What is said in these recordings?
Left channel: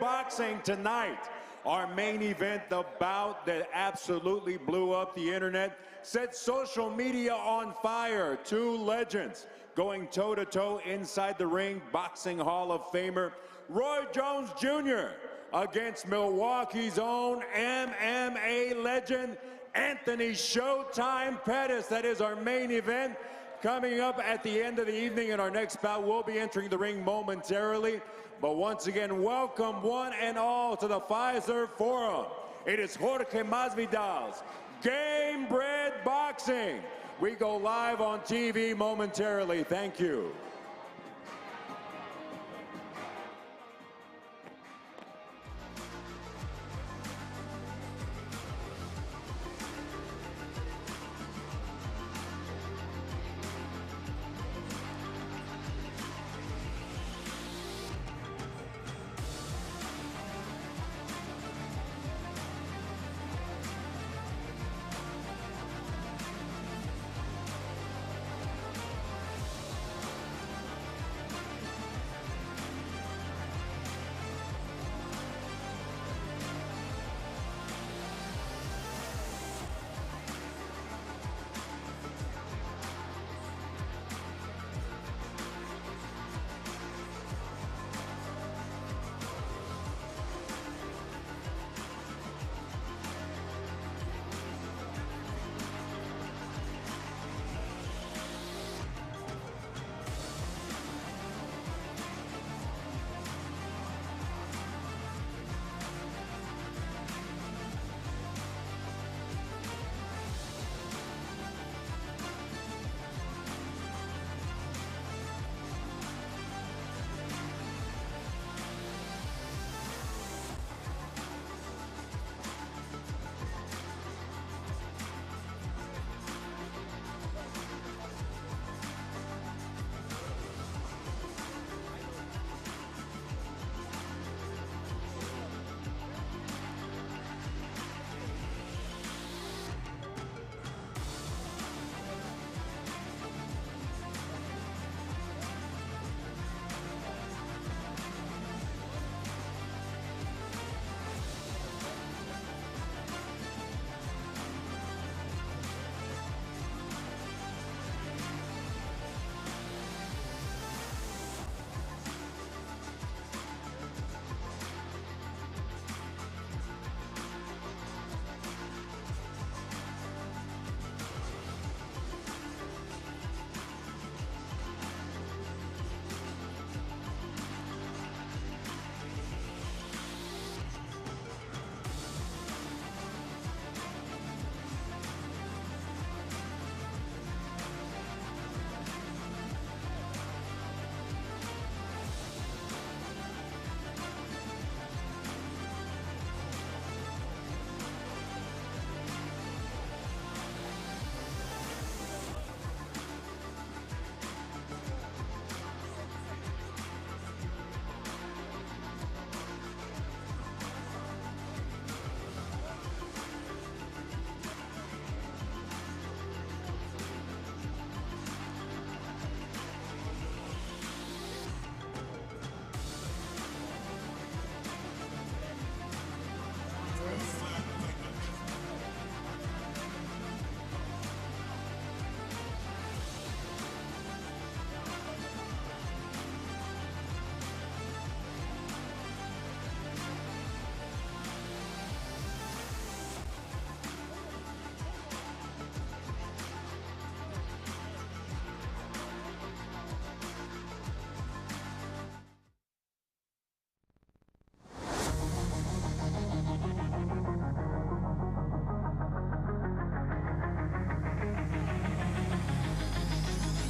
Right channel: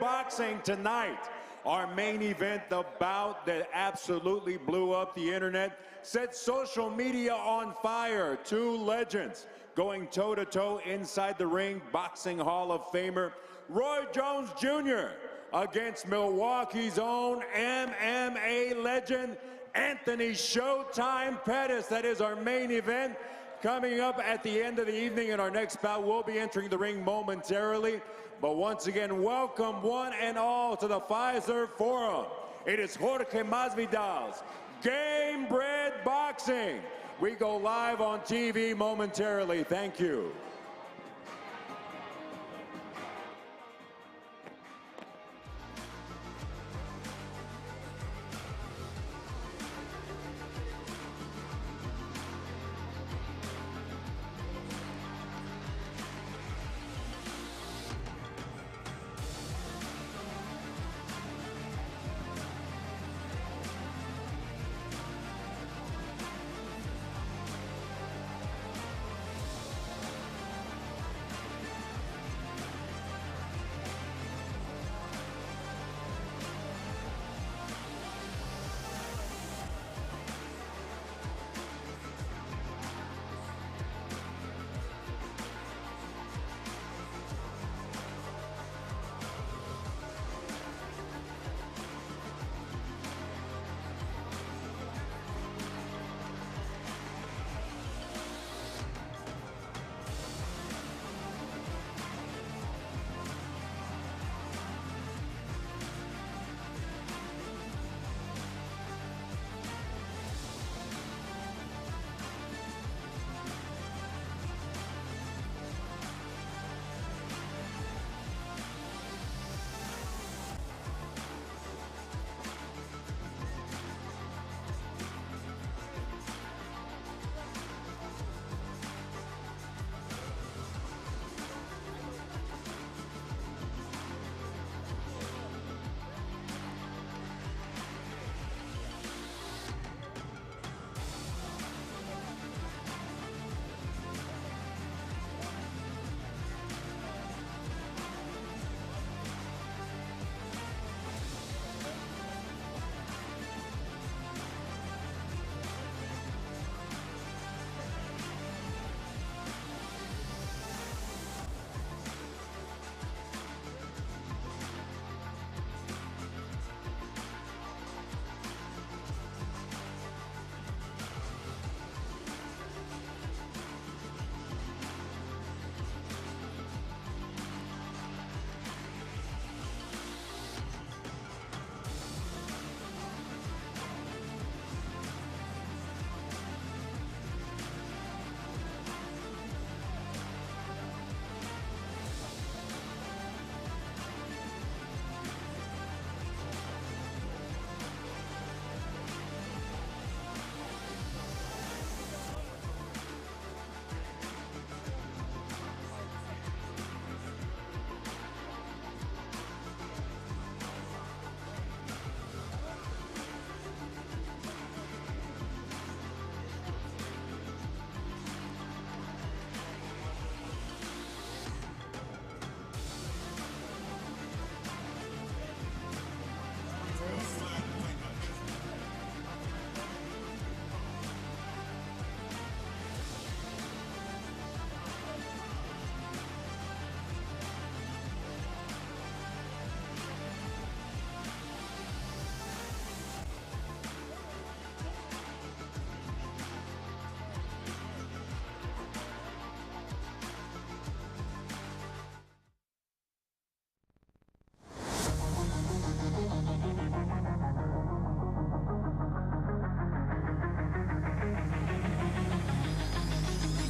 Boxing tonight. Our main event, the bout that absolutely blew up the internet, set social media on fire. Two legends going toe-to-toe inside the ring. Boxing Hall of Famer Roy Jones Jr. against Milwaukee's own MMA legend Anthony Showtime Pettis. That is our main event. Coming up at the end of the evening in our next bout, we'll be entering the ring momentarily. But once again, welcome one and all to the Pfizer Forum. It is Jorge Masvidal's Gamebred Boxing. We go live on TV momentarily. Thank you.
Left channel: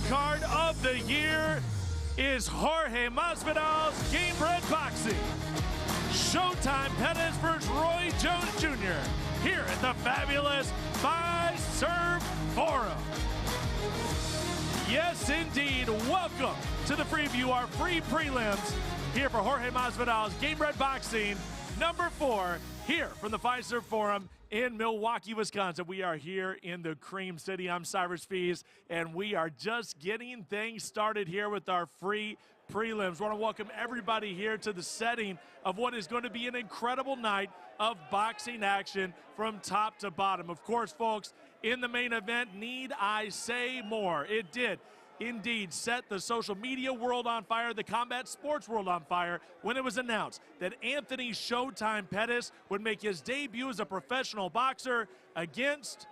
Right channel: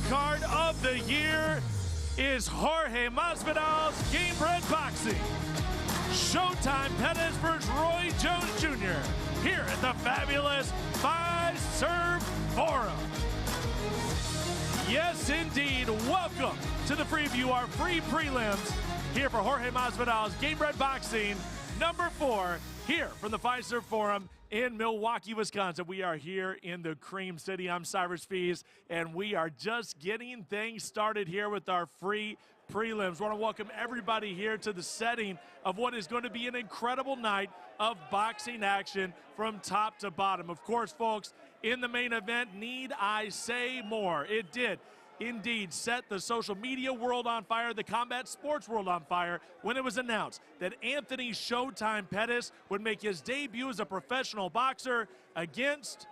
Card of the year is Jorge Masvidal's Gamebred Boxing. Showtime Pettis versus Roy Jones Jr. here at the fabulous Pfizer Forum. Yes, indeed. Welcome to the preview, our free prelims here for Jorge Masvidal's Gamebred Boxing #4 here from the Pfizer Forum in Milwaukee, Wisconsin. We are here in the Cream City. I'm Cyrus Fees, and we are just getting things started here with our free prelims. Want to welcome everybody here to the setting of what is going to be an incredible night of boxing action from top to bottom. Of course, folks, in the main event, need I say more? It did indeed set the social media world on fire, the combat sports world on fire, when it was announced that Anthony Showtime Pettis would make his debut as a professional boxer against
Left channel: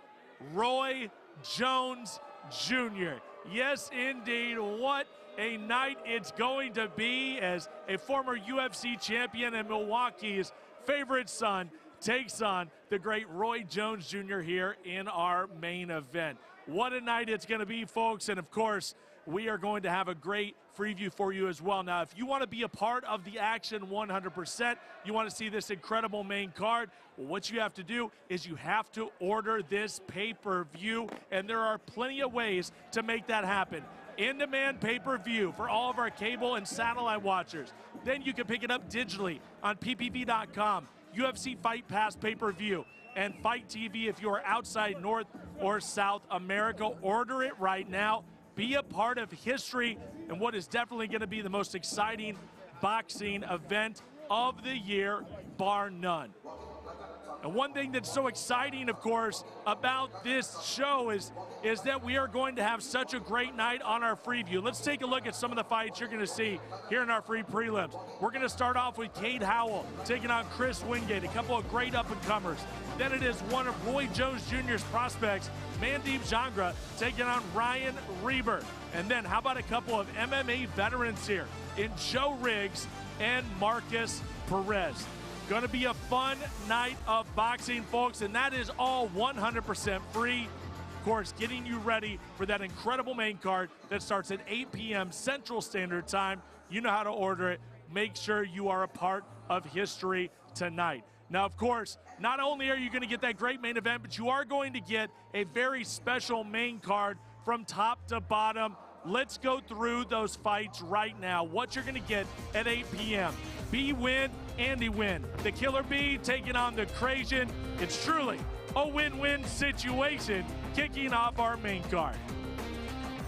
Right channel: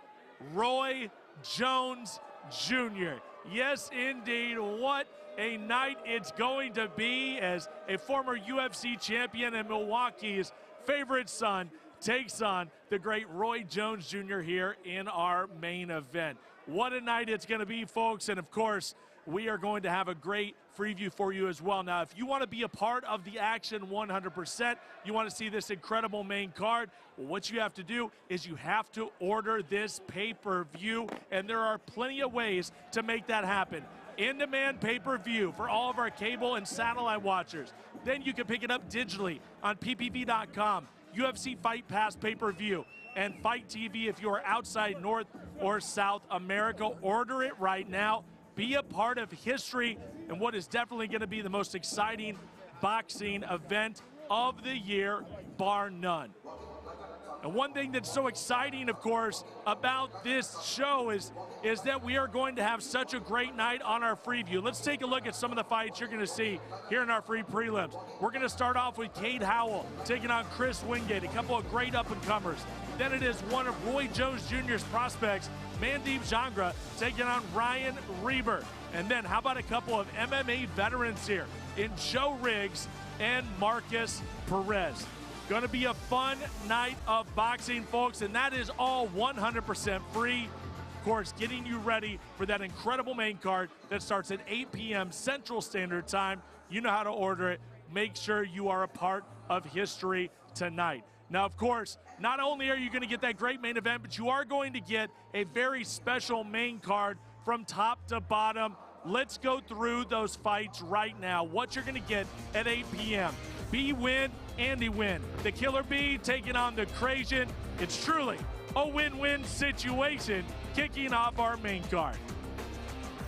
Roy Jones Jr. Yes, indeed, what a night it's going to be as a former UFC champion and Milwaukee's favorite son takes on the great Roy Jones Jr. here in our main event. What a night it's going to be, folks, and of course, we are going to have a great preview for you as well. Now, if you want to be a part of the action 100%, you want to see this incredible main card, what you have to do is you have to order this pay-per-view, and there are plenty of ways to make that happen. In-demand pay-per-view for all of our cable and satellite watchers. Then you can pick it up digitally on ppv.com, UFC Fight Pass pay-per-view, and Fight TV if you are outside North or South America. Order it right now. Be a part of history and what is definitely going to be the most exciting boxing event of the year, bar none. And one thing that's so exciting, of course, about this show is that we are going to have such a great night on our preview. Let's take a look at some of the fights you're going to see here in our free prelims. We're going to start off with Howell taking on Chris Wingate, a couple of great up-and-comers. Then it is one of Roy Jones Jr.'s prospects, Jangra, taking on Ryan Reber. And then how about a couple of MMA veterans here in Joe Riggs and Marcus Perez. Going to be a fun night of boxing, folks, and that is all 100% free. Of course, getting you ready for that incredible main card that starts at 8 p.m. Central Standard Time. You know how to order it. Make sure you are a part of history tonight. Now, of course, not only are you going to get that great main event, but you are going to get a very special main card from top to bottom. Let's go through those fights right now. What you're going to get at 8 p.m. B win, Andy win. The Killer Bee taking on the Crazian. It's truly a win-win situation kicking off our main card.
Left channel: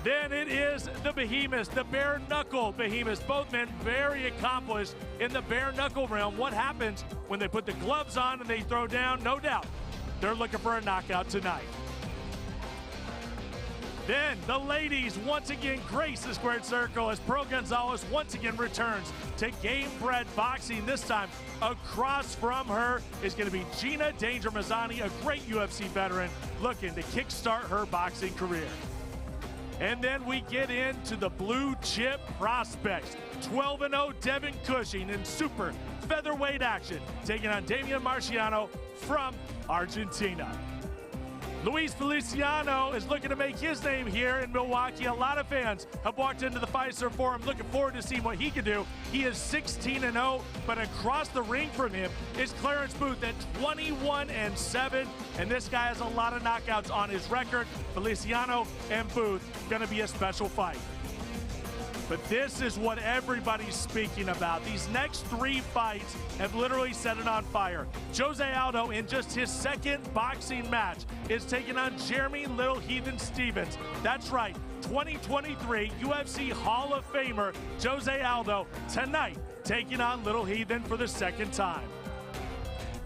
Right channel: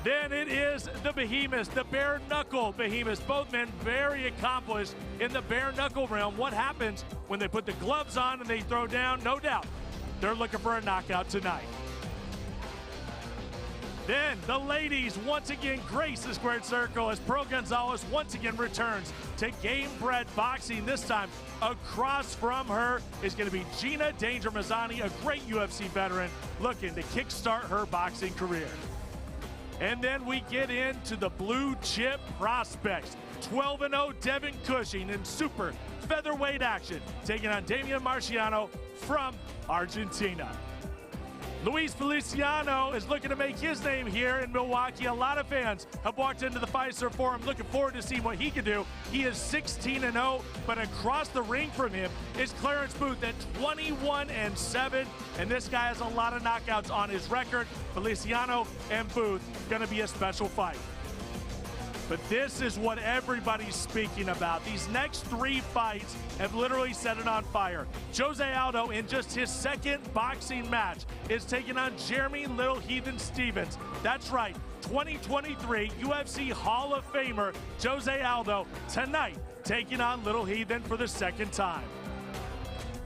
Then it is the Behemoth, the bare knuckle Behemoth. Both men very accomplished in the bare knuckle realm. What happens when they put the gloves on and they throw down? No doubt, they're looking for a knockout tonight. Then the ladies once again grace the squared circle as Pearl Gonzalez once again returns to Gamebred Boxing. This time across from her is going to be Gina Danger Mazzani, a great UFC veteran looking to kickstart her boxing career. And then we get into the blue chip prospects. 12-0 Devin Cushing in super featherweight action, taking on Damian Marciano from Argentina. Luis Feliciano is looking to make his name here in Milwaukee. A lot of fans have walked into the Pfizer Forum looking forward to seeing what he can do. He is 16-0, but across the ring from him is Clarence Booth at 21-7, and this guy has a lot of knockouts on his record. Feliciano and Booth going to be a special fight. But this is what everybody's speaking about. These next three fights have literally set it on fire. Jose Aldo, in just his second boxing match, is taking on Jeremy Little Heathen Stevens. That's right, 2023 UFC Hall of Famer Jose Aldo tonight taking on Little Heathen for the second time.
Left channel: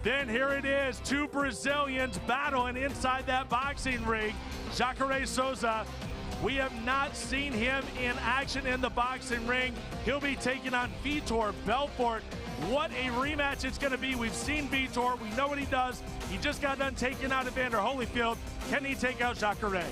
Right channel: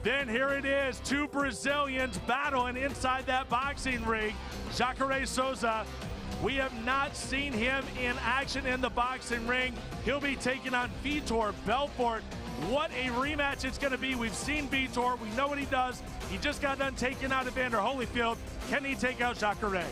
Then here it is, two Brazilians battling inside that boxing ring. Jacare Souza, we have not seen him in action in the boxing ring. He'll be taking on Vitor Belfort. What a rematch it's going to be. We've seen Vitor. We know what he does. He just got done taking out Evander Holyfield. Can he take out Jacare?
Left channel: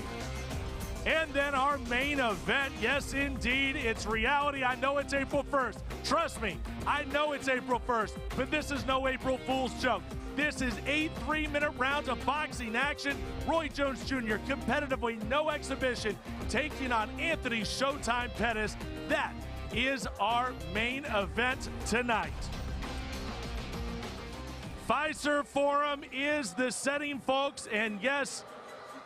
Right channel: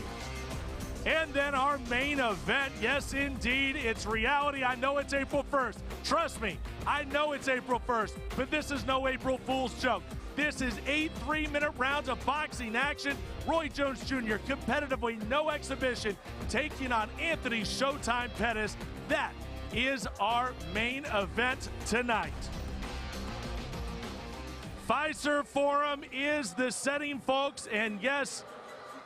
And then our main event. Yes, indeed, it's reality. I know it's April 1st. Trust me, I know it's April 1st, but this is no April Fool's joke. This is 8 3-minute rounds of boxing action. Roy Jones Jr. competitively, no exhibition, taking on Anthony Showtime Pettis. That is our main event tonight. Pfizer Forum is the setting, folks, and yes,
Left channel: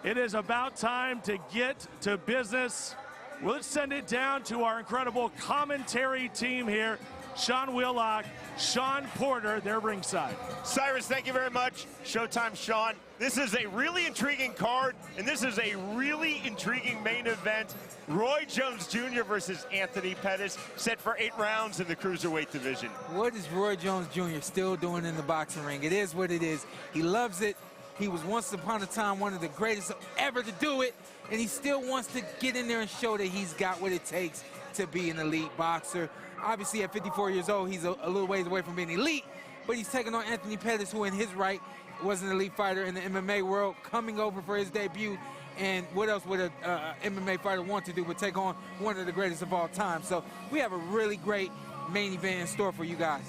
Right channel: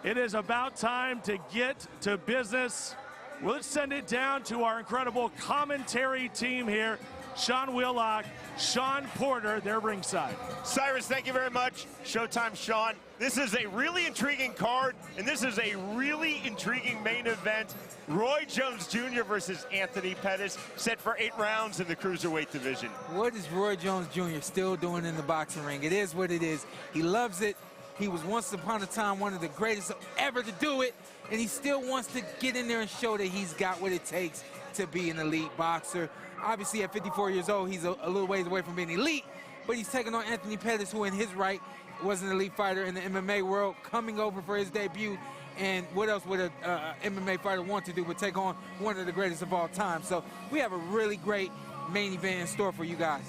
it is about time to get to business. Let's send it down to our incredible commentary team here. Sean Wheelock, Sean Porter, they're ringside. Cyrus, thank you very much. Showtime, Sean. This is a really intriguing card, and this is a really intriguing main event. Roy Jones Jr. versus Anthony Pettis, set for 8 rounds in the cruiserweight division. What is Roy Jones Jr. still doing in the boxing ring? It is what it is. He loves it. He was once upon a time one of the greatest ever to do it, and he still wants to get in there and show that he's got what it takes to be an elite boxer. Obviously, at 54 years old, he's a little ways away from being elite, but he's taking on Anthony Pettis, who in his right was an elite fighter in the MMA world, coming over for his debut. And what else would a MMA fighter want to do but take on one of the greatest of all time? So we have a really great main event in store for you guys.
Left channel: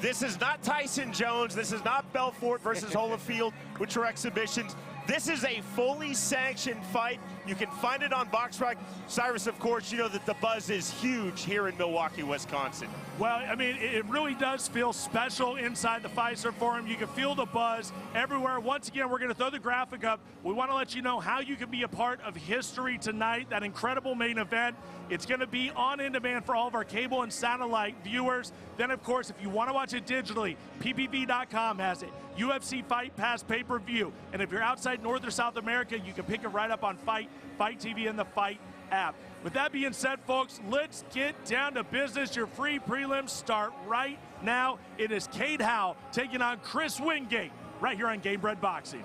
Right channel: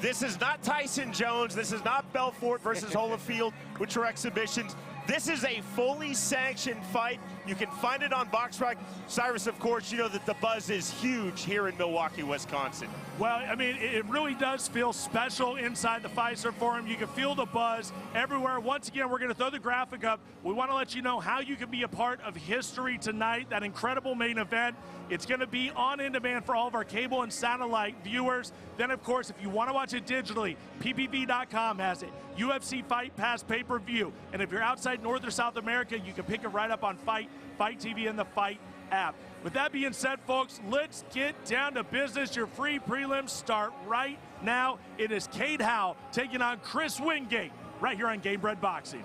This is not Tyson Jones. This is not Belfort versus Holyfield, which are exhibitions. This is a fully sanctioned fight. You can find it on BoxRec. Cyrus, of course, you know that the buzz is huge here in Milwaukee, Wisconsin. Well, I mean, it really does feel special inside the Fiserv Forum. You can feel the buzz everywhere. Once again, we're going to throw the graphic up. We want to let you know how you can be a part of history tonight, that incredible main event. It's going to be on demand for all of our cable and satellite viewers. Then, of course, if you want to watch it digitally, PPV.com has it. UFC Fight Pass pay-per-view. And if you're outside North or South America, you can pick it right up on Fight TV, and the Fight app. With that being said, folks, let's get down to business. Your free prelims start right now. It is Cade Howell taking on Chris Wingate right here on Gamebred Boxing.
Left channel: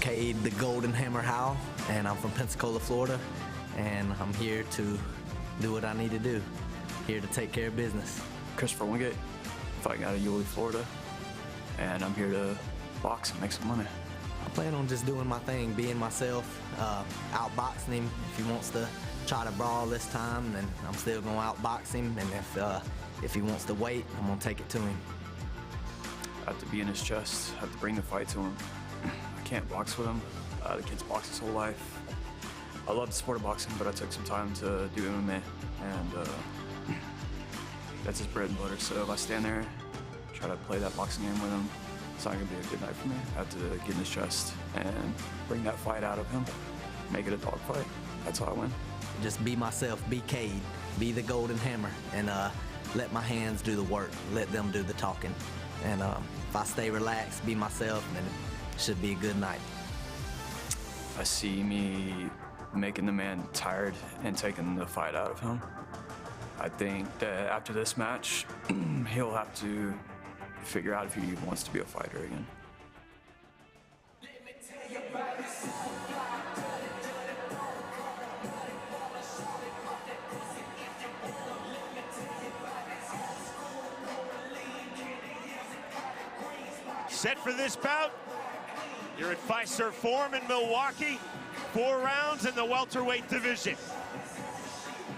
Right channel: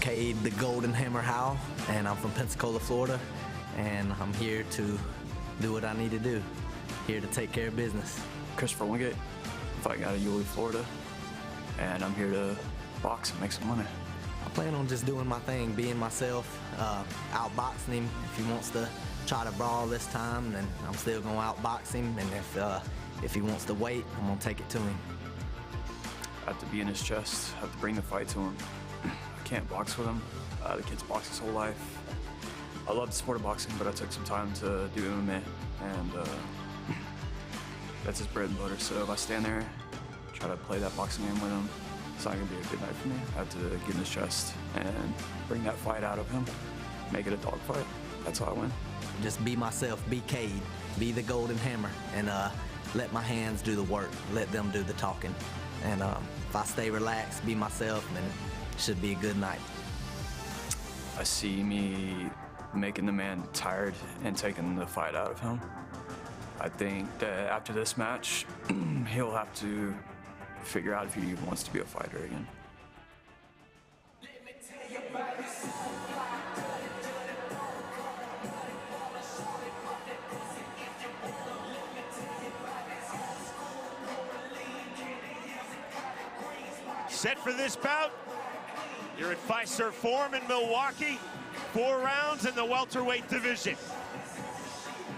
Cade the Golden Hammer Howell, and I'm from Pensacola, Florida, and I'm here to do what I need to do. Here to take care of business. Christopher Wingate, fighting out of Yulee, Florida, and I'm here to box and make some money. I plan on just doing my thing, being myself, outboxing him. If he wants to try to brawl this time, then I'm still going to outbox him, and if he wants to wait, I'm going to take it to him. I have to be in his chest, I have to bring the fight to him. I can't box with him. The kid's boxed his whole life. I love the sport of boxing, but I took some time to do MMA, and that's his bread and butter. So if I stand there, try to play that boxing game with him, it's not gonna be a good night for me. I have to get in his chest and bring that fight out of him, make it a dog fight. That's how I win. Just be myself, be Cade, be the Golden Hammer, and let my hands do the work, let them do the talking. And if I stay relaxed, be myself, then it should be a good night. I see me making the man tired and taking the fight out of him. I think that after this match, he'll have to figure out if he even wants to be a fighter again. Set for this bout. You're at Fiserv Forum in Milwaukee. 4 rounds in the welterweight division.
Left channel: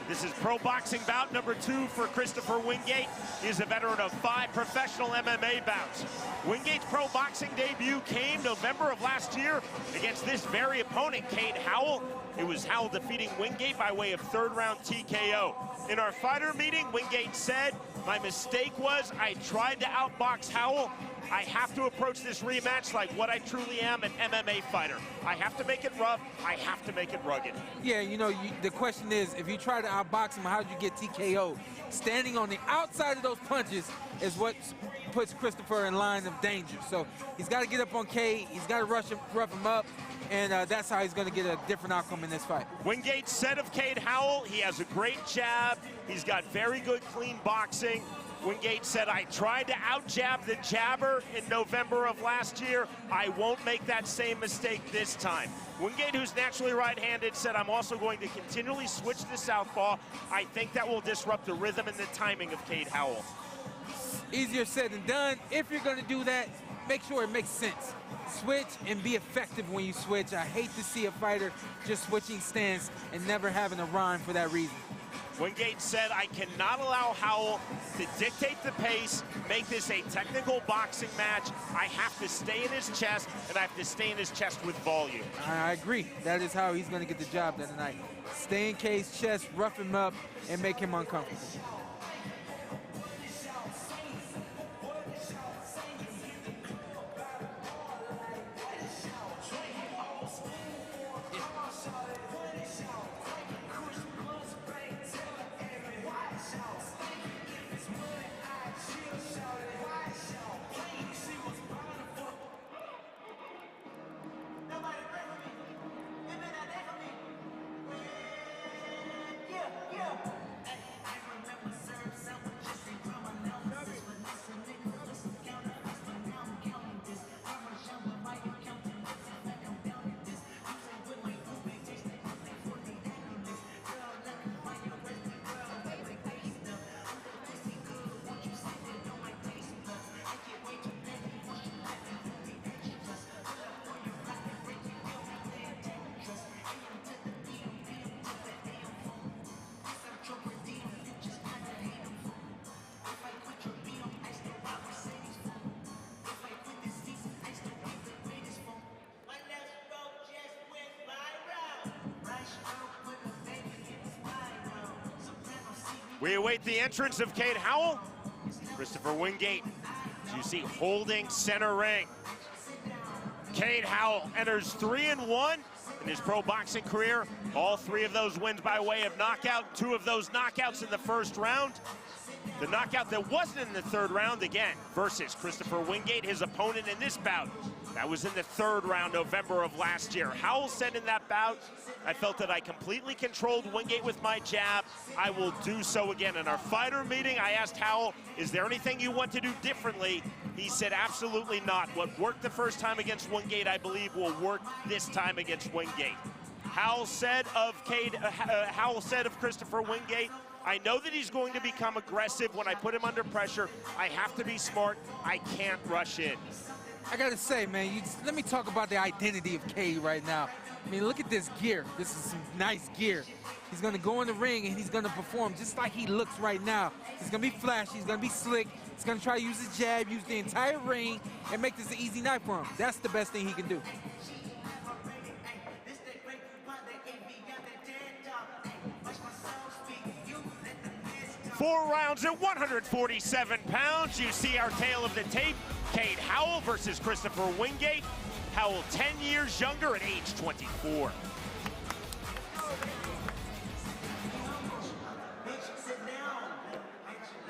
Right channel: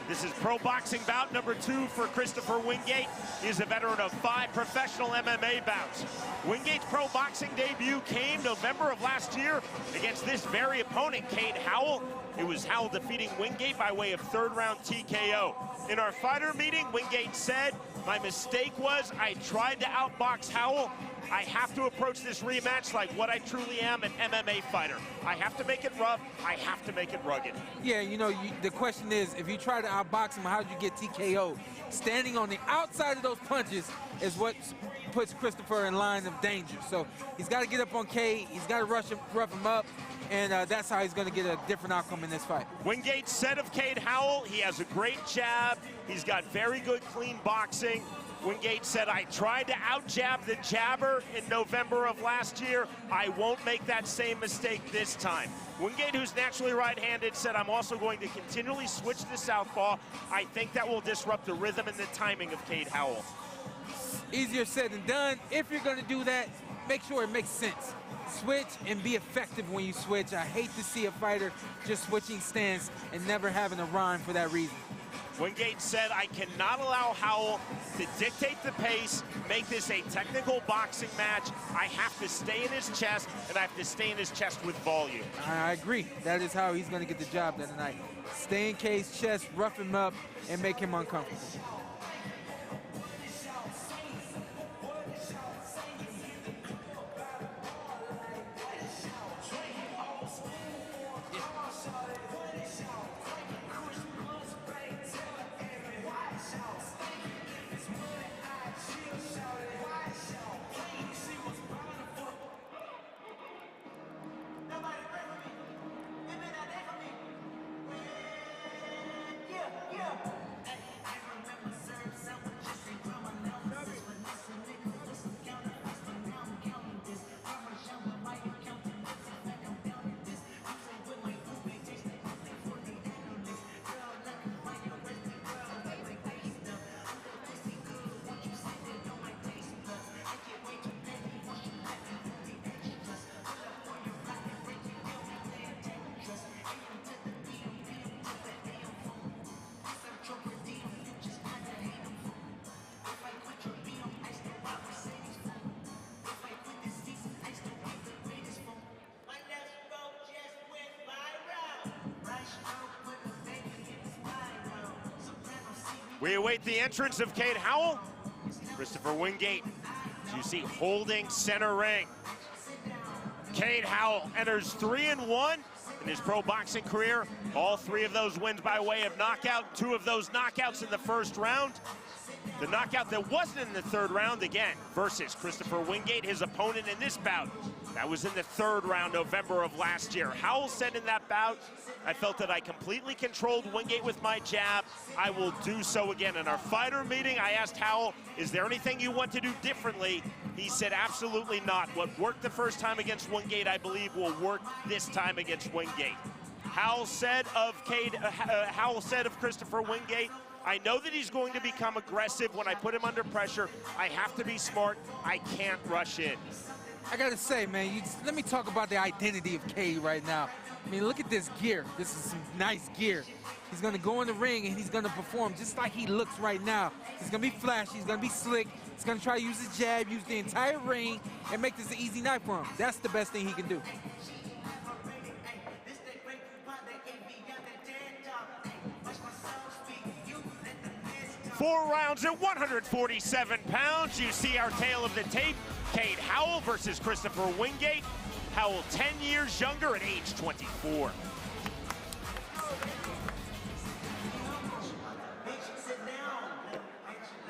This is pro boxing bout number 2 for Christopher Wingate. He is a veteran of 5 professional MMA bouts. Wingate's pro boxing debut came November of last year against this very opponent, Cade Howell. It was Howell defeating Wingate by way of 3rd round TKO. In our fighter meeting, Wingate said, "My mistake was I tried to outbox Howell. I have to approach this rematch like what I truly am, an MMA fighter. I have to make it rough. I have to make it rugged." Yeah, you know, the question is, if you try to outbox him, how'd you get TKO? Standing on the outside of those punches is what puts Christopher in line of danger. So he's got to get up on Cade. He's got to rough him up, and that's how he's going to get a different outcome in this fight. Wingate said of Cade Howell, he has a great jab. He's got very good, clean boxing. Wingate said, "I tried to out-jab the jabber in November of last year. I won't make that same mistake this time." Wingate, who's naturally right-handed, said, "I'm also going to continually switch to southpaw. I think that will disrupt the rhythm and the timing of Cade Howell." Easier said than done. If you're going to do that, make sure it makes sense. Switch and be effective when you switch. I hate to see a fighter just switching stance and never having a rhyme for that reason. Wingate said, "I cannot allow Howell to dictate the pace, make this a technical boxing match. I have to stay in his chest, and I have to stay in his chest with volume." I agree. That is how he's going to get the job done tonight. Stay in Cade's chest, rough him up, and make him uncomfortable. We await the entrance of Cade Howell. Christopher Wingate, as you see, holding center ring. Cade Howell enters 3-1 in his pro boxing career. All 3 of those wins by way of knockout. 2 of those knockouts in the first round. The knockout that wasn't in the third round again versus Christopher Wingate, his opponent in this bout. That was in the third round, November of last year. Howell said in that bout, I felt that I completely controlled Wingate with my jab. I will do so again. In our fighter meeting, I asked Howell, is there anything you want to do differently? He said, absolutely not. What worked the first time against Wingate, I believe, will work this time against Wingate. Howell said of Christopher Wingate, I know that he's going to become aggressive when I put him under pressure. I have to be smart. I can't rush in. I gotta say, man, let me talk about the identity of Cade right now. I mean, look at this gear. This is some nice gear. He's gonna go in the ring and he's gonna perform just like he looks right now. He's gonna be flashy, he's gonna be slick. He's gonna try to use his jab, use the entire ring, and make this an easy night for him. That's the best thing he can do. Four rounds at 147 pounds. You see our tale of the tape. Cade Howell versus Christopher Wingate. Howell 10 years younger at age 24.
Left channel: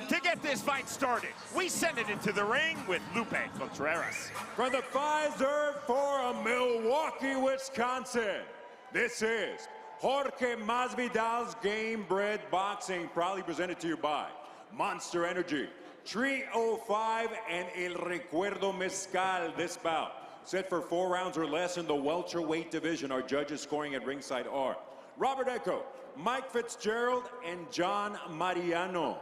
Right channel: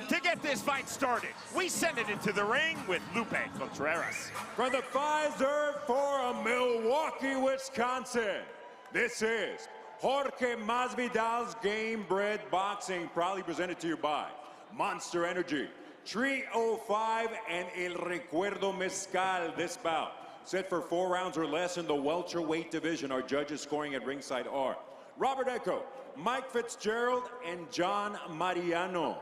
To get this fight started, we send it into the ring with Lupe Contreras. From the Pfizer Forum, Milwaukee, Wisconsin, this is Jorge Masvidal's Gamebred Boxing, proudly presented to you by Monster Energy, Tree 05, and El Recuerdo Mezcal. This bout set for 4 rounds or less in the welterweight division. Our judges scoring at ringside are Robert Echo, Mike Fitzgerald, and John Mariano.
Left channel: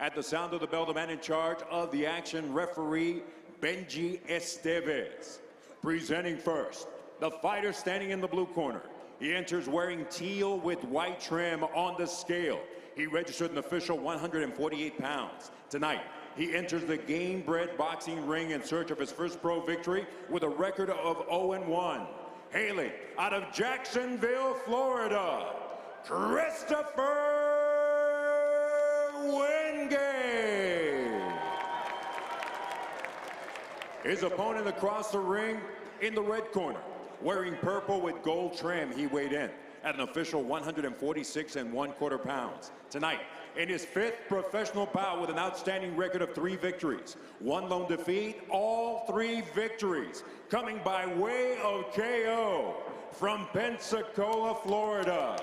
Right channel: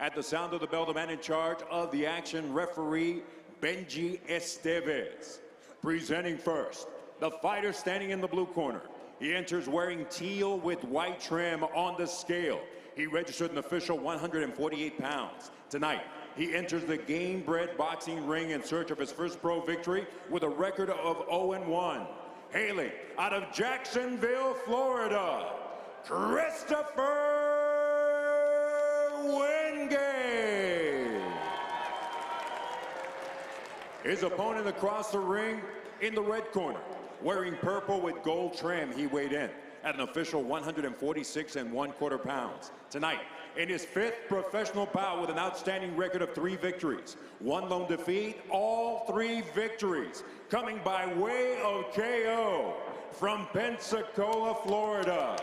At the sound of the bell, the man in charge of the action, referee Benji Estevez. Presenting first, the fighter standing in the blue corner. He enters wearing teal with white trim on the scale. He registered an official 148 pounds. Tonight, he enters the Gamebred boxing ring in search of his first pro victory with a record of 0-1. Hailing out of Jacksonville, Florida, Christopher Wingate. His opponent across the ring in the red corner, wearing purple with gold trim, he weighed in at an official 146 1/4 pounds. Tonight, in his 5th professional bout with an outstanding record of 3 victories, 1 lone defeat, all 3 victories coming by way of KO from Pensacola, Florida,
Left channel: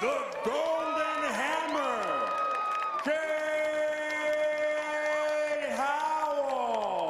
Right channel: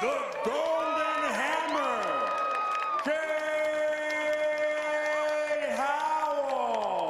the Golden Hammer, Cade Howell.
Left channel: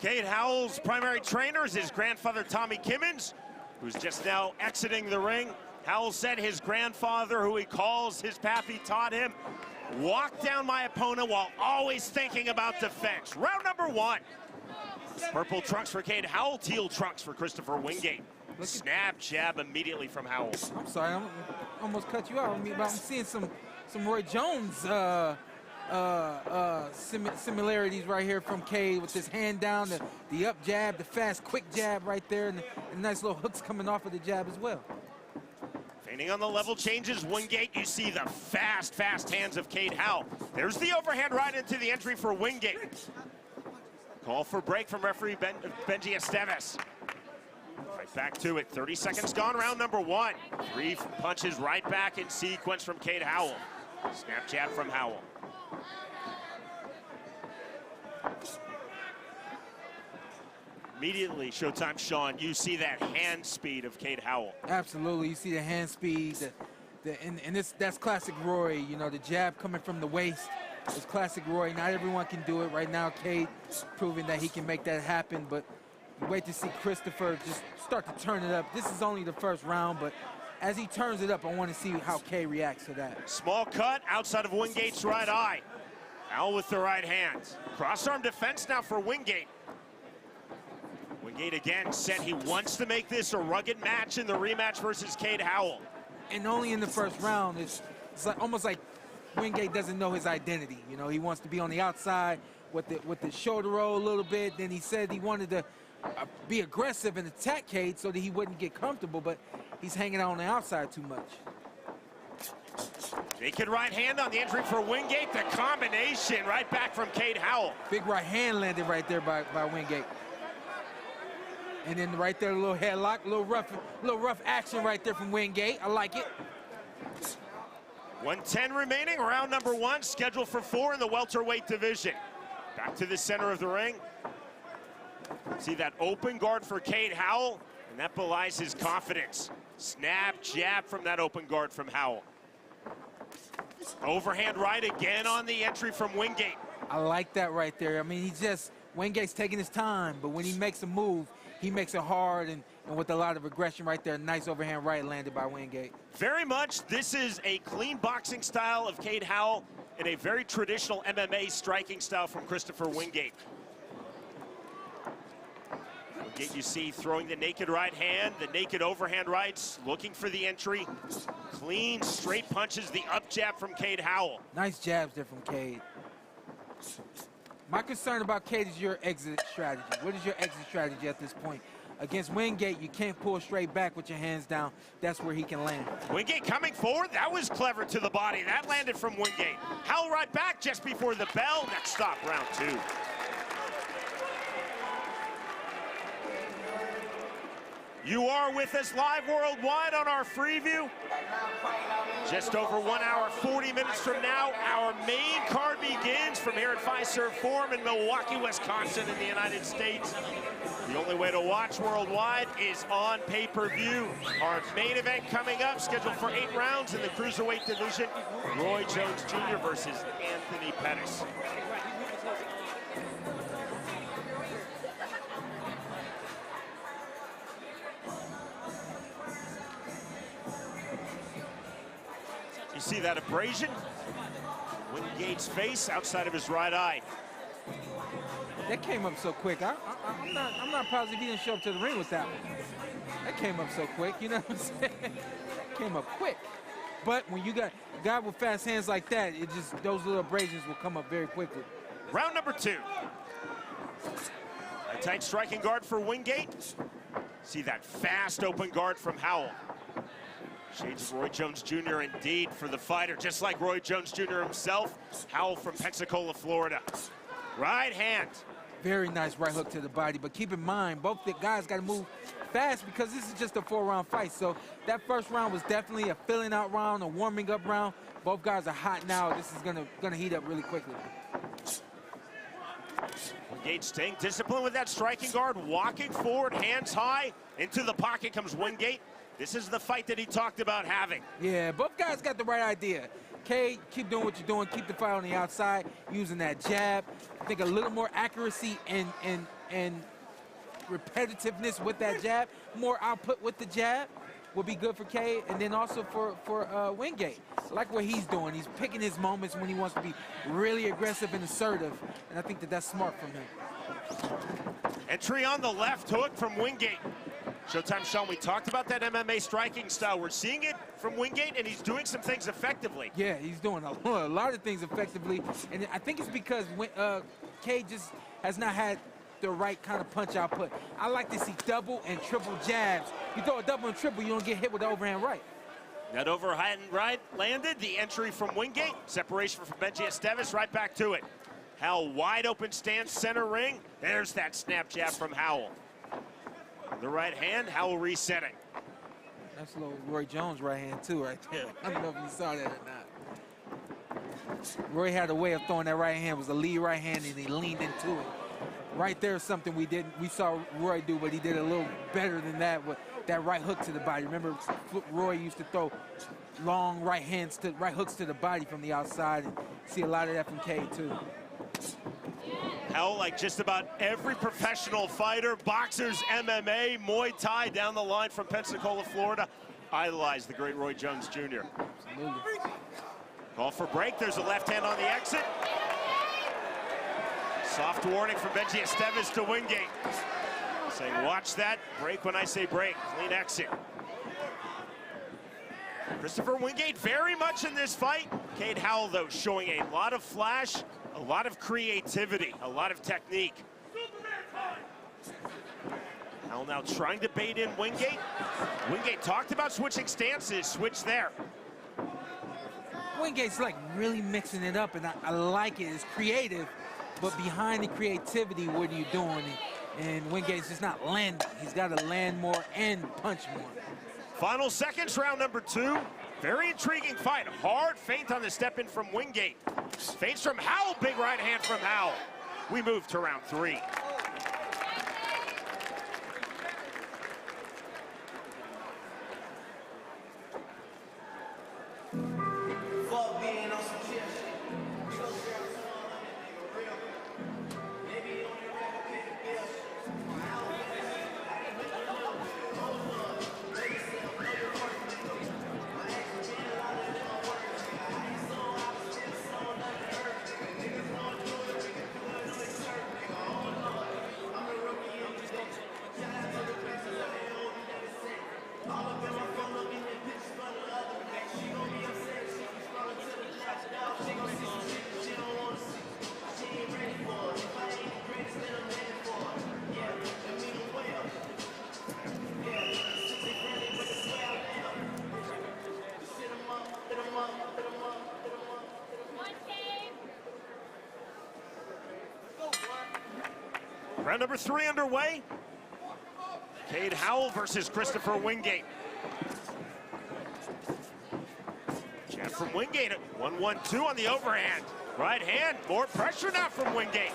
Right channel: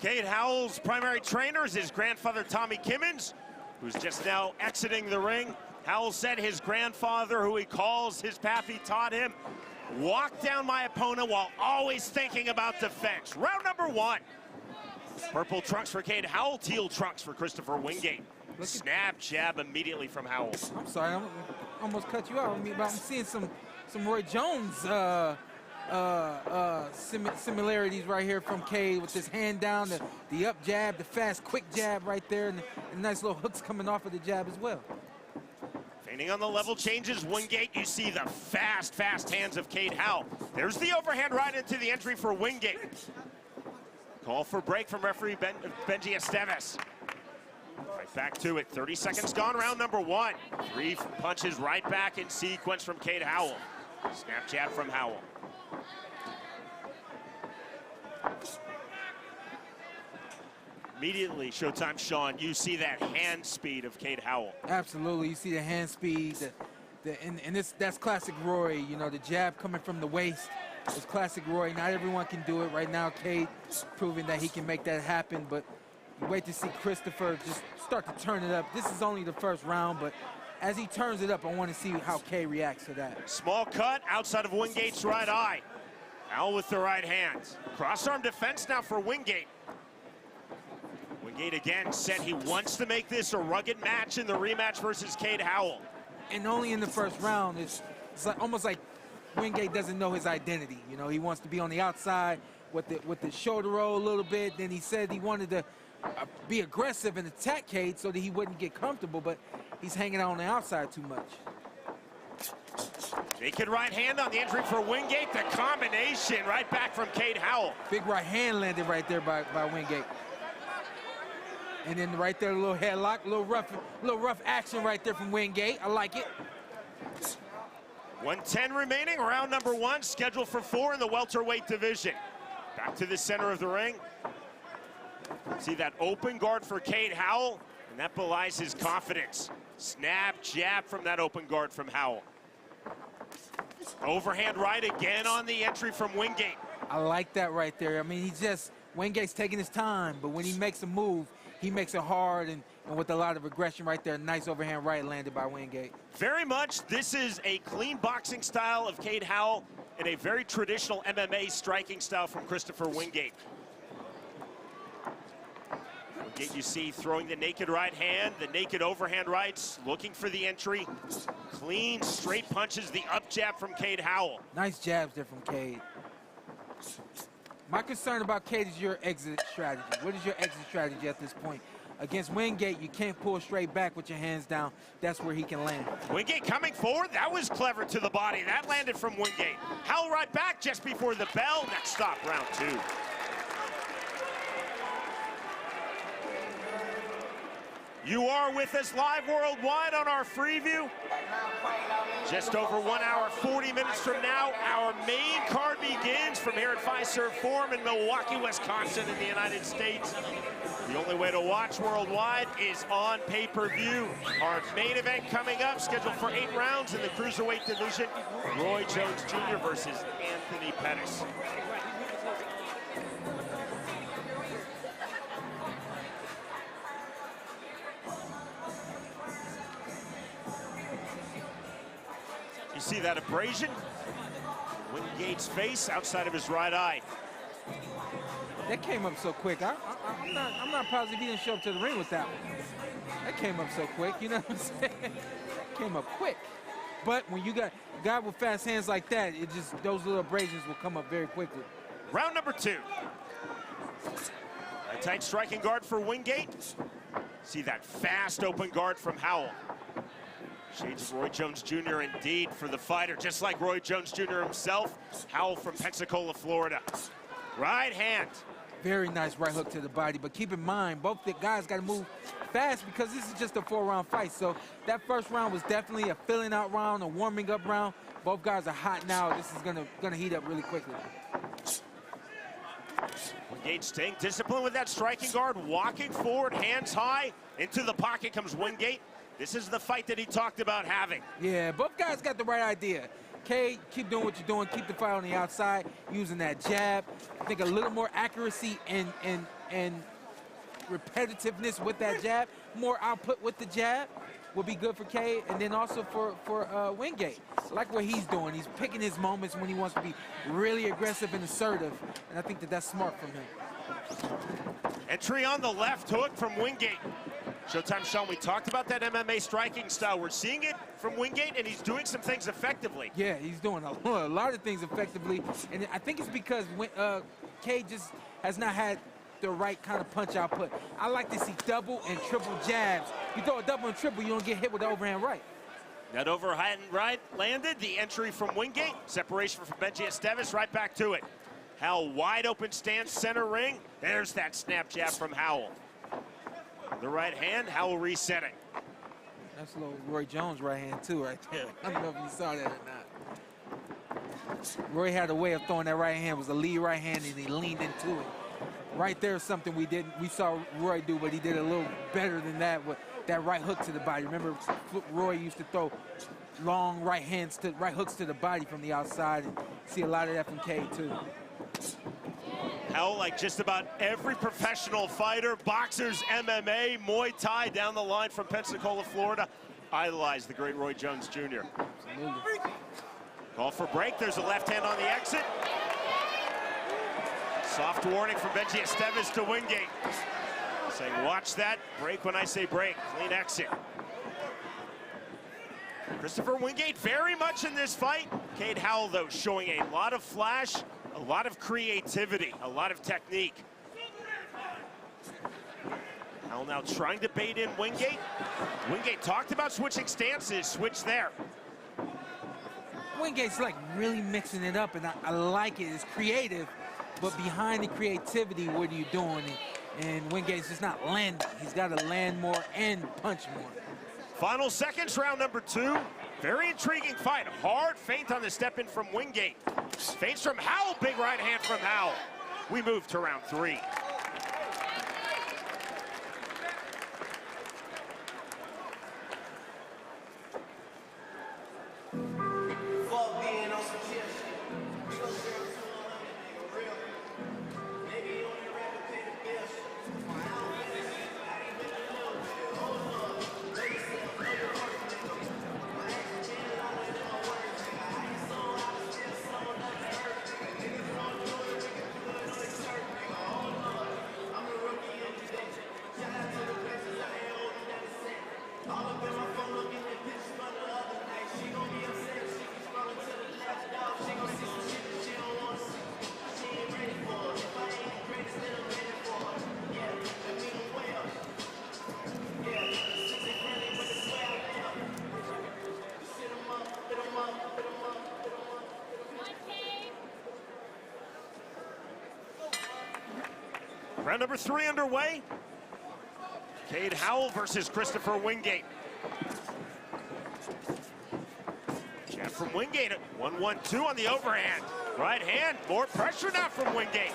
Cade Howell's primary trainer is his grandfather, Tommy Kimmons, who's just now exiting the ring. Howell said his grandfather, who he calls his path he taught him, walk down my opponent while always thinking about defense. Round number 1. Purple trunks for Cade Howell, teal trunks for Christopher Wingate. Snap jab immediately from Howell. I'm sorry, I almost cut you out. I'm seeing some Roy Jones similarities right here from Cade with his hand down, the up jab, the fast, quick jab right there, and nice little hooks coming off of the jab as well. Feinting on the level changes, Wingate, you see the fast hands of Cade Howell. There's the overhand right into the entry for Wingate. Call for break from referee Benji Estevez. Right back to it, 30 seconds gone, round number 1. 3 punches right back in sequence from Cade Howell. Snap jab from Howell. Immediately, Showtime Sean, you see that hand speed of Cade Howell. Absolutely, you see the hand speed, and that's classic Roy. You know, the jab coming from the waist is classic Roy. Not everyone can do it right now. Cade proving that he can make that happen, but wait to see Christopher just start to turn it up. This is only the first round, but as he turns it up, I want to see how Cade reacts to that. Small cut outside of Wingate's right eye. Howell with the right hand. Cross-arm defense now for Wingate. Wingate again said he wants to make this a rugged match in the rematch versus Cade Howell. And only in the first round. It's it's like, almost like Wingate doesn't know his identity. You know, he wants to be on the outside with the shoulder roll a little bit. Then he said he wanted to be aggressive and attack Cade so that he wouldn't get comfortable, but he's hanging out on the outside too much. Naked right hand on the entry for Wingate. The combination right back from Cade Howell. Big right hand landed right there by Wingate. And then right there, a little headlock, a little rough action right there from Wingate. I like it. 1:10 remaining, round number 1, scheduled for 4 in the welterweight division. Back to the center of the ring. See that open guard for Cade Howell, and that belies his confidence. Snap jab from that open guard from Howell. Overhand right again on the entry from Wingate. I like that right there. I mean, Wingate's taking his time, but when he makes a move, he makes it hard and with a lot of aggression right there. Nice overhand right landed by Wingate. Very much, this is a clean boxing style of Cade Howell and a very traditional MMA striking style from Christopher Wingate. Wingate, you see, throwing the naked right hand, the naked overhand rights, looking for the entry. Clean, straight punches, the up jab from Cade Howell. Nice jabs there from Cade. My concern about Cade is your exit strategy. What is your exit strategy at this point? Against Wingate, you can't pull straight back with your hands down. That's where he can land. Wingate coming forward. That was clever to the body. That landed from Wingate. Howell right back just before the bell. Next stop, round 2. You are with us live worldwide on our Freeview. Just over 1 hour, 40 minutes from now, our main card begins from here at Fiserv Forum in Milwaukee, Wisconsin in the United States. The only way to watch worldwide is on pay-per-view. Our main event coming up, scheduled for 8 rounds in the cruiserweight division. Roy Jones Jr. versus Anthony Pettis. You see that abrasion? Wingate's face outside of his right eye. That came up so quick. I'm not positive he didn't show up to the ring with that one. That came up so quick, you know what I'm saying? Came up quick. But when you got a guy with fast hands like that, it just, those little abrasions will come up very quickly. Round number 2. A tight striking guard for Wingate. See that fast open guard from Howell. Shades of Roy Jones Jr. indeed for the fighter, just like Roy Jones Jr. himself. Howell from Pensacola, Florida. Right hand. Very nice right hook to the body, but keep in mind, both the guys got to move fast because this is just a 4-round fight. So that first round was definitely a filling out round, a warming up round. Both guys are hot now. This is gonna heat up really quickly. Wingate staying disciplined with that striking guard, walking forward, hands high. Into the pocket comes Wingate. This is the fight that he talked about having. Yeah, both guys got the right idea. Cade, keep doing what you're doing. Keep the fight on the outside, using that jab. I think a little more accuracy and repetitiveness with that jab, more output with the jab will be good for Cade, and then also for Wingate. I like what he's doing. He's picking his moments when he wants to be really aggressive and assertive, and I think that's smart from him. Entry on the left hook from Wingate. Showtime, Sean, we talked about that MMA striking style. We're seeing it from Wingate, and he's doing some things effectively. Yeah, he's doing a lot of things effectively, and I think it's because Cade just has not had the right kind of punch output. I like to see double and triple jabs. You throw a double and triple, you don't get hit with the overhand right. That overhand right landed. The entry from Wingate. Separation from Benji Esteves. Right back to it. Howell wide open stance, center ring. There's that snap jab from Howell. The right hand, Howell resetting. That's a little Roy Jones right hand too right there. I don't know if you saw that or not. Roy had a way of throwing that right hand. It was a lead right hand and he leaned into it. Right there is something we saw Roy do, but he did a little better than that with that right hook to the body. Remember, Roy used to throw long right hooks to the body from the outside, and see a lot of that from Cade too. Howell, like just about every professional fighter, boxers, MMA, Muay Thai down the line from Pensacola, Florida, idolized the great Roy Jones Jr. Absolutely. Call for break. There's a left hand on the exit. Soft warning from Benji Esteves to Wingate. Saying, watch that. Break when I say break. Clean exit. Christopher Wingate very much in this fight. Cade Howell, though, showing a lot of flash, a lot of creativity, a lot of technique. Howell now trying to bait in Wingate. Wingate talked about switching stances, switch there. Wingate's like really mixing it up, and I like it. It's creative, but behind the creativity, what are you doing? And Wingate's just not landing. He's got to land more and punch more. Final seconds, round number 2. Very intriguing fight. Hard feint on the step in from Wingate. Feints from Howell, big right hand from Howell. We move to round 3. Round number 3 underway. Cade Howell versus Christopher Wingate. Jab from Wingate. 1-1-2 on the overhand. Right hand. More pressure now from Wingate.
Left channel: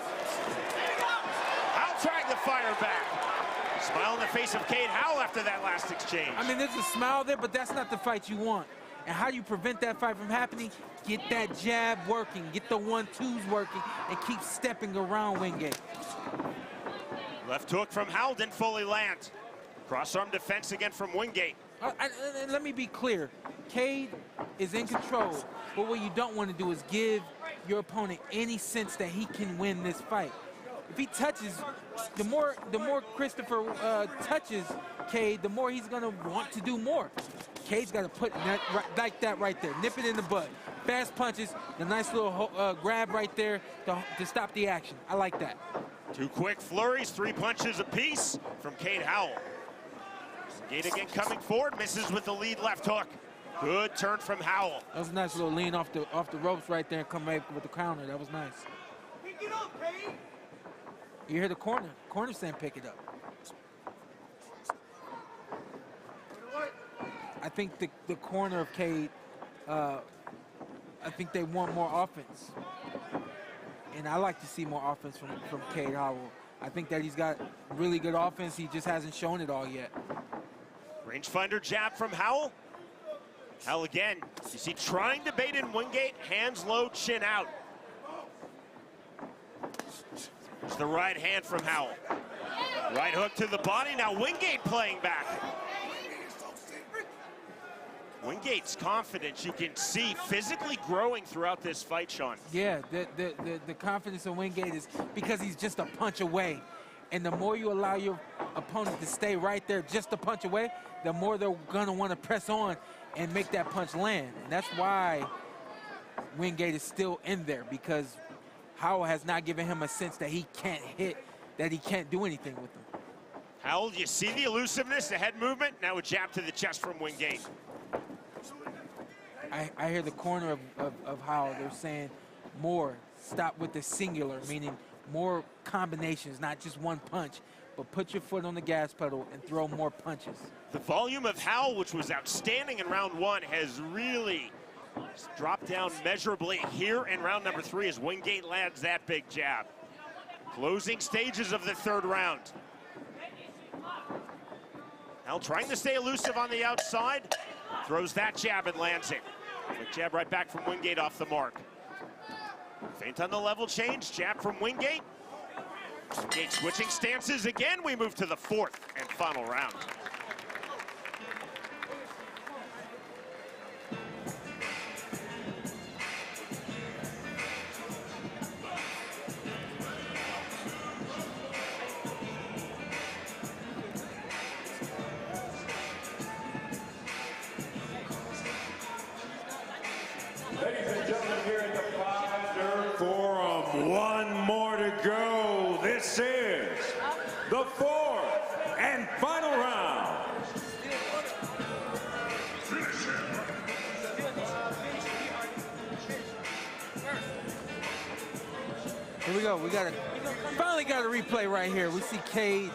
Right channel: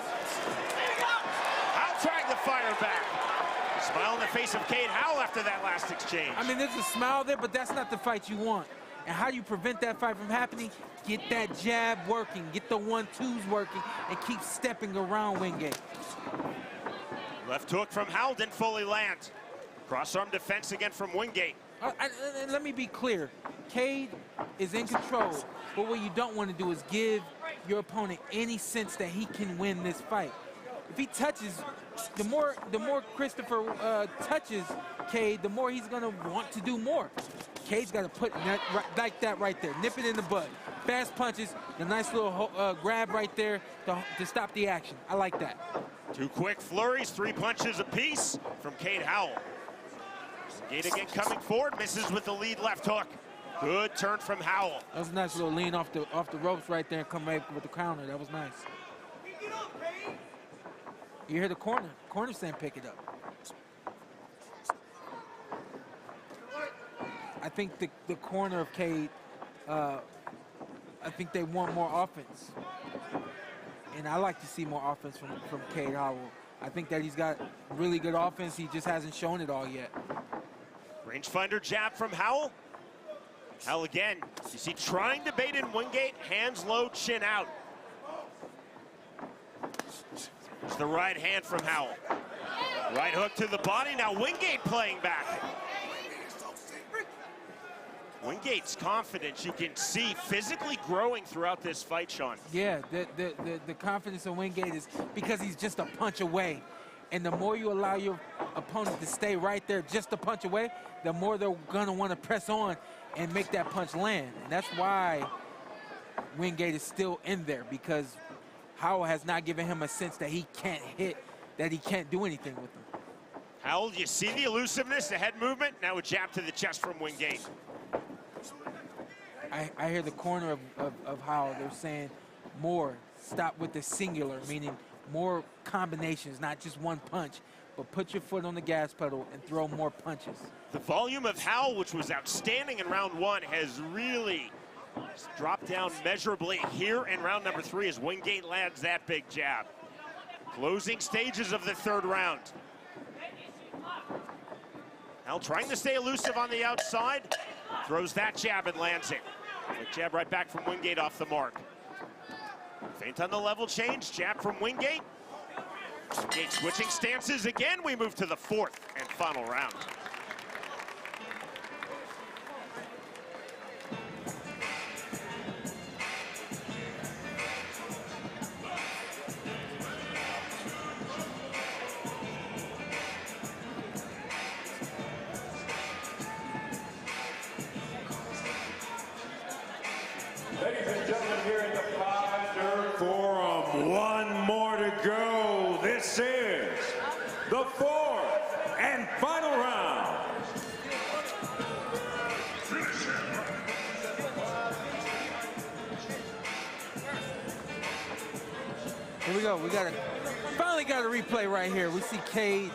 Howell trying to fire back. Smile on the face of Cade Howell after that last exchange. I mean, there's a smile there, but that's not the fight you want. And how do you prevent that fight from happening? Get that jab working, get the 1-2s working, and keep stepping around Wingate. Left hook from Howell didn't fully land. Cross-arm defense again from Wingate. Let me be clear. Cade is in control, but what you don't want to do is give your opponent any sense that he can win this fight. If he touches, the more Christopher touches Cade, the more he's gonna want to do more. Cade's got to put that like that right there, nip it in the bud. Fast punches, the nice little grab right there to stop the action. I like that. 2 quick flurries, 3 punches apiece from Cade Howell. Wingate again coming forward, misses with the lead left hook. Good turn from Howell. That was a nice little lean off the ropes right there and come back with the counter. That was nice. You hear the corner. Corner saying pick it up. I think the corner of Cade, I think they want more offense. And I like to see more offense from Cade Howell. I think that he's got really good offense. He just hasn't shown it all yet. Rangefinder jab from Howell. Howell again, you see trying to bait in Wingate, hands low, chin out. It's the right hand from Howell. Right hook to the body, now Wingate playing back. Wingate's confidence, you can see physically growing throughout this fight, Sean. Yeah, the confidence of Wingate is because he's just a punch away. And the more you allow your opponent to stay right there just a punch away, the more they're gonna want to press on and make that punch land. And that's why Wingate is still in there, because Howell has not given him a sense that he can't hit, that he can't do anything with him. Howell, you see the elusiveness, the head movement, now a jab to the chest from Wingate. I hear the corner of Howell, they're saying more, stop with the singular, meaning more combinations, not just one punch, but put your foot on the gas pedal and throw more punches. The volume of Howell, which was outstanding in round 1, has really dropped down measurably here in round number 3 as Wingate lands that big jab. Closing stages of the 3rd round. Howell trying to stay elusive on the outside, throws that jab and lands it. Quick jab right back from Wingate off the mark. Feint on the level change, jab from Wingate. Wingate switching stances again. We move to the 4th and final round. One more to go. This is the fourth and final round. Here we go. We finally got a replay right here. We see Cade,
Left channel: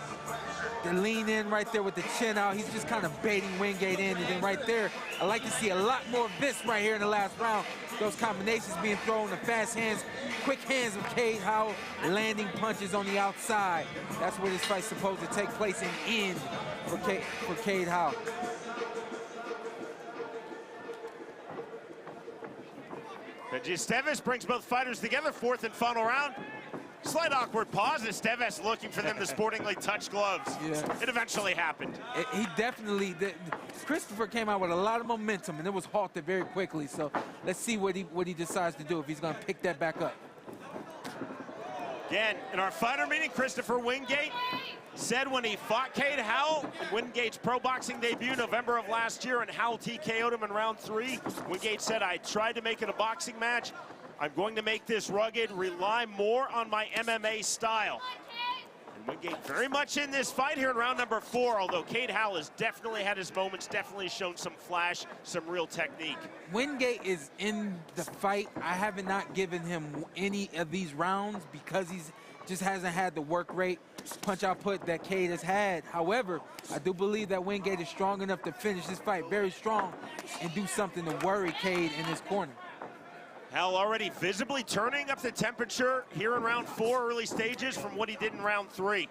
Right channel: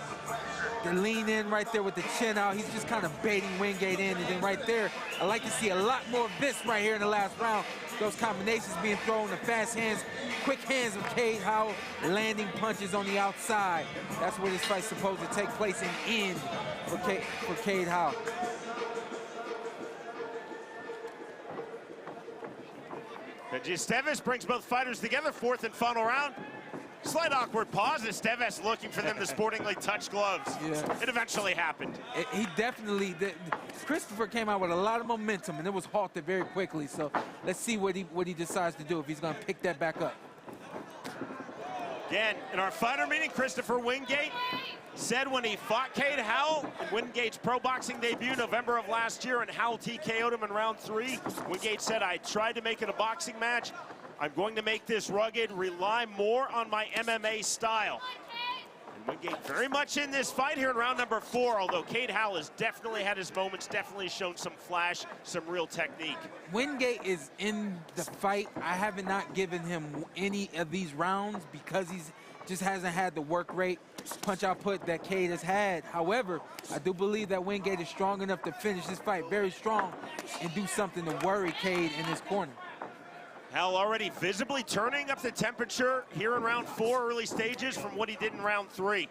the lean in right there with the chin out. He's just kind of baiting Wingate in. And then right there, I like to see a lot more of this right here in the last round. Those combinations being thrown, the fast hands, quick hands of Cade Howell, landing punches on the outside. That's where this fight's supposed to take place and end for Cade Howell. Esteves brings both fighters together, fourth and final round. Slight awkward pause. Esteves looking for them to sportingly touch gloves. Yeah. It eventually happened. He definitely, Christopher came out with a lot of momentum, and it was halted very quickly. So let's see what he decides to do, if he's going to pick that back up. Again, in our fighter meeting, Christopher Wingate said when he fought Cade Howell in Wingate's pro boxing debut November of last year, and Howell TKO'd him in round 3, Wingate said, I tried to make it a boxing match. I'm going to make this rugged, rely more on my MMA style. And Wingate very much in this fight here in round number 4, although Cade Howell has definitely had his moments, definitely shown some flash, some real technique. Wingate is in the fight. I have not given him any of these rounds because he's just hasn't had the work rate, punch output that Cade has had. However, I do believe that Wingate is strong enough to finish this fight very strong and do something to worry Cade in his corner. Howell already visibly turning up the temperature here in round 4, early stages, from what he did in round 3.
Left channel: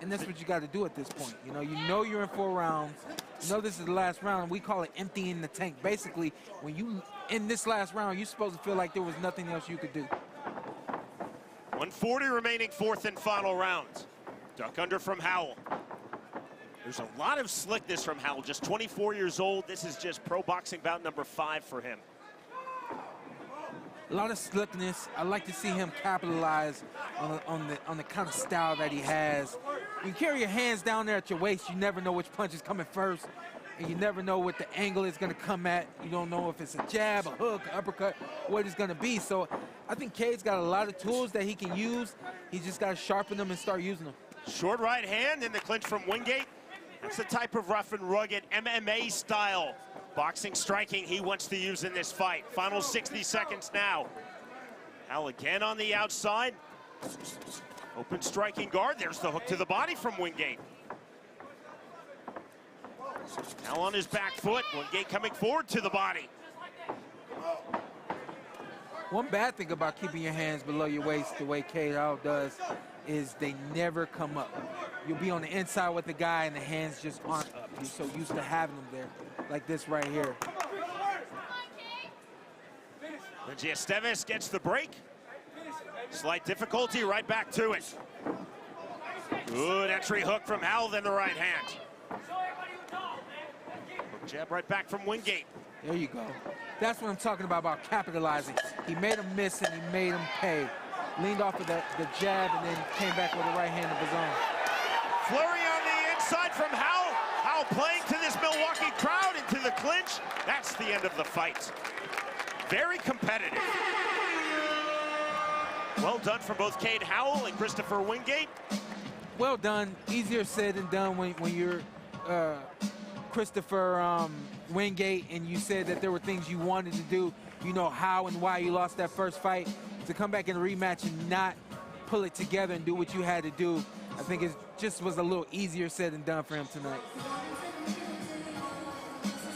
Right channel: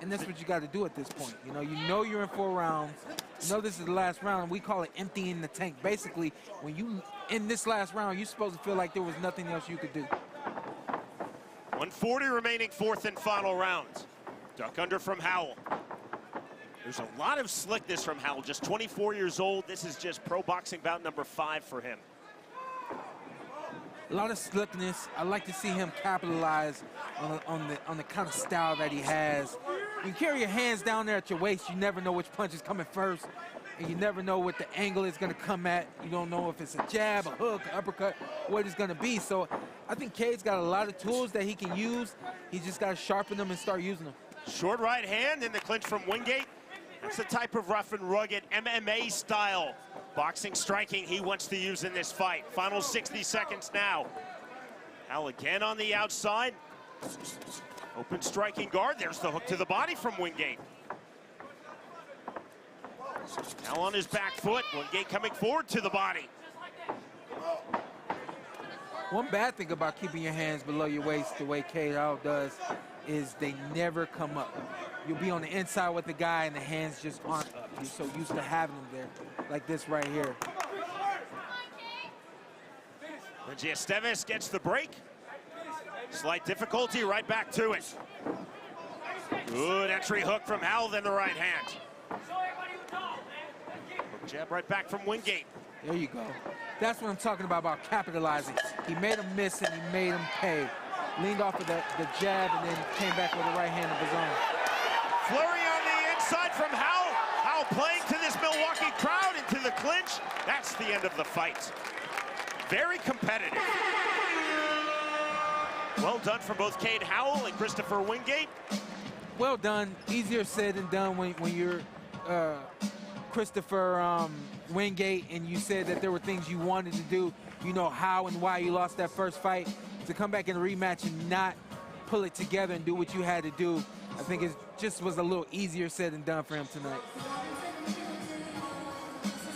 And that's what you got to do at this point. You know you're in 4 rounds. You know this is the last round. We call it emptying the tank. Basically, when you in this last round, you're supposed to feel like there was nothing else you could do. 140 remaining, fourth and final round. Duck under from Howell. There's a lot of slickness from Howell, just 24 years old. This is just pro boxing bout number 5 for him. A lot of slickness. I like to see him capitalize on the kind of style that he has. You carry your hands down there at your waist, you never know which punch is coming first, and you never know what the angle is going to come at. You don't know if it's a jab, a hook, uppercut, what it's going to be. So I think Cade's got a lot of tools that he can use. He's just got to sharpen them and start using them. Short right hand in the clinch from Wingate. That's the type of rough and rugged MMA style boxing striking he wants to use in this fight. Final 60 seconds now. Howell again on the outside. Open striking guard. There's the hook to the body from Wingate. Now on his back foot. Wingate coming forward to the body. One bad thing about keeping your hands below your waist the way Cade Howell does is they never come up. You'll be on the inside with the guy and the hands just aren't up. You're so used to having them there, like this right here. Esteves gets the break. Slight difficulty, right back to it. Good entry hook from Howell, then the right hand. Hook jab right back from Wingate. There you go. That's what I'm talking about capitalizing. He made him miss and he made him pay. Leaned off of the jab and then came back with a right hand of his own. Flurry on the inside from Howell. Howell playing to this Milwaukee crowd into the clinch. That's the end of the fight. Very competitive. Well done from both Cade Howell and Christopher Wingate. Well done. Easier said than done when you're Christopher Wingate and you said that there were things you wanted to do. You know how and why you lost that first fight. To come back in a rematch and not pull it together and do what you had to do, I think it just was a little easier said than done for him tonight.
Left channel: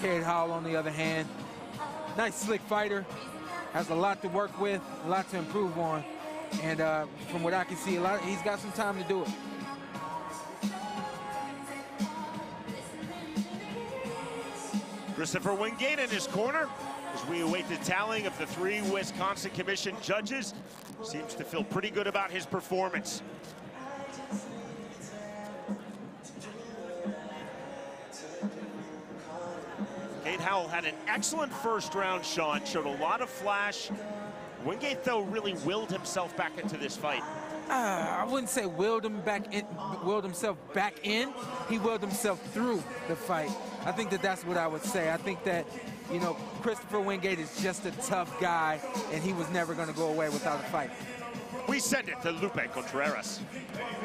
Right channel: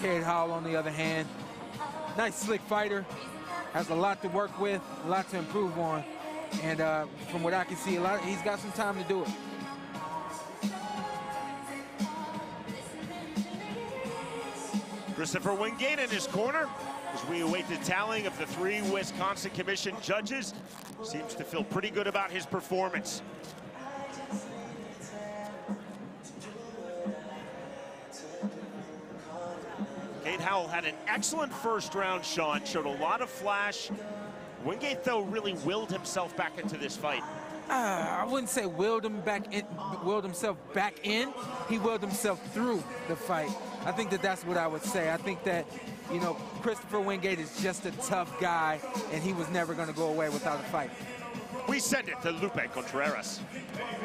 Cade Howell, on the other hand, nice slick fighter, has a lot to work with, a lot to improve on, and from what I can see, he's got some time to do it. Christopher Wingate in his corner as we await the tallying of the 3 Wisconsin Commission judges. Seems to feel pretty good about his performance. Cade Howell had an excellent first round, Sean. Showed a lot of flash. Wingate, though, really willed himself back into this fight. I wouldn't say willed himself back in. He willed himself through the fight. I think that's what I would say. I think that you know, Christopher Wingate is just a tough guy, and he was never going to go away without a fight. We send it to Lupe Contreras.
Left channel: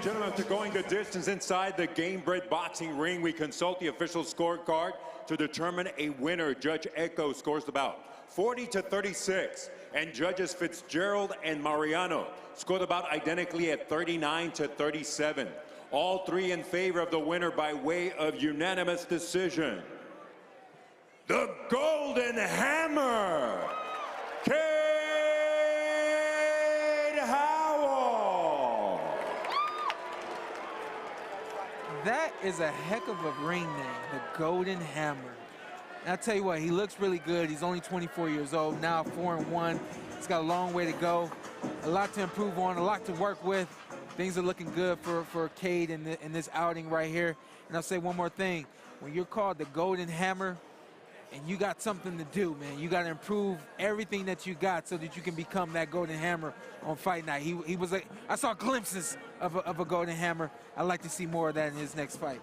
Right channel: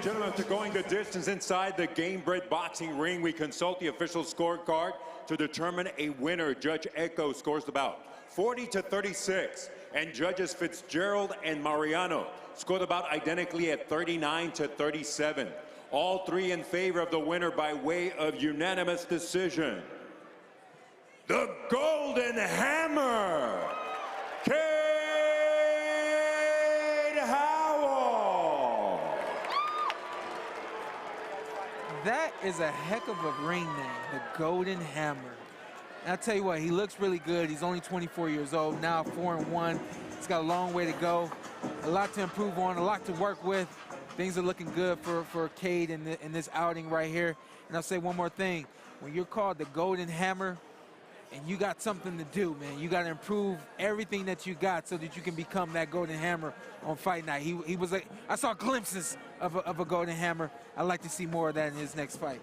Gentlemen, after going the distance inside the Gamebred boxing ring, we consult the official scorecard to determine a winner. Judge Echo scores the bout 40-36, and judges Fitzgerald and Mariano score the bout identically at 39-37. All three in favor of the winner by way of unanimous decision. The Golden Hammer, Howell. That is a heck of a ring name, the Golden Hammer. And I'll tell you what, he looks really good. He's only 24 years old, now 4-1. He's got a long way to go, a lot to improve on, a lot to work with. Things are looking good for Cade in this outing right here. And I'll say one more thing. When you're called the Golden Hammer, and you got something to do, man. You got to improve everything that you got so that you can become that Golden Hammer on fight night. He was like, I saw glimpses of a Golden Hammer. I'd like to see more of that in his next fight.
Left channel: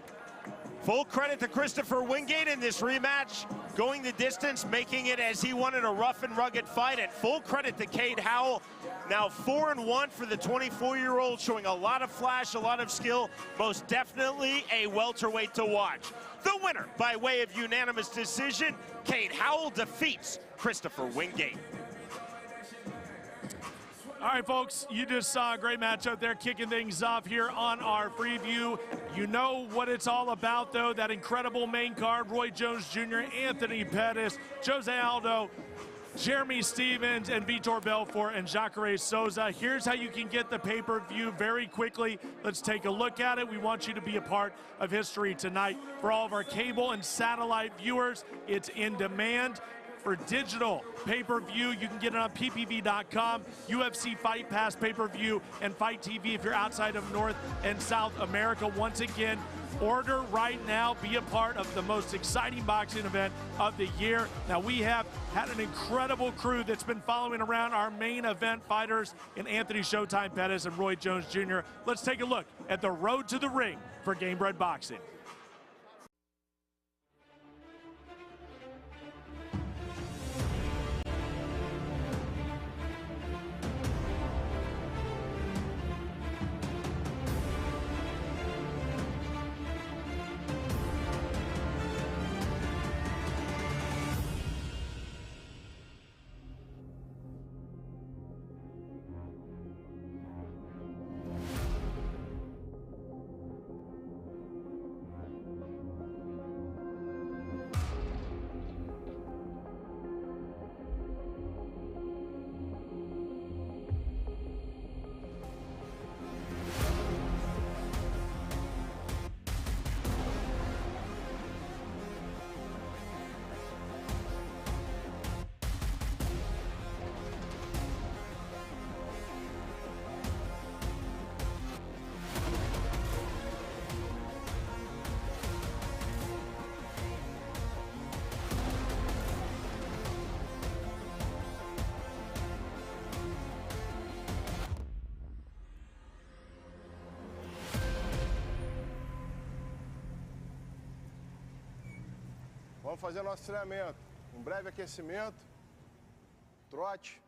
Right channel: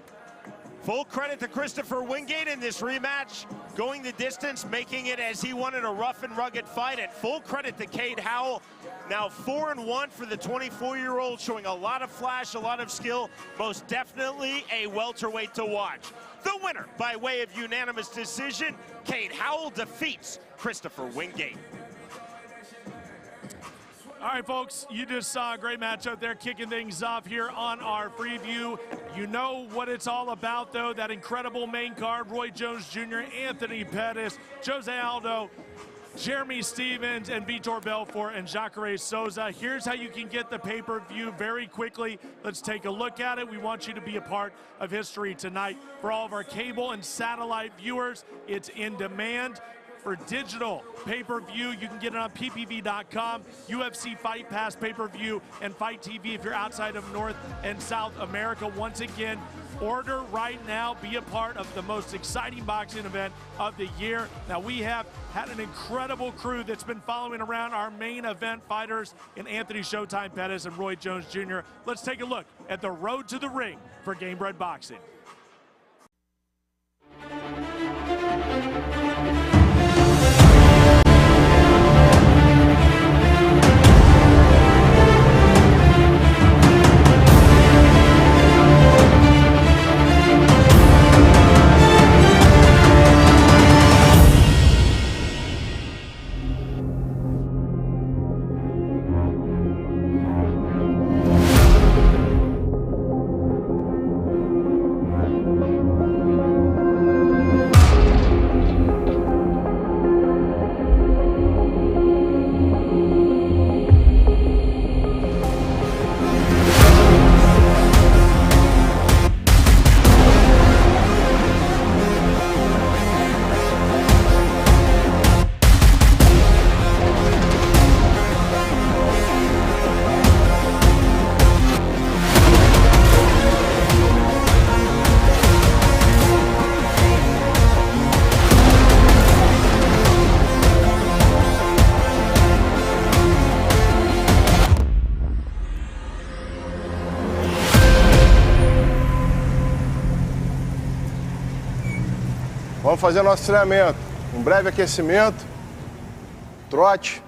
Full credit to Christopher Wingate in this rematch, going the distance, making it as he wanted, a rough and rugged fight. And full credit to Cade Howell, now 4-1 for the 24-year-old, showing a lot of flash, a lot of skill, most definitely a welterweight to watch. The winner, by way of unanimous decision, Cade Howell defeats Christopher Wingate. All right, folks, you just saw a great match out there kicking things off here on our preview. You know what it's all about, though, that incredible main card. Roy Jones Jr., Anthony Pettis, Jose Aldo, Jeremy Stevens, and Vitor Belfort, and Jacare Souza. Here's how you can get the pay-per-view very quickly. Let's take a look at it. We want you to be a part of history tonight. For all of our cable and satellite viewers, it's in demand. For digital pay-per-view, you can get it on ppv.com, UFC Fight Pass pay-per-view, and Fight TV if you're outside of North and South America. Once again, order right now. Be a part of the most exciting boxing event of the year. Now, we have had an incredible crew that's been following around our main event fighters in Anthony Showtime Pettis and Roy Jones Jr. Let's take a look at the road to the ring for Gamebred Boxing. Vamos fazer nosso treinamento. Um breve aquecimento, trote,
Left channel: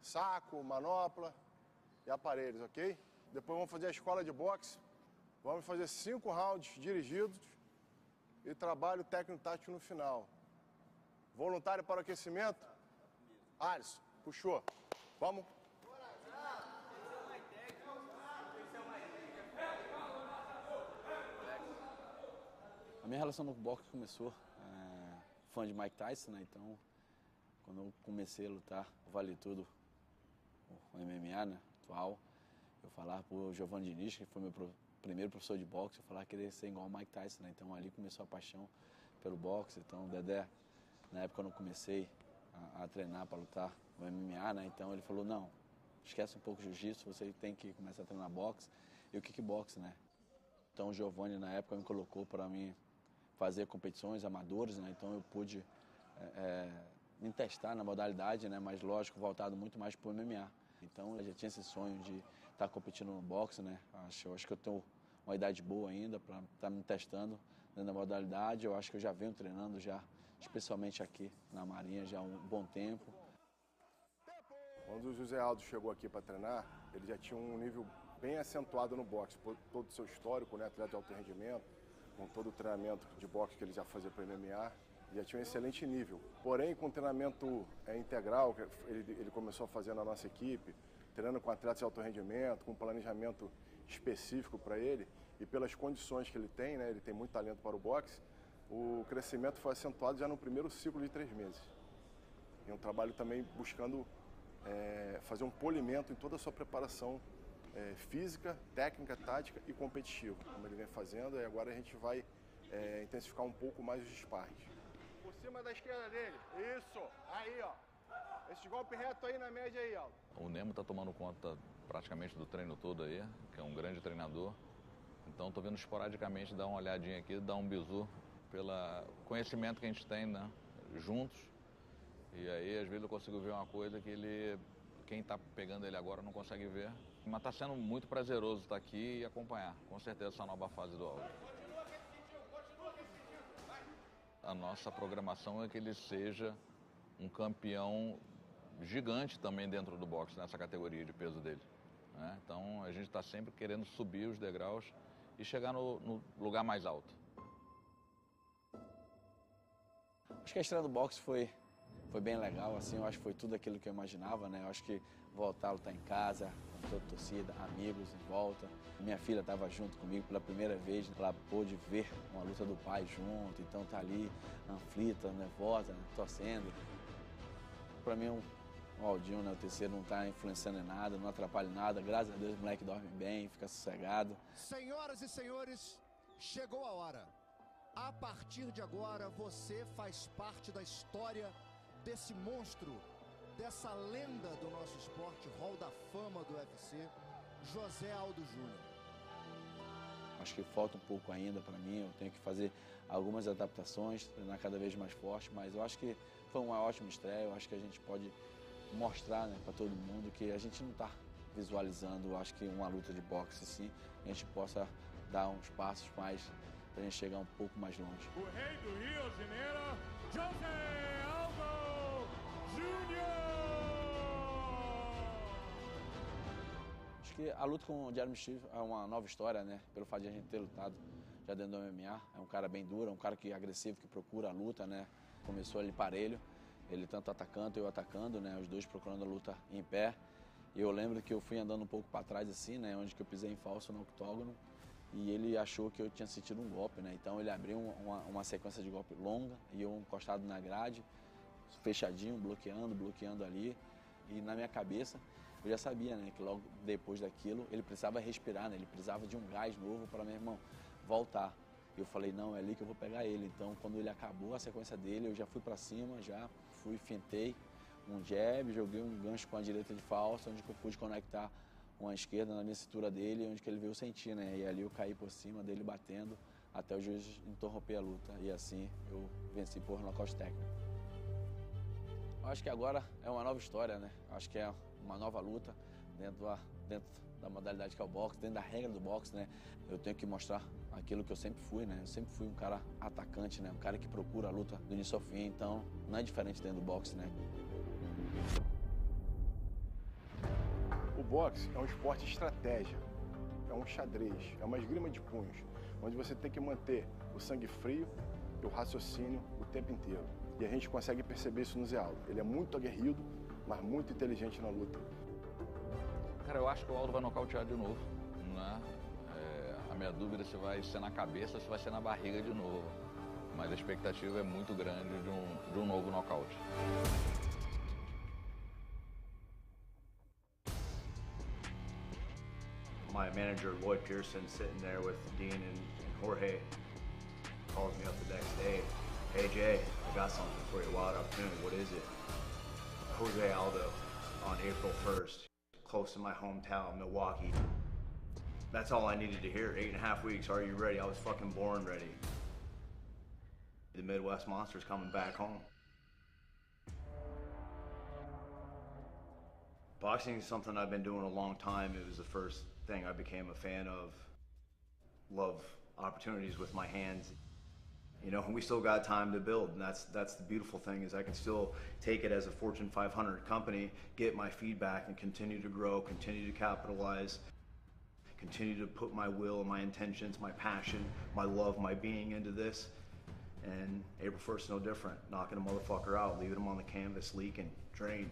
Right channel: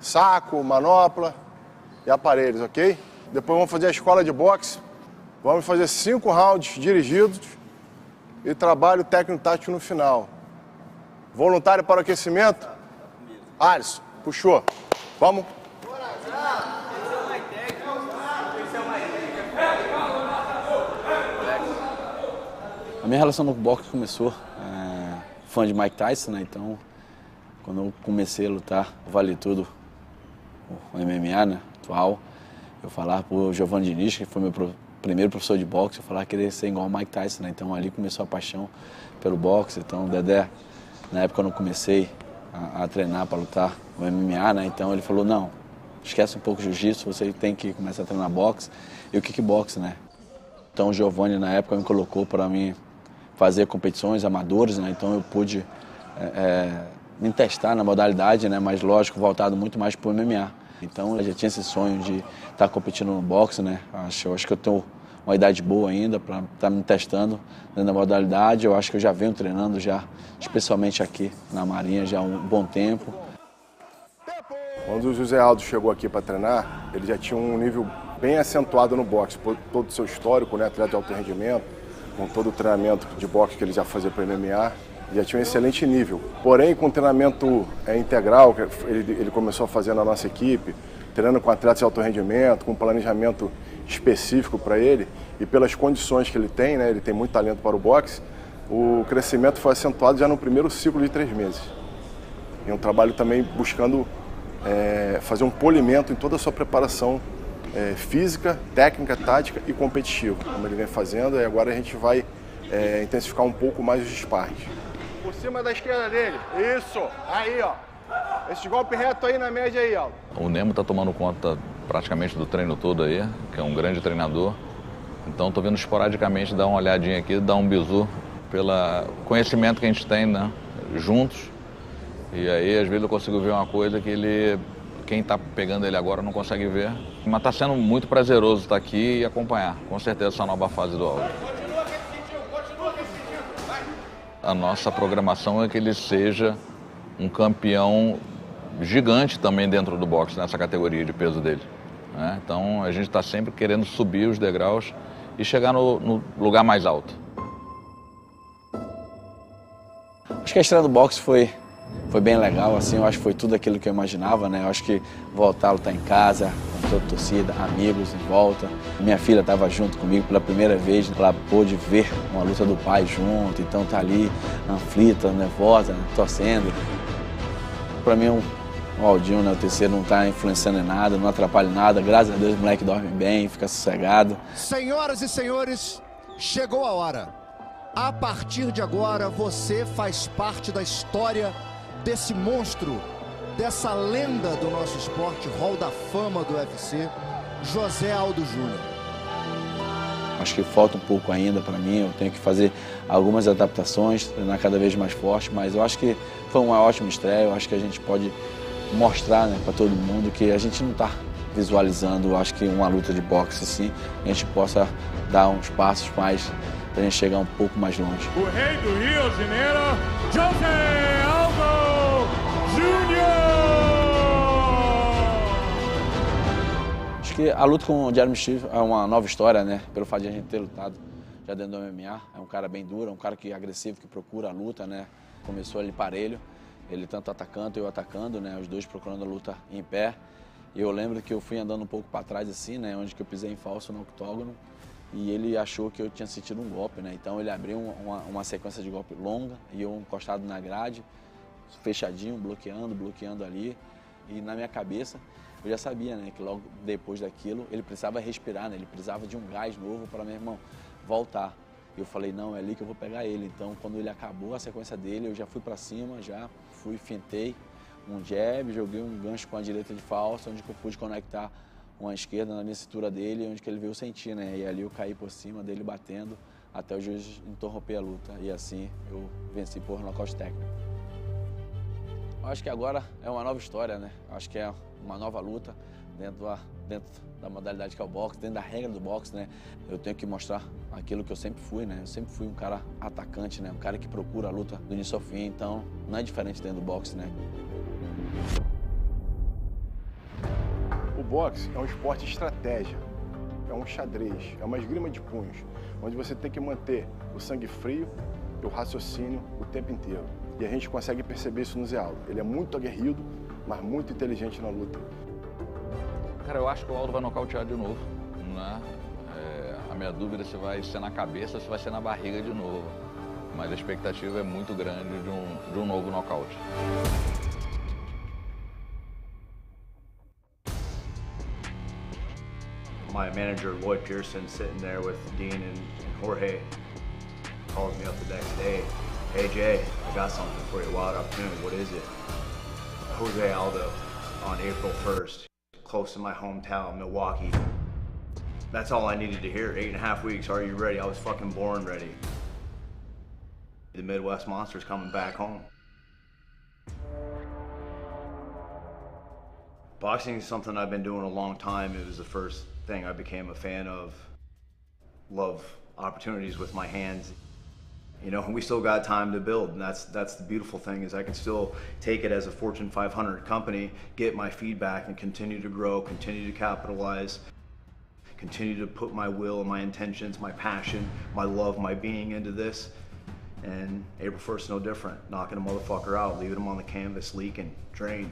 saco, manopla e aparelhos, ok? Depois vamos fazer a escola de boxe. Vamos fazer 5 rounds dirigidos e trabalho técnico-tático no final. Voluntário para o aquecimento? Alisson, puxou. Vamos. A minha relação no boxe começou fã de Mike Tyson, né? Então, quando eu comecei a lutar, vale tudo, o MMA, né? Atual, eu falava pro Giovanni Diniz, que foi meu primeiro professor de boxe, eu falava que queria ser igual ao Mike Tyson, né? Então, ali começou a paixão pelo boxe. Então, o Dedé, na época, quando eu comecei a treinar para lutar o MMA, né? Então, ele falou, não, esquece um pouco o jiu-jitsu, você tem que começar a treinar boxe e o kickbox, né? Então, o Giovanni, na época, me colocou para mim fazer competições amadores, né? Então eu pude me testar na modalidade, né? Mas lógico, voltado muito mais para o MMA. Então eu já tinha esse sonho de estar competindo no boxe, né? Acho que eu tenho uma idade boa ainda para estar me testando dentro da modalidade. Eu acho que eu já venho treinando já, especialmente aqui na Marinha, já há um bom tempo. Quando o José Aldo chegou aqui para treinar, ele já tinha um nível bem acentuado no boxe, por todo o seu histórico, né, atleta de alto rendimento, com todo o treinamento de boxe que ele já fazia para o MMA, já tinha um excelente nível. Porém, com o treinamento integral que ele começou a fazer na nossa equipe, treinando com atletas de alto rendimento, com um planejamento específico para ele e pelas condições que ele tem, né, ele tem muito talento para o boxe, o crescimento foi acentuado já no primeiro ciclo de 3 meses. E um trabalho também buscando fazer um polimento em toda a sua preparação física, técnica, tática e competitiva, como ele vem fazendo, e agora a gente vai intensificar um pouco mais os sparrings. Por cima da esquerda dele, isso, aí ó, esse golpe reto aí na média aí, ó. O Nemo está tomando conta praticamente do treino todo aí, que é um grande treinador, então estou vindo esporadicamente dar uma olhadinha aqui, dar um bizu pelo conhecimento que a gente tem, né, juntos. E aí, às vezes, eu consigo ver uma coisa que quem está pegando ele agora não consegue ver. Mas está sendo muito prazeroso estar aqui e acompanhar, com certeza, essa nova fase do Aldo. A nossa programação é que ele seja um campeão gigante também dentro do boxe, nessa categoria de peso dele, né? Então, a gente está sempre querendo subir os degraus e chegar no lugar mais alto. Acho que a estreia do boxe foi bem legal, assim, eu acho que foi tudo aquilo que eu imaginava, né? Eu acho que voltar a lutar em casa, com toda a torcida, amigos em volta. Minha filha estava junto comigo pela primeira vez, ela pôde ver uma luta do pai junto, então tá ali aflita, nervosa, né? Torcendo. Para mim, o Aldinho, né, o terceiro, não está influenciando em nada, não atrapalha em nada, graças a Deus o moleque dorme bem, fica sossegado. Senhoras e senhores, chegou a hora. A partir de agora, você faz parte da história desse monstro, dessa lenda do nosso esporte, Hall da Fama do UFC, José Aldo Júnior. Acho que falta um pouco ainda para mim, eu tenho que fazer algumas adaptações, treinar cada vez mais forte, mas eu acho que foi uma ótima estreia, eu acho que a gente pode mostrar, né, para todo mundo que a gente não está visualizando, acho que uma luta de boxe assim, a gente possa dar uns passos mais para a gente chegar um pouco mais longe. O rei do Rio de Janeiro, José Aldo Júnior! Acho que a luta com o Jeremy Steve é uma nova história, né? Pelo fato de a gente ter lutado já dentro do MMA. É um cara bem duro, é um cara que é agressivo, que procura a luta, né? Começou ali parelho, ele tanto atacando e eu atacando, né? Os dois procurando a luta em pé. E eu lembro que eu fui andando um pouco para trás assim, né? Onde que eu pisei em falso no octógono. E ele achou que eu tinha sentido um golpe, né? Então ele abriu uma sequência de golpe longa e eu encostado na grade, fechadinho, bloqueando ali. E na minha cabeça eu já sabia, né, que logo depois daquilo ele precisava respirar, né? Ele precisava de um gás novo para, meu irmão, voltar. E eu falei, não, é ali que eu vou pegar ele. Então quando ele acabou a sequência dele, eu já fui para cima, já fui, fintei um jab, joguei um gancho com a direita de falso, onde eu pude conectar uma esquerda na minha cintura dele, onde que ele veio sentir, né? E ali eu caí por cima dele batendo até o juiz interromper a luta. E assim eu venci por nocaute técnico. Acho que agora é uma nova história, né? Acho que é uma nova luta dentro da modalidade que é o boxe, dentro da regra do boxe, né? Eu tenho que mostrar aquilo que eu sempre fui, né? Eu sempre fui um cara atacante, né? Um cara que procura a luta do início ao fim, então não é diferente dentro do boxe, né? O boxe é um esporte de estratégia, é um xadrez, é uma esgrima de punhos, onde você tem que manter o sangue frio e o raciocínio o tempo inteiro. E a gente consegue perceber isso no Zé Aldo. Ele é muito aguerrido, mas muito inteligente na luta. Cara, eu acho que o Aldo vai nocautear de novo, né? A minha dúvida é se vai ser na cabeça ou se vai ser na barriga de novo. Mas a expectativa é muito grande de um novo nocaute. My manager, Lloyd Pearson, sitting there with Dean and Jorge, calls me up the next day. Hey Jay, I got something for you, wild opportunity, what is it? Jose Aldo on April 1st, close to my hometown, Milwaukee. That's all I needed to hear. 8.5 weeks, are you ready? I was fucking born ready. The Midwest Monster's coming back home. Boxing is something I've been doing a long time. It was the first thing I became a fan of love opportunities with my hands. You know, we still got time to build, and that's the beautiful thing, is I can still take it as a Fortune 500 company, get my feedback, and continue to grow, continue to capitalize, continue to put my will, my intentions, my passion, my love, my being into this. And April 1st, no different. Knocking a motherfucker out, leaving him on the canvas, leaking, drained.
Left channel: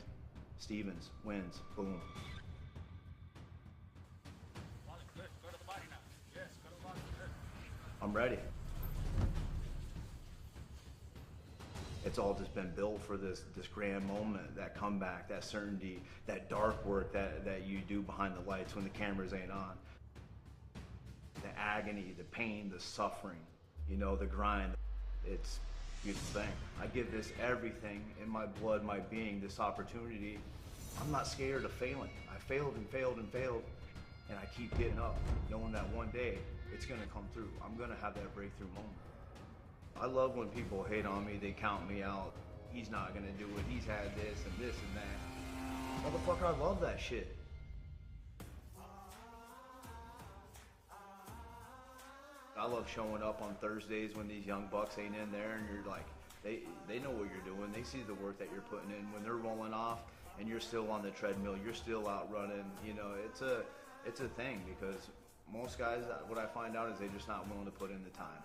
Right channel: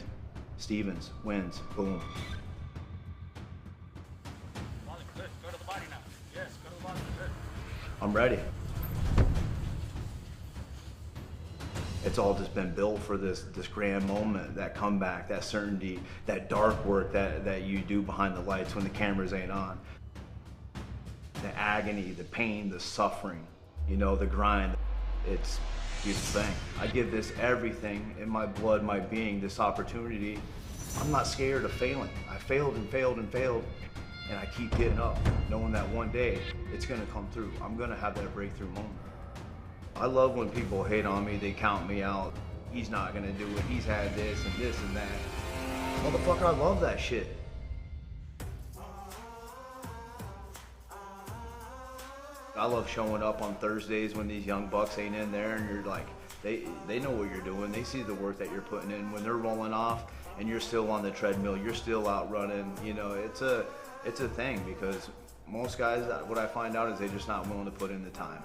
Stevens wins, boom. I'm ready. It's all just been built for this grand moment, that comeback, that certainty, that dark work that you do behind the lights when the cameras ain't on. The agony, the pain, the suffering, you know, the grind. It's a beautiful thing. I give this everything in my blood, my being, this opportunity. I'm not scared of failing. I failed and failed and failed, and I keep getting up, knowing that one day it's gonna come through. I'm gonna have that breakthrough moment. I love when people hate on me, they count me out. He's not gonna do it, he's had this and that. Motherfucker, I love that shit. I love showing up on Thursdays when these young bucks ain't in there, and you're like, they know what you're doing, they see the work that you're putting in. When they're rolling off and you're still on the treadmill, you're still out running, you know, it's a thing, because most guys, what I find out is they're just not willing to put in the time.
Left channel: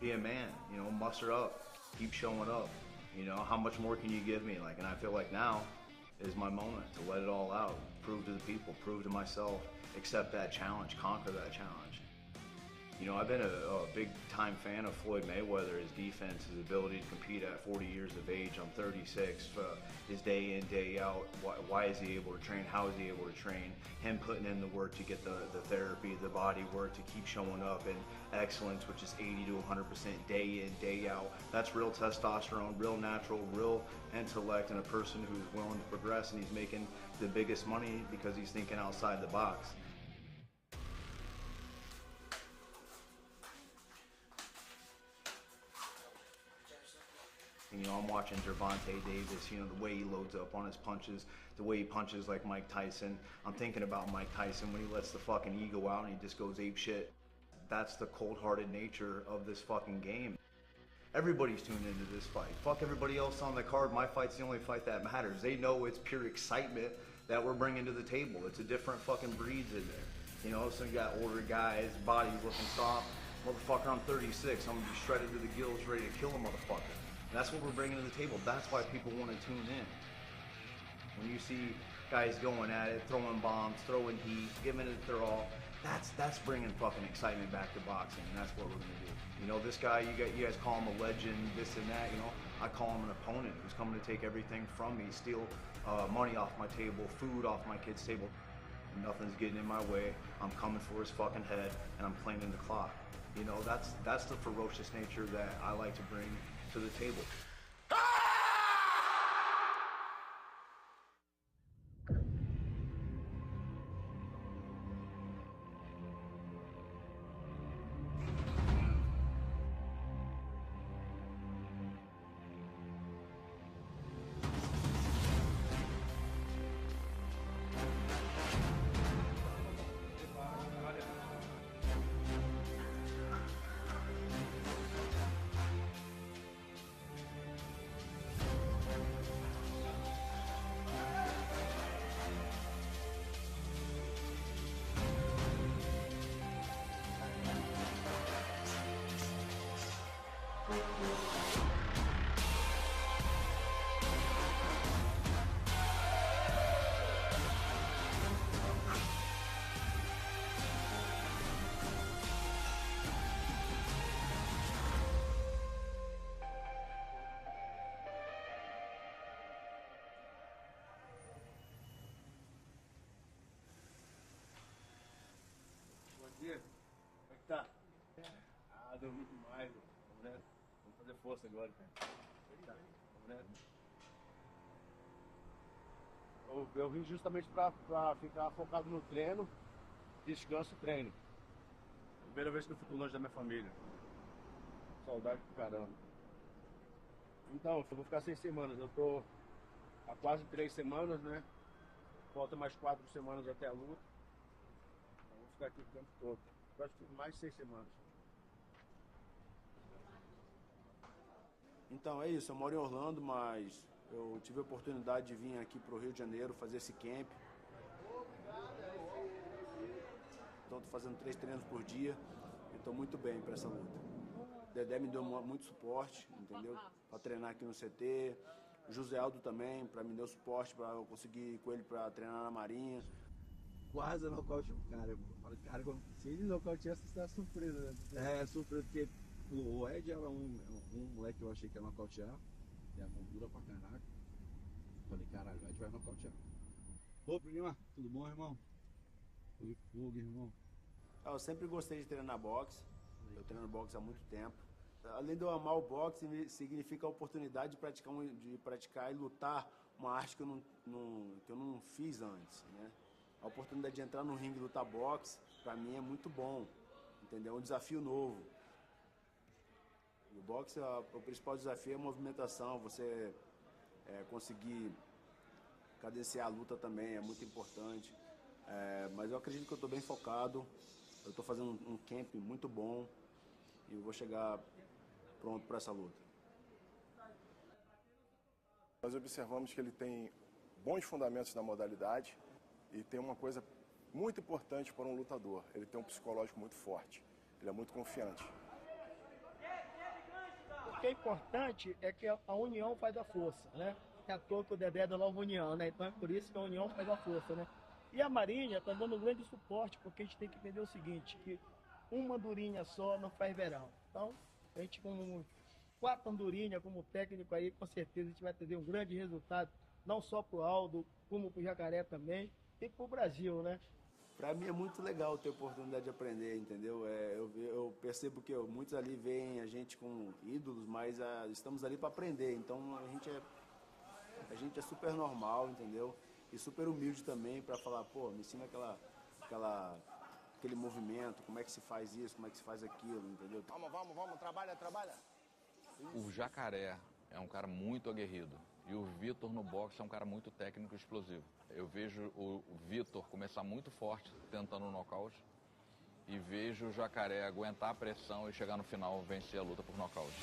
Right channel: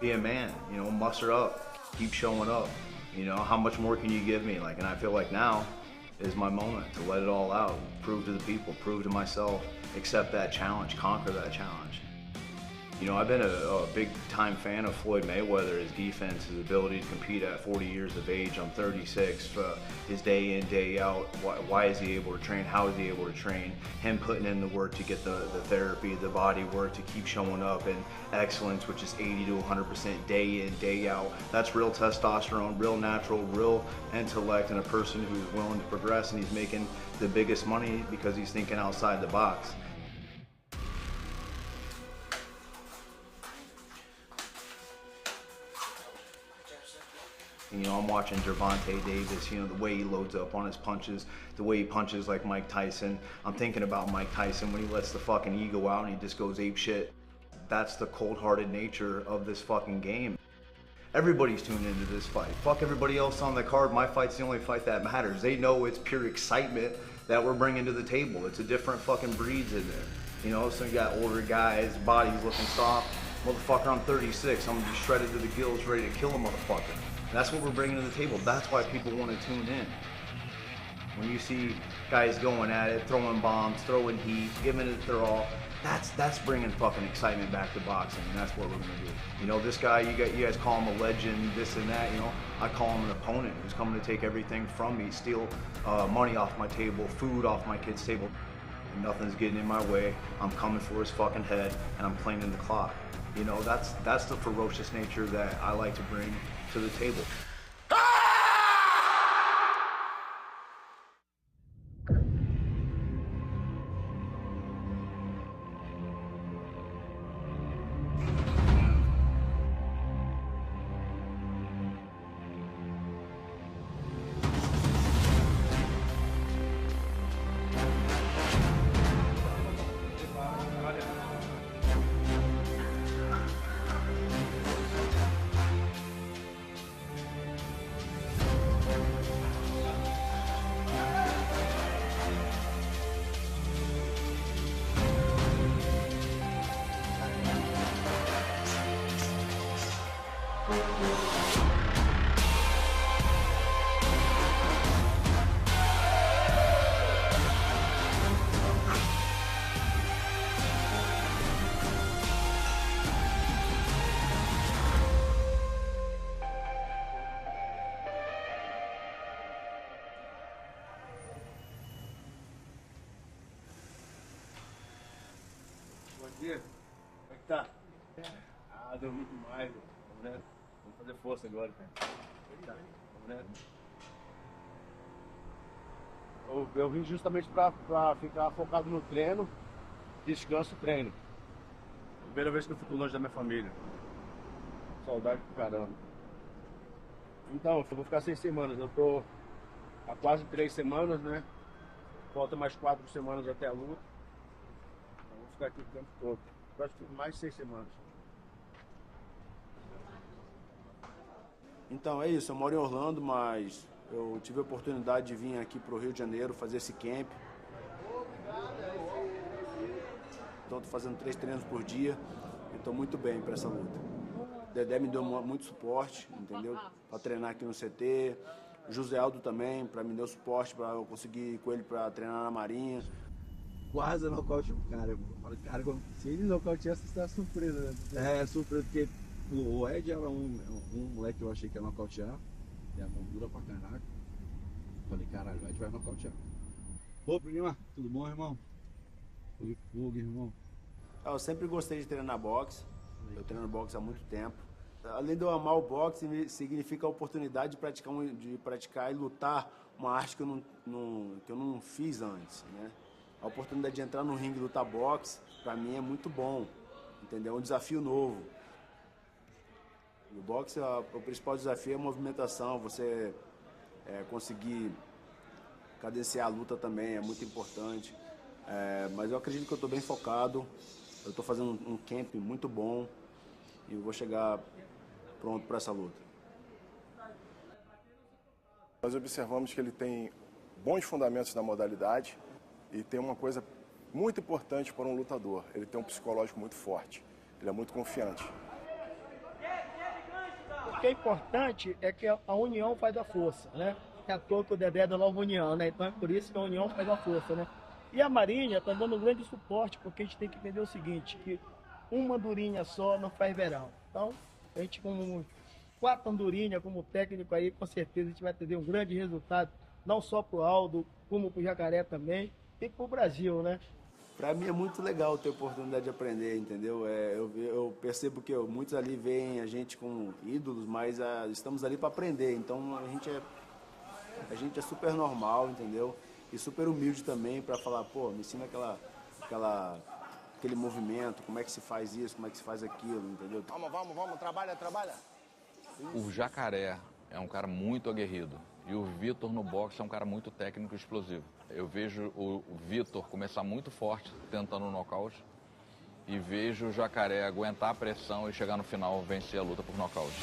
Be a man, you know, muster up, keep showing up. You know, how much more can you give me? Like, and I feel like now is my moment to let it all out, prove to the people, prove to myself, accept that challenge, conquer that challenge. You know, I've been a big time fan of Floyd Mayweather, his defense, his ability to compete at 40 years of age. I'm 36, his day in, day out. Why is he able to train? How is he able to train? Him putting in the work to get the therapy, the body work, to keep showing up, and excellence, which is 80 to 100% day in, day out. That's real testosterone, real natural, real intellect, and a person who's willing to progress, and he's making the biggest money because he's thinking outside the box. You know, I'm watching Gervonta Davis, you know, the way he loads up on his punches, the way he punches like Mike Tyson. I'm thinking about Mike Tyson when he lets the fucking ego out and he just goes ape shit. That's the cold-hearted nature of this fucking game. Everybody's tuned into this fight. Fuck everybody else on the card. My fight's the only fight that matters. They know it's pure excitement that we're bringing to the table. It's a different fucking breeds in there. You know, so you got older guys, bodies looking soft. Motherfucker, I'm 36. I'm gonna be shredded to the gills, ready to kill a motherfucker. That's what we're bringing to the table. That's why people want to tune in. When you see guys going at it, throwing bombs, throwing heat, giving it their all, that's bringing fucking excitement back to boxing, and that's what we're gonna do. You know, this guy, you guys call him a legend, this and that. You know, I call him an opponent who's coming to take everything from me, steal money off my table, food off my kid's table. Nothing's getting in my way. I'm coming for his fucking head, and I'm cleaning the clock. You know, that's the ferocious nature that I like to bring to the table. Como é que tá? Ah, dormi demais, vamos nessa. Vamos fazer força agora, cara. Tá, vamos nessa. Eu vim justamente pra ficar focado no treino, descanso e treino. Primeira vez que eu fico longe da minha família. Saudade do caramba. Então, eu vou ficar 6 semanas. Eu tô há quase 3 semanas, né? Falta mais 4 semanas até a luta. Então, vou ficar aqui o tempo todo. Acho que mais de 6 semanas. Então é isso, eu moro em Orlando, mas eu tive a oportunidade de vir aqui para o Rio de Janeiro fazer esse camp. Então estou fazendo 3 treinos por dia e estou muito bem para essa luta. O Dedé me deu muito suporte, entendeu? Para treinar aqui no CT. O José Aldo também, para me dar suporte, para eu conseguir ir com ele para treinar na Marinha. Quase nocaute o cara. Eu falo, cara, se ele nocautear, você está surpresa, né? É, surpresa, porque o Ed era um moleque que eu achei que ia nocautear. E a mão dura pra caraca. Falei, caralho, o Ed vai nocautear. Ô, prima, tudo bom, irmão? Fogo, irmão. Eu sempre gostei de treinar boxe. Eu treino boxe há muito tempo. Além de eu amar o boxe, significa a oportunidade de praticar e lutar uma arte que eu não fiz antes, né? A oportunidade de entrar no ringue e lutar boxe, pra mim é muito bom, entendeu? É um desafio novo. No boxe, o principal desafio é a movimentação, você conseguir cadenciar a luta também, é muito importante. Mas eu acredito que eu estou bem focado, eu estou fazendo um camp muito bom e eu vou chegar pronto para essa luta. Nós observamos que ele tem bons fundamentos na modalidade e tem uma coisa muito importante para um lutador, ele tem um psicológico muito forte, ele é muito confiante. O que é importante é que a união faz a força, né? É à toa que o Dedé é da Nova União, né? Então é por isso que a união faz a força, né? E a Marinha está dando um grande suporte, porque a gente tem que entender o seguinte, que uma andorinha só não faz verão. Então, a gente com 4 andorinhas como técnico aí, com certeza a gente vai ter um grande resultado, não só para o Aldo, como para o Jacaré também, e para o Brasil, né? Para mim é muito legal ter a oportunidade de aprender, entendeu? Eu percebo que muitos ali veem a gente como ídolos, mas estamos ali para aprender, então a gente é super normal, entendeu? E super humilde também para falar, pô, me ensina aquele movimento, como é que se faz isso, como é que se faz aquilo, entendeu? Vamos, trabalha. O Jacaré é um cara muito aguerrido e o Vitor no boxe é um cara muito técnico e explosivo. Eu vejo o Vitor começar muito forte tentando um nocaute e vejo o Jacaré aguentar a pressão e chegar no final vencer a luta por nocaute.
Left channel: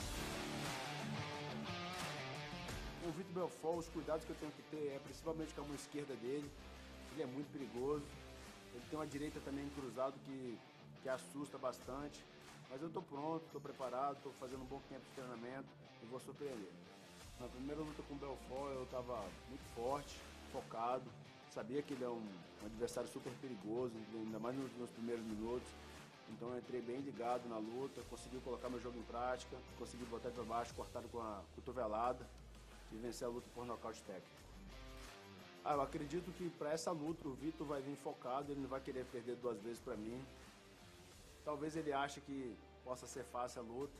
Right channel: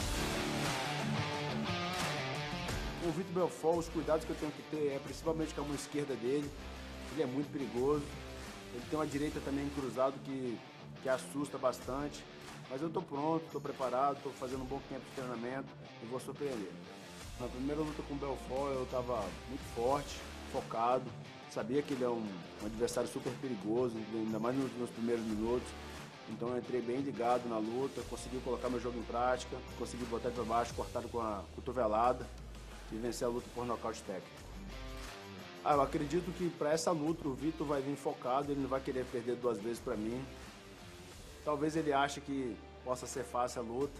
O Vitor Belfort, os cuidados que eu tenho que ter é principalmente com a mão esquerda dele, ele é muito perigoso. Ele tem uma direita também cruzado que assusta bastante. Mas eu estou pronto, estou preparado, estou fazendo um bom tempo de treinamento e vou surpreender. Na primeira luta com o Belfort eu estava muito forte, focado. Sabia que ele é um adversário super perigoso, ainda mais nos primeiros minutos. Então eu entrei bem ligado na luta, consegui colocar meu jogo em prática, consegui botar ele para baixo, cortado com a cotovelada e vencer a luta por nocaute técnico. Eu acredito que para essa luta o Vitor vai vir focado, ele não vai querer perder 2 vezes para mim. Talvez ele ache que possa ser fácil a luta,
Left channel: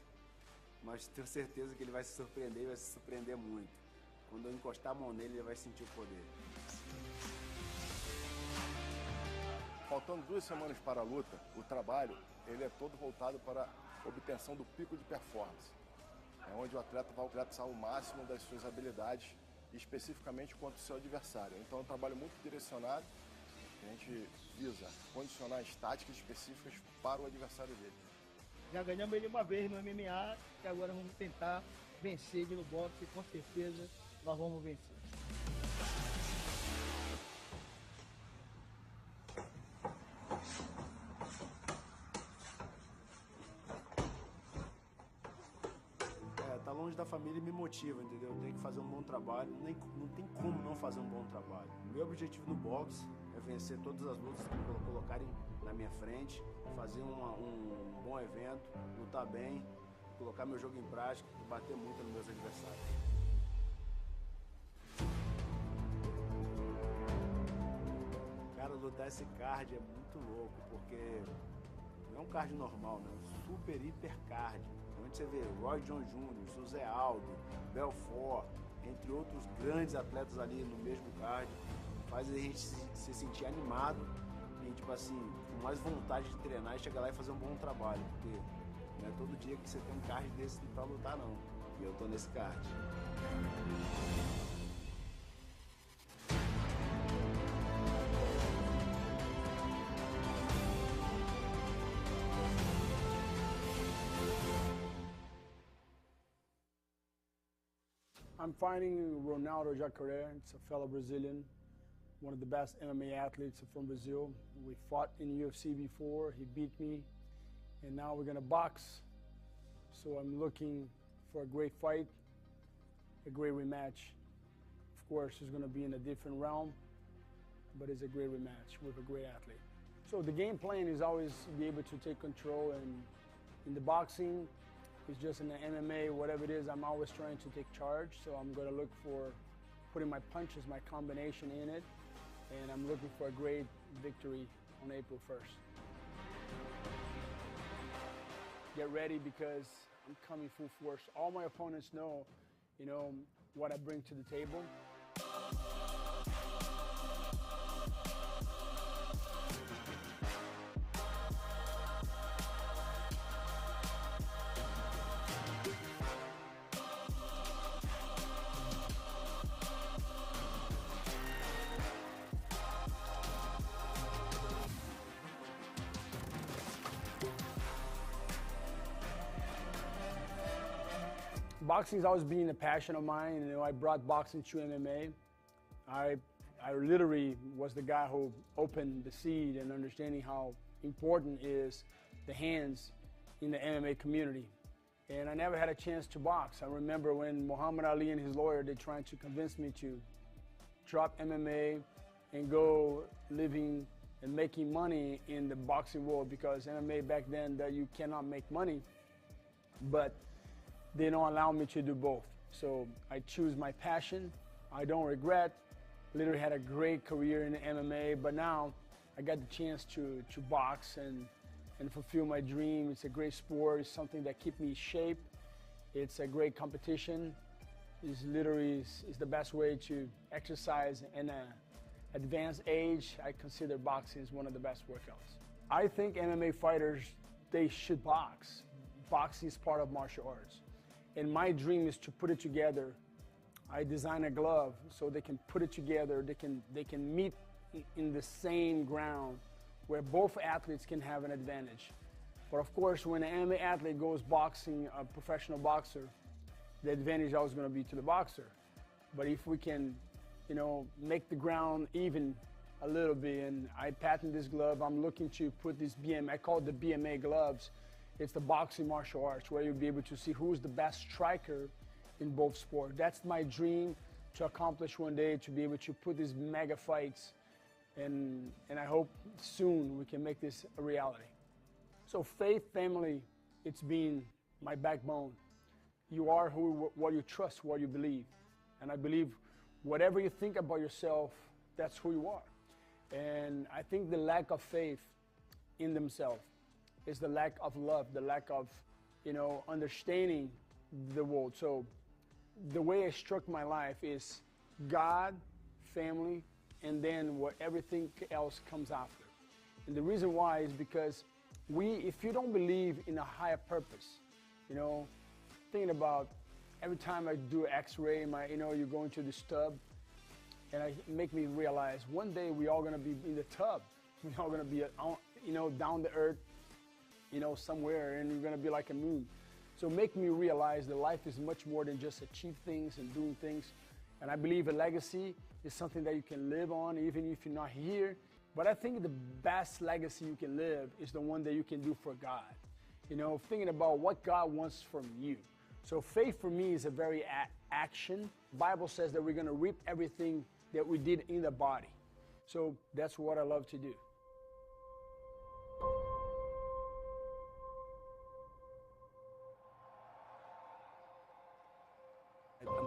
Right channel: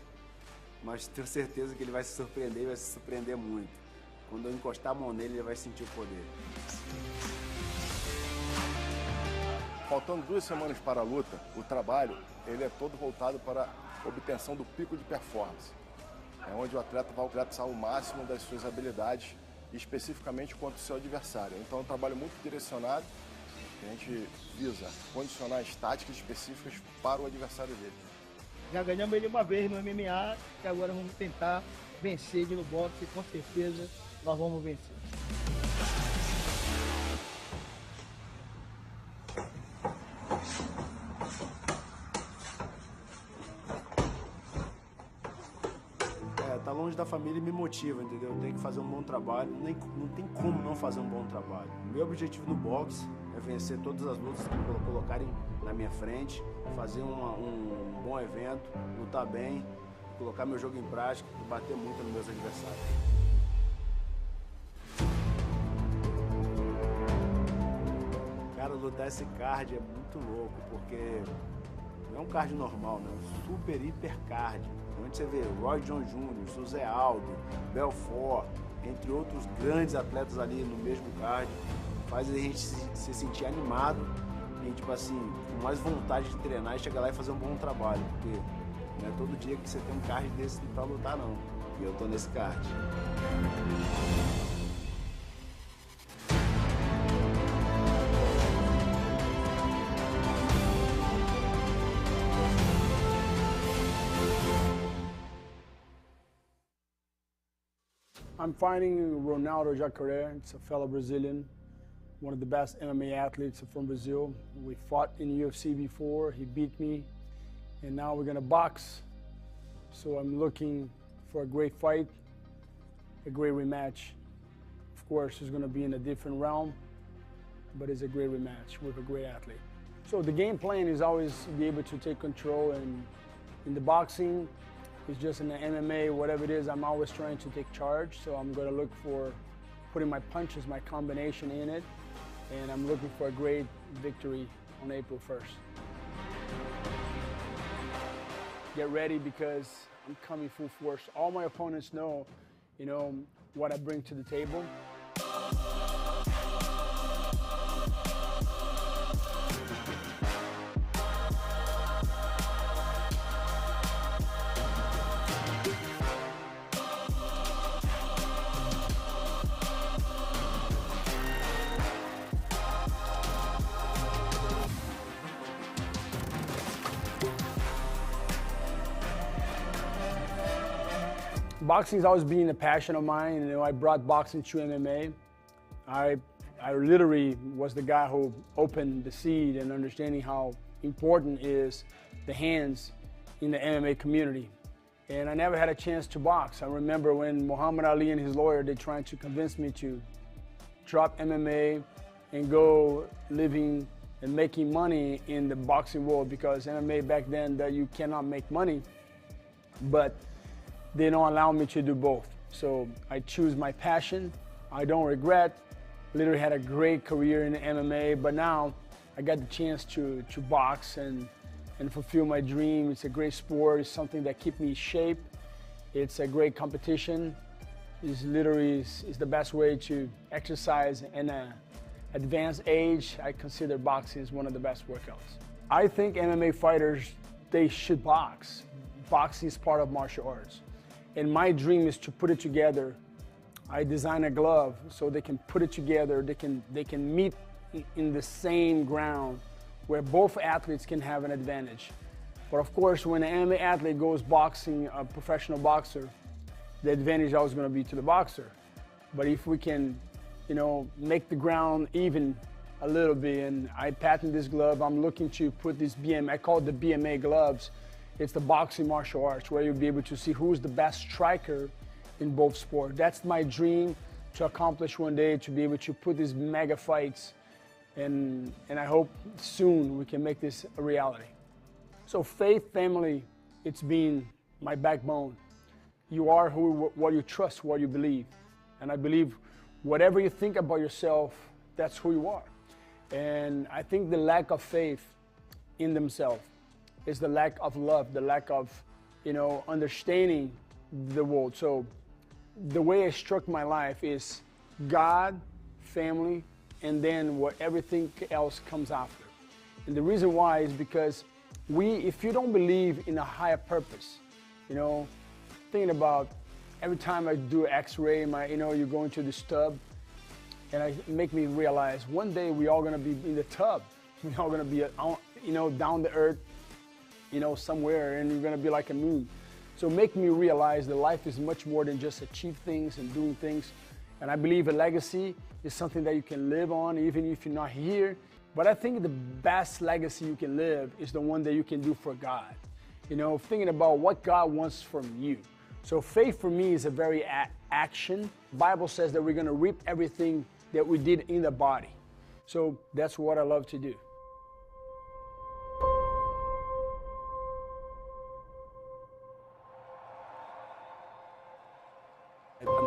mas tenho certeza que ele vai se surpreender e vai se surpreender muito. Quando eu encostar a mão nele, ele vai sentir o poder. Faltando 2 semanas para a luta, o trabalho ele é todo voltado para a obtenção do pico de performance. É onde o atleta vai alcançar o máximo das suas habilidades, especificamente contra o seu adversário. Então é um trabalho muito direcionado, que a gente visa condicionar as táticas específicas para o adversário dele. Já ganhamos ele uma vez no MMA, e agora vamos tentar vencer ele no boxe, e com certeza nós vamos vencer. Tá longe da família e me motiva, entendeu? Eu tenho que fazer um bom trabalho, não tem como não fazer um bom trabalho. Meu objetivo no boxe é vencer todas as lutas que colocarem na minha frente, fazer um bom evento, lutar bem, colocar meu jogo em prática e bater muito nos meus adversários. Cara, lutar esse card é muito louco, porque não é um card normal, né? É um super hiper card. Onde você vê Roy John Jr., Souza, Aldo, Belfort, entre outros grandes atletas ali no mesmo card, faz a gente se sentir animado e, tipo assim, com mais vontade de treinar e chegar lá e fazer um bom trabalho, porque não é todo dia que você tem um card desse pra lutar, não. E eu tô nesse card. I'm fighting Ronaldo Jacaré. It's a fellow Brazilian, one of the best MMA athletes from Brazil. We fought in UFC before. He beat me, and now we're gonna box. So I'm looking for a great fight, a great rematch. Of course, it's gonna be in a different realm, but it's a great rematch with a great athlete. So the game plan is always be able to take control, and in the boxing, it's just in the MMA, whatever it is, I'm always trying to take charge. So I'm gonna look for putting my punches, my combination in it, and I'm looking for a great victory on April 1st. Get ready because I'm coming full force. All my opponents know, what I bring to the table. Boxing's always been a passion of mine. I brought boxing to MMA. I literally was the guy who opened the seed and understanding how important is the hands in the MMA community. And I never had a chance to box. I remember when Muhammad Ali and his lawyer, they trying to convince me to drop MMA and go living and making money in the boxing world, because MMA back then that you cannot make money. But they don't allow me to do both. So I choose my passion. I don't regret. Literally had a great career in MMA, but now I got the chance to box and fulfill my dream. It's a great sport. It's something that keeps me in shape. It's a great competition. It's literally is the best way to exercise in an advanced age. I consider boxing as one of the best workouts. I think MMA fighters, they should box. Boxing is part of martial arts. And my dream is to put it together. I design a glove so they can put it together. They can meet in the same ground where both athletes can have an advantage. But of course, when an MMA athlete goes boxing, a professional boxer, the advantage is always going to be to the boxer. But if we can, make the ground even a little bit, and I patent this glove, I'm looking to put this BMA, I call it the BMA gloves. It's the boxing martial arts, where you'll be able to see who's the best striker in both sports. That's my dream to accomplish one day, to be able to put these mega fights, and I hope soon we can make this a reality. So faith, family, it's been my backbone. You are what you trust, what you believe. And I believe whatever you think about yourself, that's who you are. And I think the lack of faith in themselves is the lack of love, the lack of, understanding the world. So the way I struck my life is God, family, and then what everything else comes after. And the reason why is because if you don't believe in a higher purpose, thinking about every time I do X-ray, you go into the tub, and it make me realize one day we all gonna be in the tub. We're all gonna be, down the earth, somewhere, and you're gonna be like a moon. So make me realize that life is much more than just achieve things and doing things. And I believe a legacy is something that you can live on even if you're not here. But I think the best legacy you can live is the one that you can do for God. Thinking about what God wants from you. So faith for me is a very action. Bible says that we're gonna reap everything that we did in the body. So that's what I love to do.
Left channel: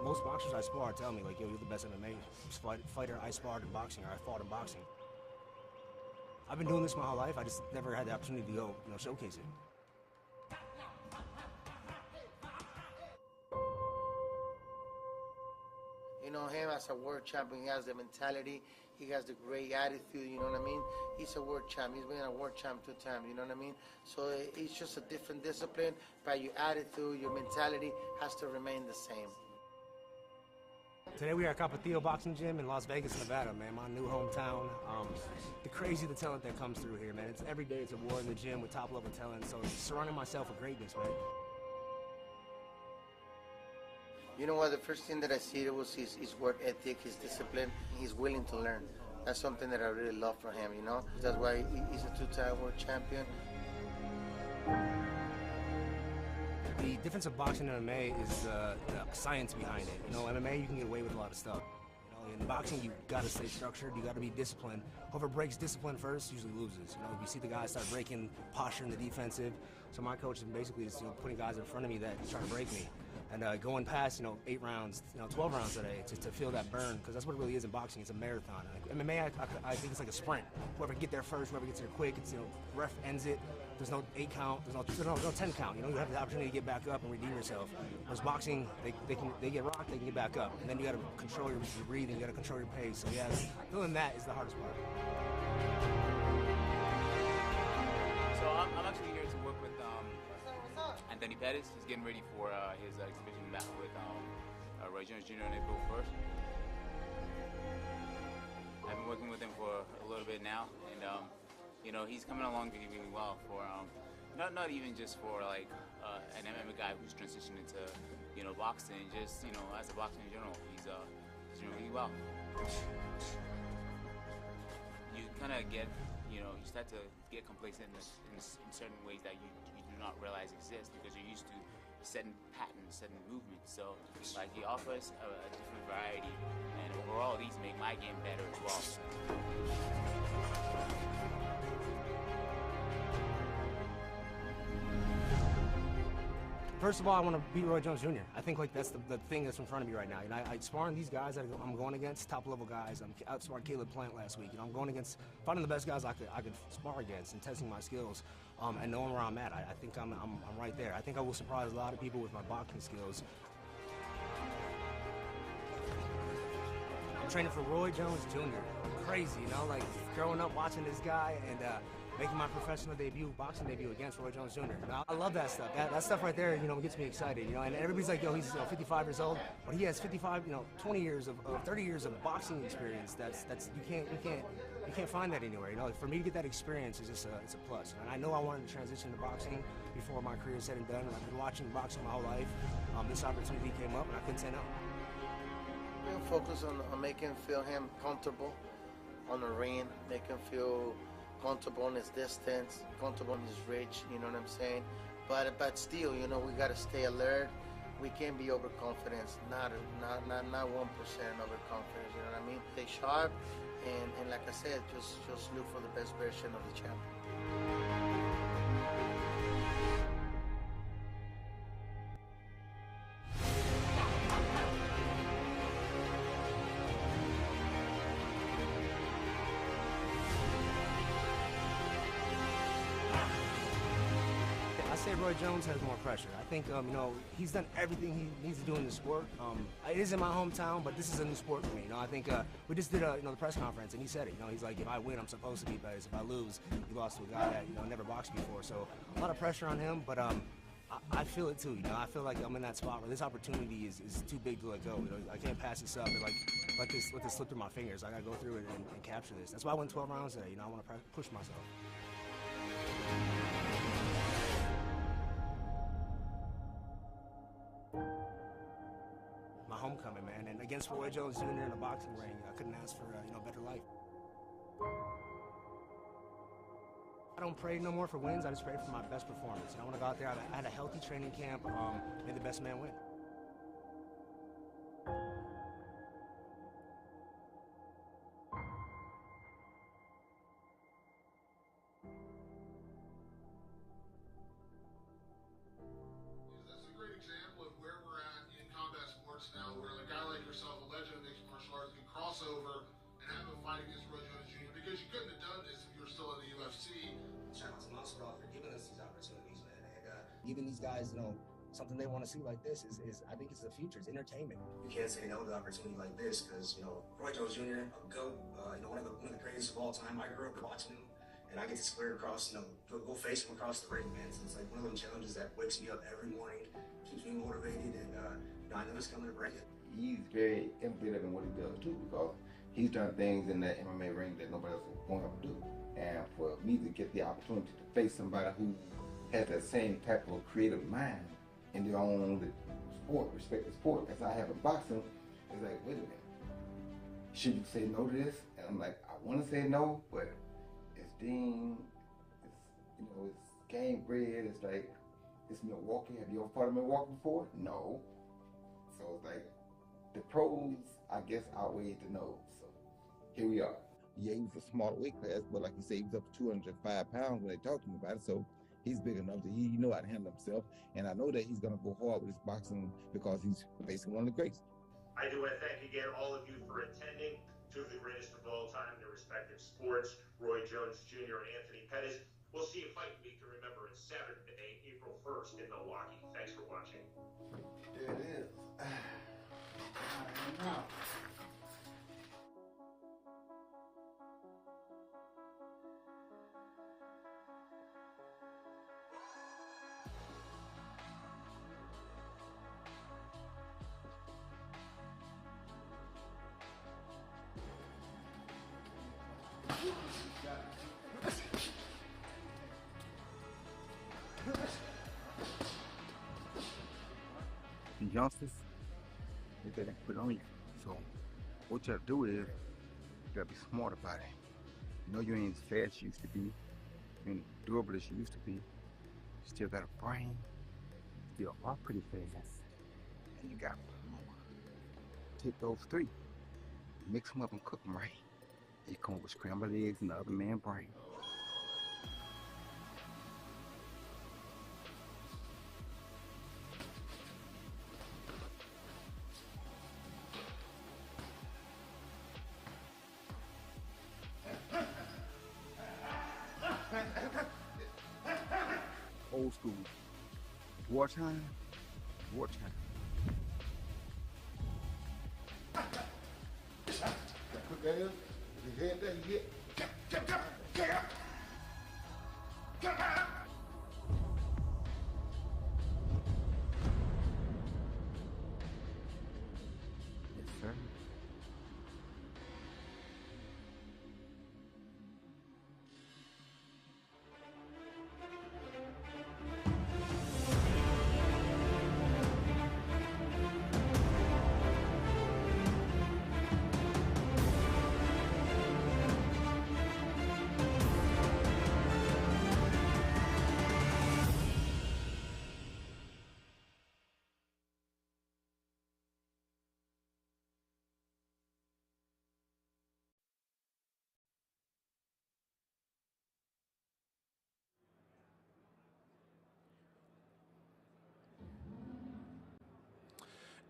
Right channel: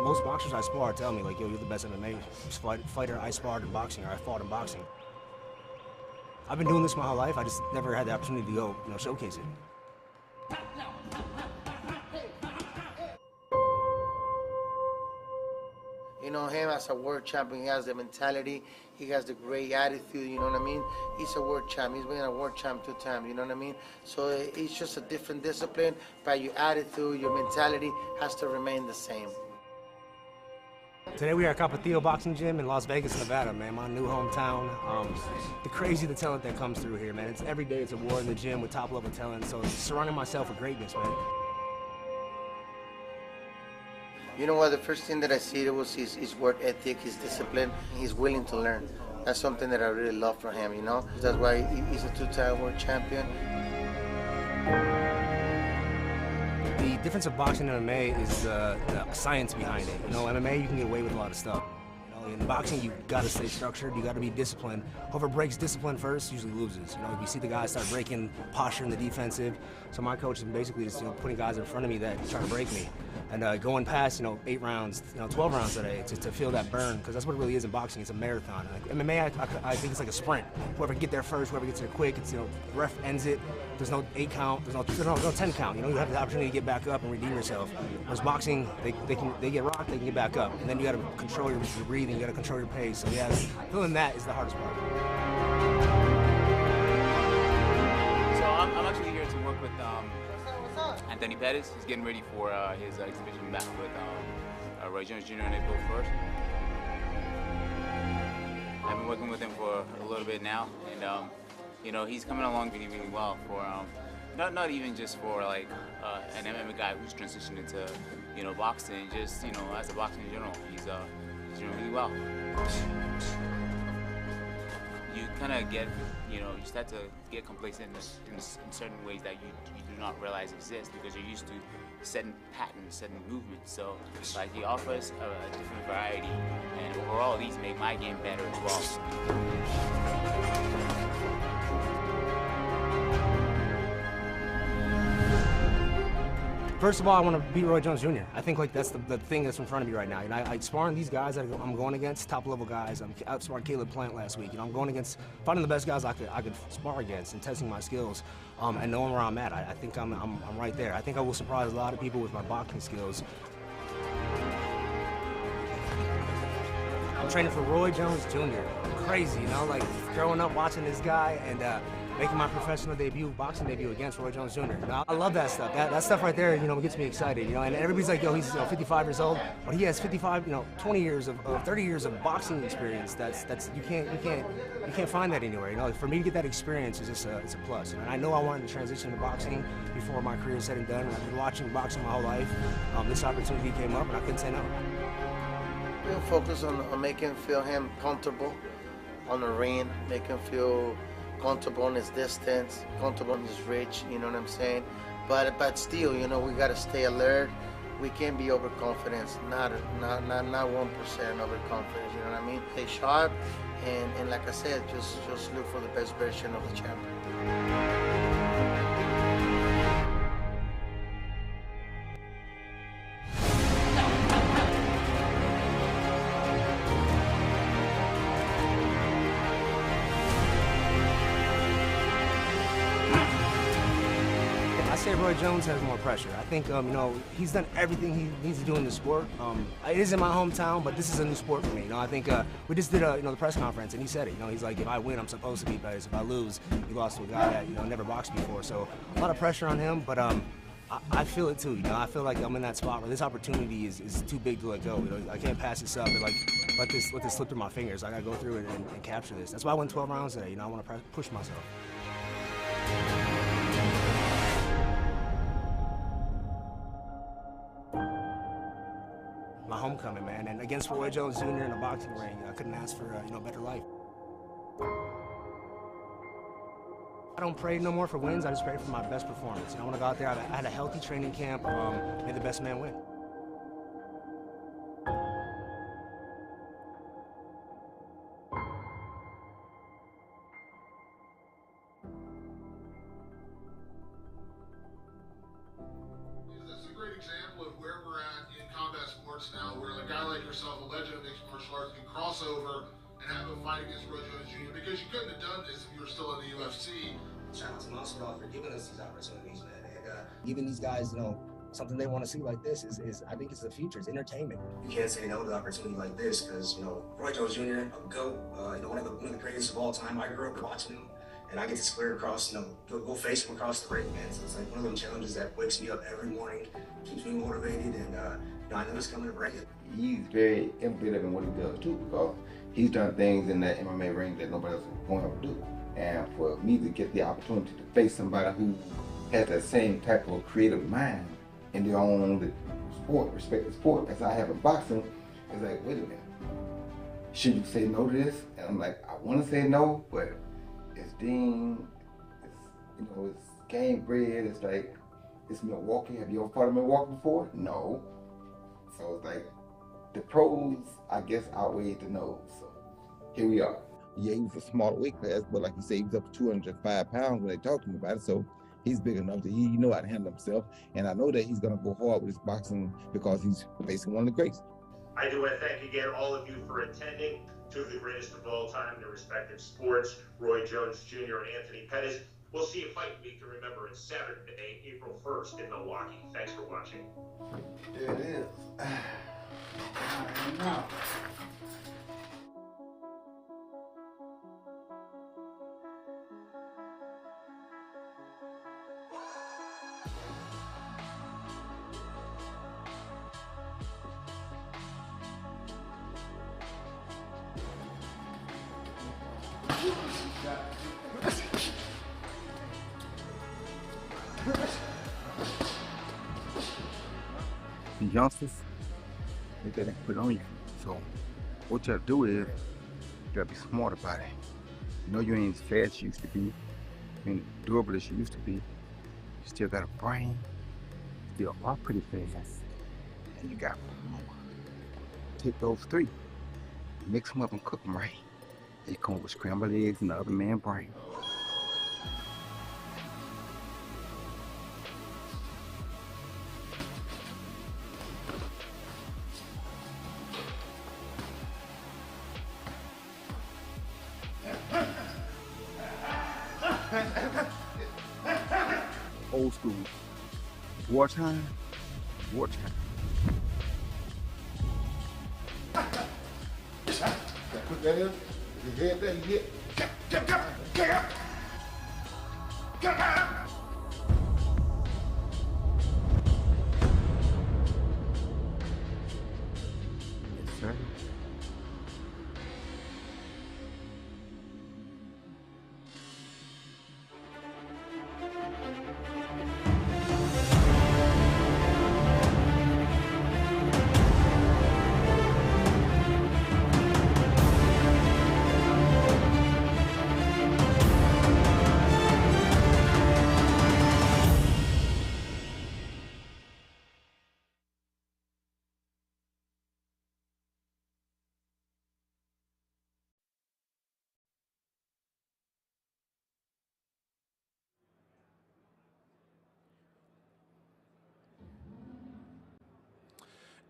Most boxers I spar tell me, yo, you're the best MMA fighter I sparred in boxing, or I fought in boxing. I've been doing this my whole life. I just never had the opportunity to go, showcase it. Him as a world champion, he has the mentality, he has the great attitude, you know what I mean? He's a world champ, he's been a world champ 2 times, you know what I mean? So it's just a different discipline, but your attitude, your mentality has to remain the same. Today we are at Capetillo Boxing Gym in Las Vegas, Nevada, man, my new hometown. The talent that comes through here, man. It's every day it's a war in the gym with top level talent, so surrounding myself with greatness, man. You know what? The first thing that I see was his work ethic, his discipline. He's willing to learn. That's something that I really love from him, you know? That's why he's a two-time world champion. The difference of boxing and MMA is the science behind it. You know, MMA, you can get away with a lot of stuff. You know, in boxing, you got to stay structured, you got to be disciplined. Whoever breaks discipline first usually loses. You know, you see the guys start breaking posture in the defensive. So my coach is basically just, putting guys in front of me that try to break me. And going past, 8 rounds, 12 rounds today, to feel that burn, because that's what it really is in boxing. It's a marathon. Like, MMA, I think it's like a sprint. Whoever get there first, whoever gets there quick, it's, the ref ends it. There's no 8 count, there's no 10 count. You have the opportunity to get back up and redeem yourself. Whereas boxing, they get rocked, they can get back up. And then you got to control your breathing, you got to control your pace. So yeah, feeling that is the hardest part. So I'm actually here to work with Anthony Pettis. He's getting ready for his exhibition back with Roy Jones Jr. on April 1st. I've been working with him for a little bit now, and he's coming along really, really well for not even just for like an MMA guy who's transitioned into boxing, just as a boxer in general. He's doing really well. You kind of get you start to get complacent in certain ways that you do not realize exist because you're used to certain patterns, certain movements. So like he offers a different variety, and overall these make my game better as well. First of all, I want to beat Roy Jones Jr. I think like that's the thing that's in front of me right now. I sparring these guys that I'm going against, top level guys. I outsparred Caleb Plant last week. I'm going against finding the best guys I could spar against and testing my skills and knowing where I'm at. I think I'm right there. I think I will surprise a lot of people with my boxing skills. I'm training for Roy Jones Jr. Crazy, like growing up watching this guy and making my professional boxing debut against Roy Jones Jr. I love that stuff. That stuff right there, gets me excited. And everybody's like, yo, he's 55 years old, but he has 20 years of 30 years of boxing experience. That's you can't find that anywhere. For me to get that experience is just it's a plus. And I know I wanted to transition to boxing before my career is said and done. I've been watching boxing my whole life. This opportunity came up, and I couldn't say no. We'll focus on making him comfortable on the ring, make him feel comfortable in his distance, comfortable in his reach, you know what I'm saying? But still, we gotta stay alert. We can't be overconfident, not 1% overconfidence, you know what I mean? Stay sharp, and like I said, just look for the best version of the champion. Jones has more pressure. I think, he's done everything he needs to do in the sport. It is in my hometown, but this is a new sport for me. I think we just did the press conference, and he said it. He's like, if I win, I'm supposed to beat Perez. If I lose, he lost to a guy that never boxed before. So a lot of pressure on him, but I feel it too. I feel like I'm in that spot where this opportunity is too big to let go. I can't pass this up and let this slip through my fingers. I gotta go through it and capture this. That's why I went 12 rounds today. I want to push myself. My homecoming, man, and against Roy Jones Jr. in a boxing ring, I couldn't ask for a better life. I don't pray no more for wins. I just pray for my best performance. I want to go out there. I had a healthy training camp. May the best man win. Now, where a guy like yourself, a legend of mixed martial arts, can cross over and have a fight against Roy Jones Jr. because you couldn't have done this if you were still in the UFC. Shout out to Masvidal for giving us these opportunities, man. And giving these guys, something they want to see like this is I think it's the future. It's entertainment. You can't say no to an opportunity like this because, Roy Jones Jr., a GOAT, one of the greatest of all time. I grew up watching him, and I get to square across, go face him across the ring, man. So it's like one of those challenges that wakes me up every morning, keeps me motivated, and I know it's coming to bring it. He's very innovative in what he does too, because he's done things in that MMA ring that nobody else is going to do. And for me to get the opportunity to face somebody who has that same type of creative mind in their own sport, respect the sport. As I have in boxing, it's like, wait a minute, should you say no to this? And I'm like, I want to say no, but it's Dean, it's Gamebred, it's like, it's Milwaukee. Have you ever fought in Milwaukee before? No. So it's like, the pros, I guess, outweighed the no's. So here we are. Yeah, he was a small weight class, but like you say, he was up to 205 pounds when they talked to him about it. So he's big enough that he know how to handle himself. And I know that he's going to go hard with his boxing because he's facing one of the greats. I do want to thank again all of you for attending. Two of the greatest of all time in their respective sports, Roy Jones Jr. and Anthony Pettis. We'll see you fight week to remember. It's Saturday, April 1st in Milwaukee. Thanks for watching. There it is. Now. The youngsters, they gotta put on you. So what you gotta do is, you gotta be smart about it. You know you ain't as fast as you used to be, you ain't durable as you used to be. You still got a brain, still walk pretty fast. And you got take those three, mix them up and cook them right. They come with scrambled eggs and the other man's brain. Old school. Wartime. Wartime. Put that in. You head that, you get.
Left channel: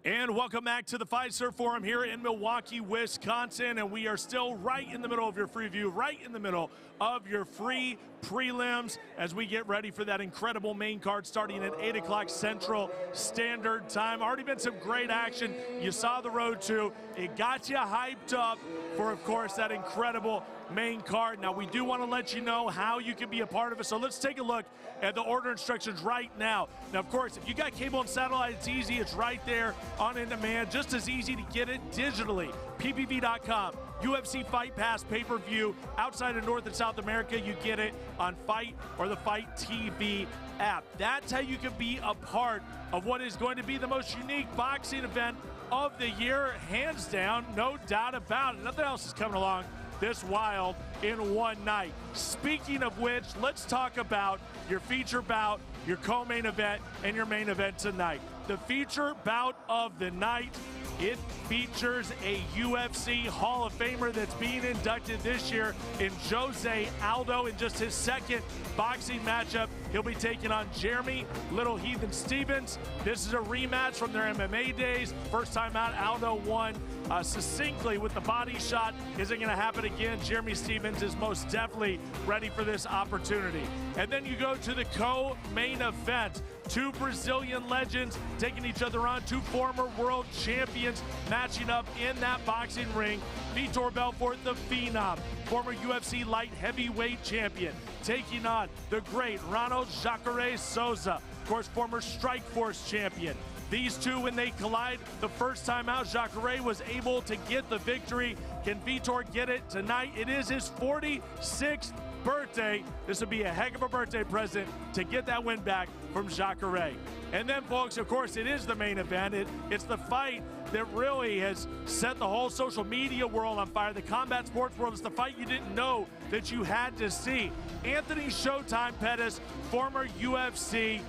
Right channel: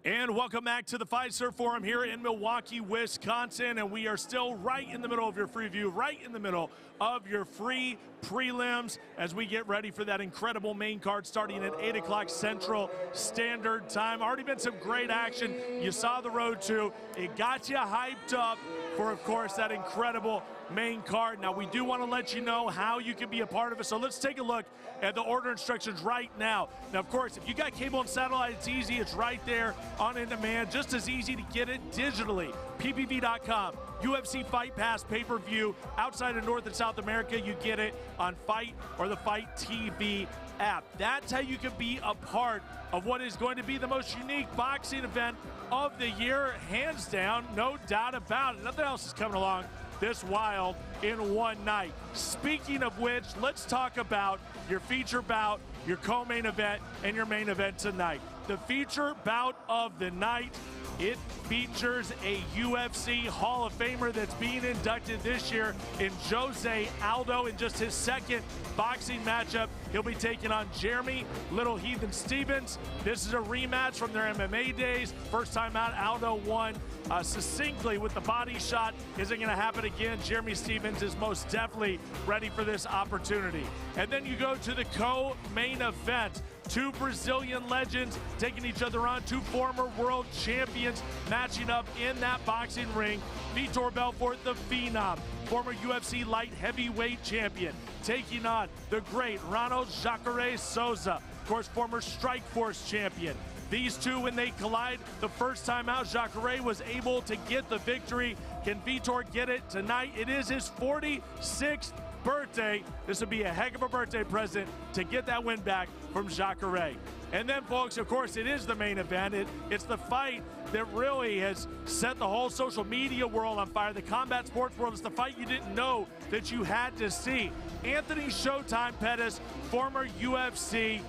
And welcome back to the Fiserv Forum here in Milwaukee, Wisconsin. And we are still right in the middle of your free view, right in the middle of your free prelims as we get ready for that incredible main card starting at 8 o'clock Central Standard Time. Already been some great action. You saw the road to. It got you hyped up for, of course, that incredible main card. Now, we do want to let you know how you can be a part of it. So let's take a look at the order instructions right now. Now, of course, if you got cable and satellite, it's easy. It's right there on demand. Just as easy to get it digitally. PPV.com. UFC Fight Pass pay-per-view. Outside of North and South America, you get it on Fight or the Fight TV app. That's how you can be a part of what is going to be the most unique boxing event of the year, hands down, no doubt about it. Nothing else is coming along this wild in one night. Speaking of which, let's talk about your feature bout, your co-main event, and your main event tonight. The feature bout of the night, it features a UFC Hall of Famer that's being inducted this year in Jose Aldo in just his second boxing matchup. He'll be taking on Jeremy Little Heathen Stevens. This is a rematch from their MMA days. First time out, Aldo won succinctly with the body shot. Is it going to happen again? Jeremy Stevens is most definitely ready for this opportunity. And then you go to the co-main event. Two Brazilian legends taking each other on, two former world champions matching up in that boxing ring. Vitor Belfort, the Phenom, former UFC light heavyweight champion, taking on the great Ronald Jacare Souza, of course, former Strikeforce champion. These two, when they collide the first time out, Jacare was able to get the victory. Can Vitor get it tonight? It is his 46th birthday. This would be a heck of a birthday present to get that win back from Jangra. And then, folks, of course, it is the main event. It's the fight that really has set the whole social media world on fire, the combat sports world. It's the fight you didn't know that you had to see. Anthony Showtime Pettis, former UFC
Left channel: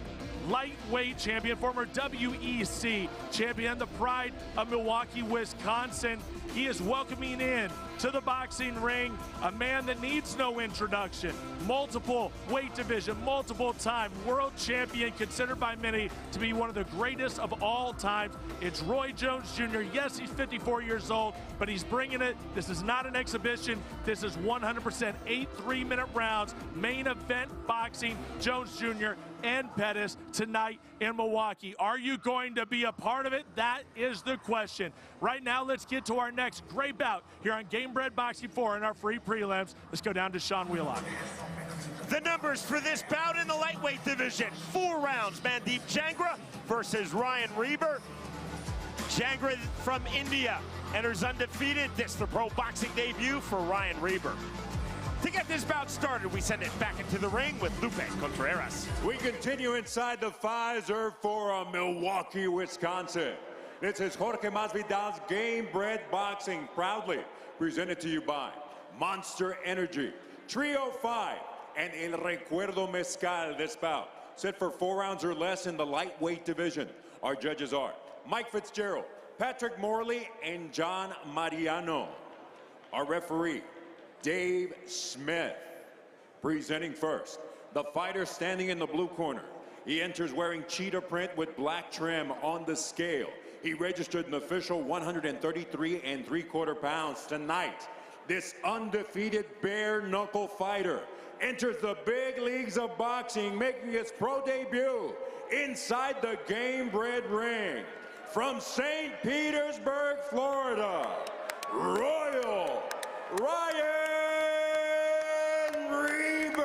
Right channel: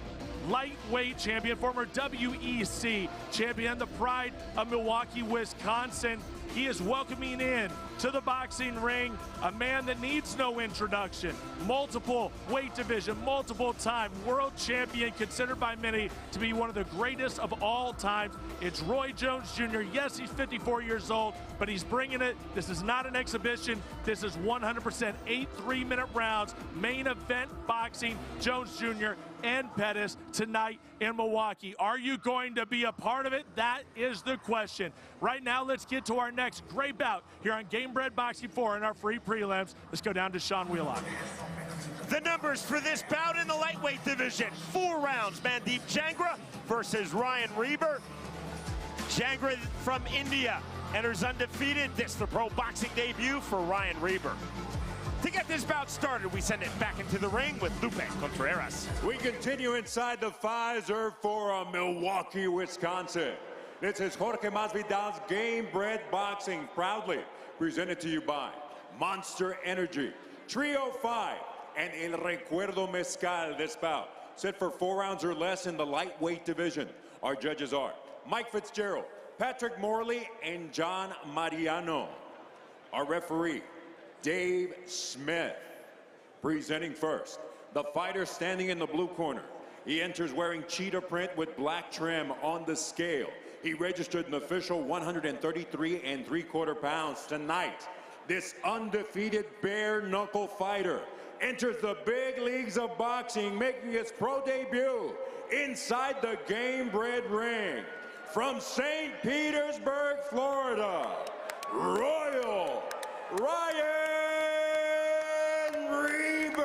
lightweight champion, former WEC champion, the pride of Milwaukee, Wisconsin. He is welcoming in to the boxing ring a man that needs no introduction. Multiple weight division, multiple time world champion, considered by many to be one of the greatest of all times. It's Roy Jones Jr. Yes, he's 54 years old, but he's bringing it. This is not an exhibition. This is 100% 8 3-minute rounds, main event boxing. Jones Jr. and Pettis tonight in Milwaukee. Are you going to be a part of it? That is the question. Right now, let's get to our next great bout here on Gamebred Boxing 4 in our free prelims. Let's go down to Sean Wheelock. The numbers for this bout in the lightweight division. 4 rounds, Mandeep Jangra versus Ryan Reber. Jangra from India enters undefeated. This the pro boxing debut for Ryan Reber. To get this bout started, we send it back into the ring with Lupe Contreras. We continue inside the Pfizer Forum, Milwaukee, Wisconsin. This is Jorge Masvidal's Gamebred Boxing, proudly presented to you by Monster Energy, Trio 5, and El Recuerdo Mezcal. This bout set for 4 rounds or less in the lightweight division. Our judges are Mike Fitzgerald, Patrick Morley, and John Mariano. Our referee, Dave Smith. Presenting first, the fighter standing in the blue corner. He enters wearing cheetah print with black trim on the scale. He registered an official 133 3/4 pounds. Tonight, this undefeated bare knuckle fighter enters the big leagues of boxing, making his pro debut inside the Gamebred ring. From St. Petersburg, Florida, Royal Ryan Reber.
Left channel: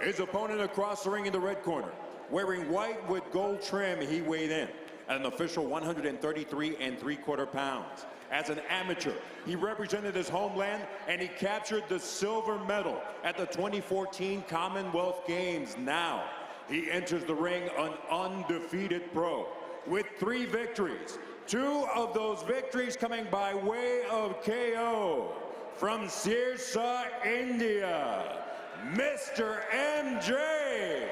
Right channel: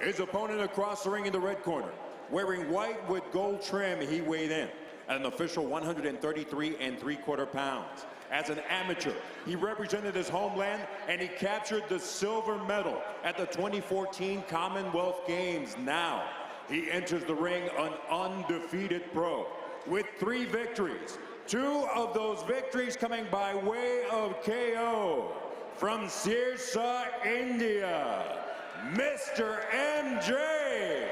His opponent across the ring in the red corner, wearing white with gold trim, he weighed in at an official 133 3/4 pounds. As an amateur, he represented his homeland and he captured the silver medal at the 2014 Commonwealth Games. Now, he enters the ring an undefeated pro with 3 victories. 2 of those victories coming by way of KO. From Sirsa, India, Mr. MJ,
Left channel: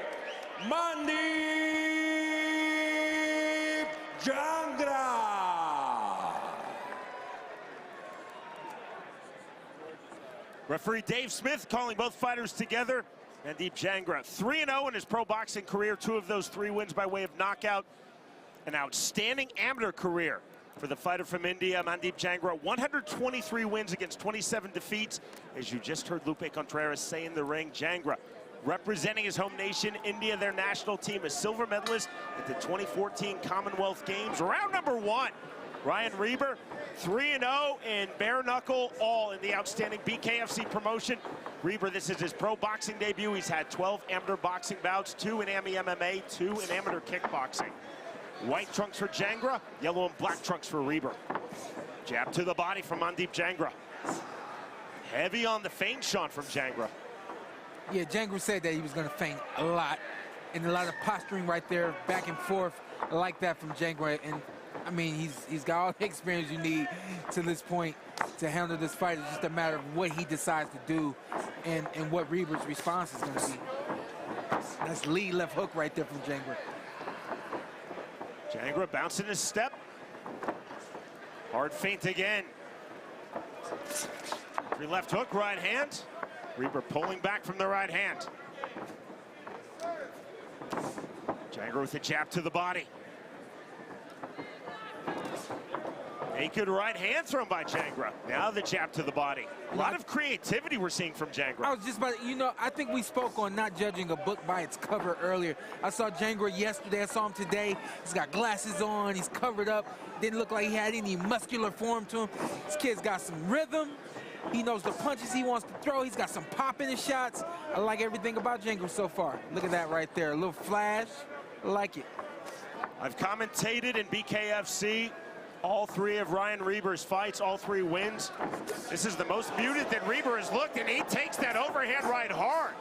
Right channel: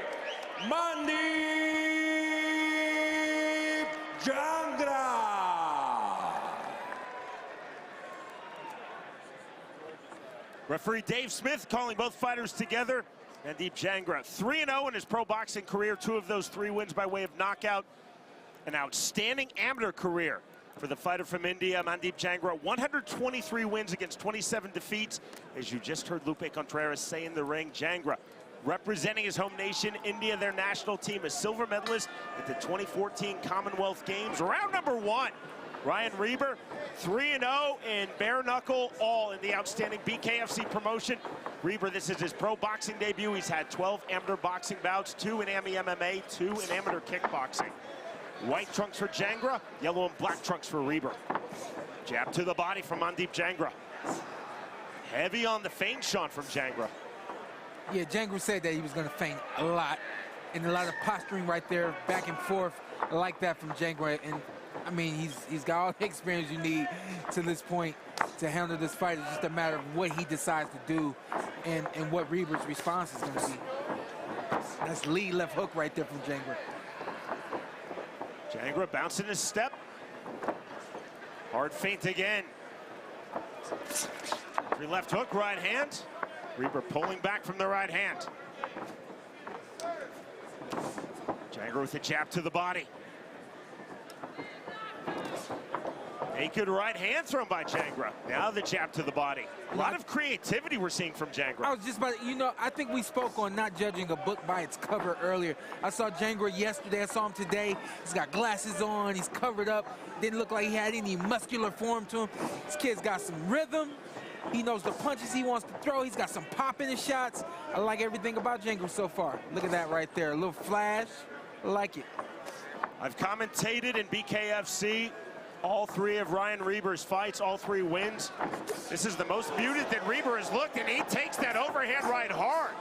Mandeep Jangra. Referee Dave Smith calling both fighters together. Mandeep Jangra 3-0 in his pro boxing career. 2 of those 3 wins by way of knockout. An outstanding amateur career for the fighter from India, Mandeep Jangra. 123 wins against 27 defeats. As you just heard Lupe Contreras say in the ring, Jangra representing his home nation, India, their national team, a silver medalist at the 2014 Commonwealth Games. Round number 1, Ryan Reber, 3-0 in bare knuckle, all in the outstanding BKFC promotion. Reber, this is his pro boxing debut. He's had 12 amateur boxing bouts, 2 in AMI MMA, 2 in amateur kickboxing. White trunks for Jangra, yellow and black trunks for Reber. Jab to the body from Mandeep Jangra. Heavy on the feint, Sean, from Jangra. Yeah, Jangra said that he was going to feint a lot, and a lot of posturing right there, back and forth, like that from Jangra. And I mean, he's got all the experience you need to this point to handle this fight. It's just a matter of what he decides to do and what Reber's response is going to be. That's lead left hook right there from Jangra. Jangra bouncing his step. Hard feint again. Free left hook, right hand. Reber pulling back from the right hand. Jangra with a jab to the body. Naked right hand thrown by Jangra. Now the jab to the body. A lot of creativity we're seeing from Jangra. I was just about to, you know, I think we spoke on not judging a book by its cover earlier. I saw Jangra yesterday. I saw him today. He's got glasses on. He's covered up. Didn't look like he had any muscular form to him. This kid's got some rhythm. He knows the punches he wants to throw. He's got some pop in his shots. I like everything about Jangra so far. Look at that right there. A little flash. I like it. I've commentated in BKFC All three of Ryan Reber's fights, all three wins. This is the most muted that Reber has looked, and he takes that overhand right hard.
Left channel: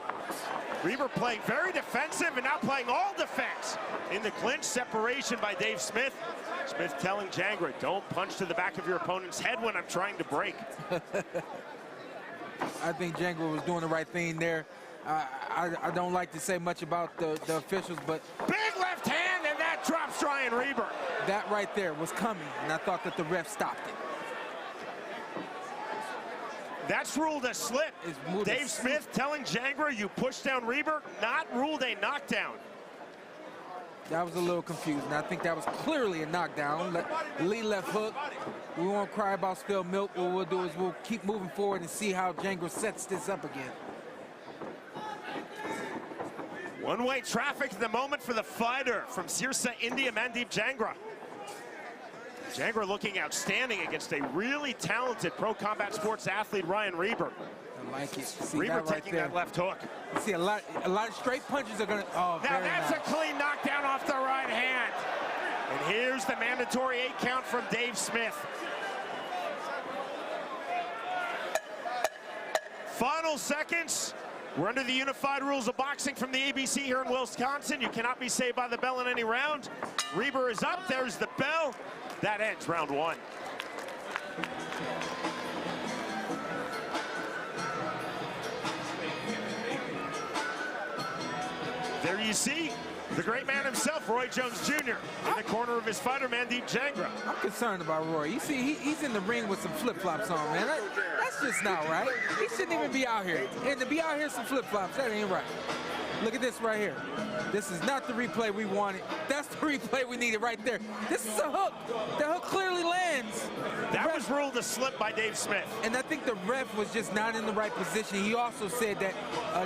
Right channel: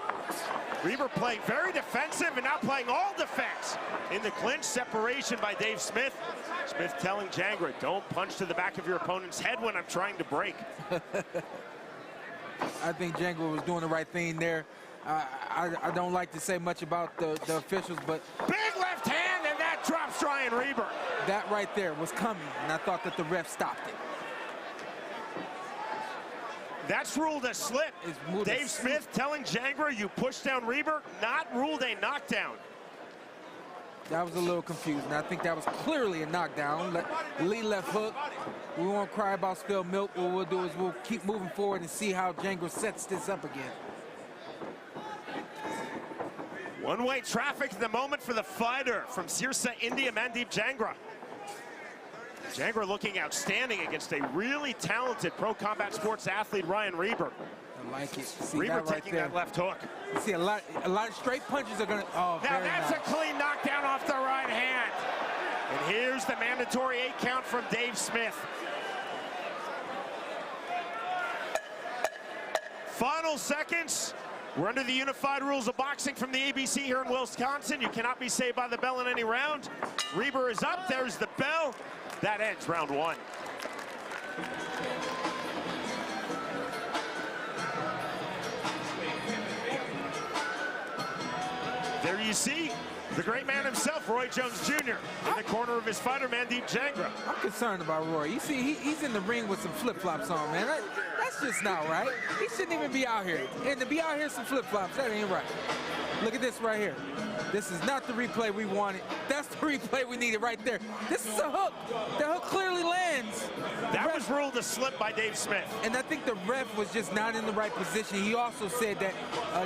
Reber playing very defensive and now playing all defense. In the clinch, separation by Dave Smith. Smith telling Jangra, don't punch to the back of your opponent's head when I'm trying to break. I think Jangra was doing the right thing there. I don't like to say much about the officials, but... Big left hand, and that drops Ryan Reber. That right there was coming, and I thought that the ref stopped it. That's ruled a slip. Dave Smith telling Jangra, you pushed down Reber, not ruled a knockdown. That was a little confusing. I think that was clearly a knockdown. Lead left hook. We won't cry about spilled milk. What we'll do is we'll keep moving forward and see how Jangra sets this up again. One-way traffic at the moment for the fighter from Souza, India, Mandeep Jangra. Jangra looking outstanding against a really talented pro combat sports athlete, Ryan Reber. I like it. See Reber that right taking there. that left hook. You see a lot of straight punches are gonna. Oh, now very that's nice. a clean knockdown off the right hand. And here's the mandatory 8 count from Dave Smith. Final seconds. We're under the unified rules of boxing from the ABC here in Wisconsin. You cannot be saved by the bell in any round. Reber is up. There's the bell. That ends round 1. There you see the great man himself, Roy Jones Jr., in the corner of his fighter, Mandeep Jangra. I'm concerned about Roy. You see, he's in the ring with some flip-flops on, man. That's just not right. He shouldn't even be out here. And to be out here some flip-flops, that ain't right. Look at this right here. This is not the replay we wanted. That's the replay we needed right there. This is a hook. The hook clearly lands. That was ruled a slip by Dave Smith. And I think the ref was just not in the right position. He also said that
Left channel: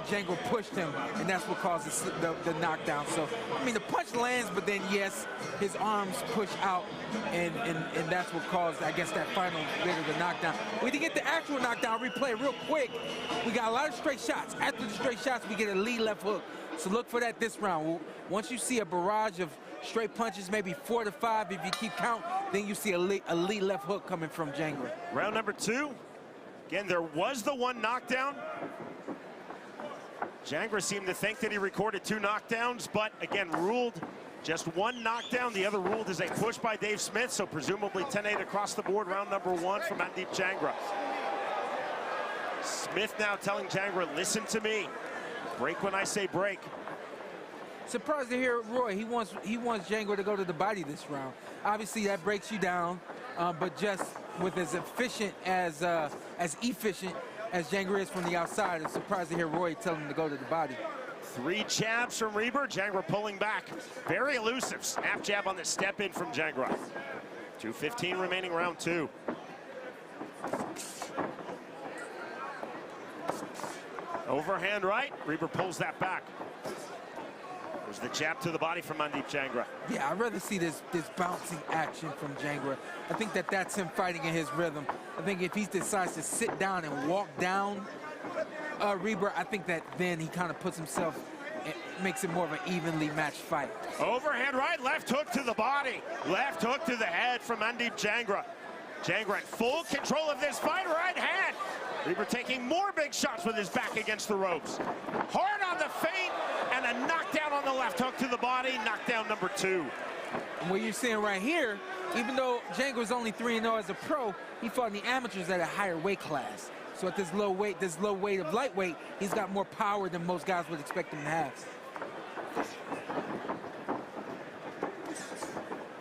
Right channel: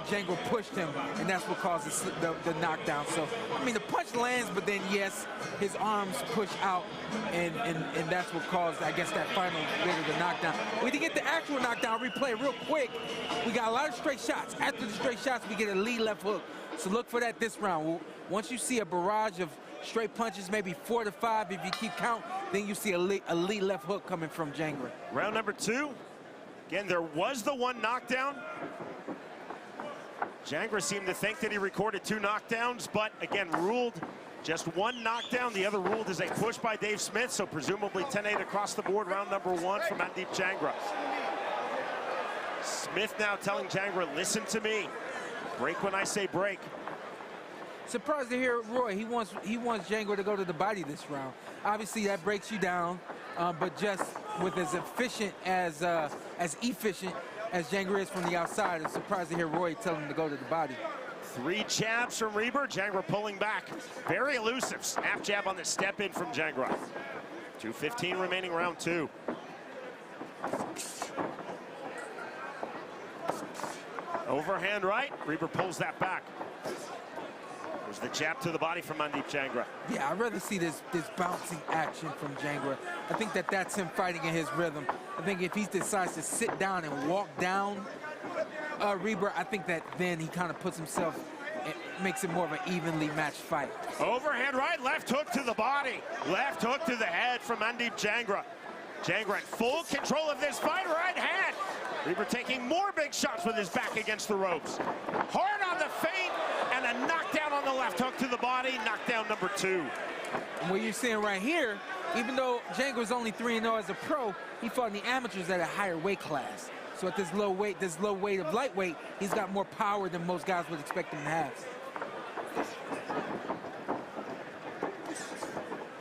Jangra pushed him, and that's what caused the knockdown. So, I mean, the punch lands, but then, yes, his arms push out, and that's what caused, I guess, that final bit of the knockdown. We didn't get the actual knockdown replay real quick. We got a lot of straight shots. After the straight shots, we get a lead left hook. So look for that this round. Once you see a barrage of straight punches, maybe 4 to 5, if you keep count, then you see a lead left hook coming from Jangra. Round number 2. Again, there was the one knockdown. Jangra seemed to think that he recorded 2 knockdowns, but again, ruled just 1 knockdown. The other ruled as a push by Dave Smith, so presumably 10-8 across the board. Round number 1 from Mandeep Jangra. Smith now telling Jangra, listen to me. Break when I say break. Surprised to hear Roy. He wants Jangra to go to the body this round. Obviously, that breaks you down, but just with as efficient as Jangra is from the outside, I'm surprised to hear Roy tell him to go to the body. 3 jabs from Reber. Jangra pulling back. Very elusive. Snap jab on the step in from Jangra. 2:15 remaining, round 2. Overhand right. Reber pulls that back. There's the jab to the body from Mandeep Jangra. Yeah, I'd rather see this bouncing action from Jangra. I think that's him fighting in his rhythm. I think if he decides to sit down and walk down Reber, I think that then he kind of puts himself, it makes it more of an evenly matched fight. Overhand right, left hook to the body. Left hook to the head from Mandeep Jangra. Jangra in full control of this fight, right hand. Reber taking more big shots with his back against the ropes. Hard on the feint, and a knockdown on the left hook to the body. Knockdown number 2. And what you're seeing right here, even though Jangra's only 3-0 as a pro, he fought in the amateurs at a higher weight class. So at this low weight of lightweight, he's got more power than most guys would expect him to have.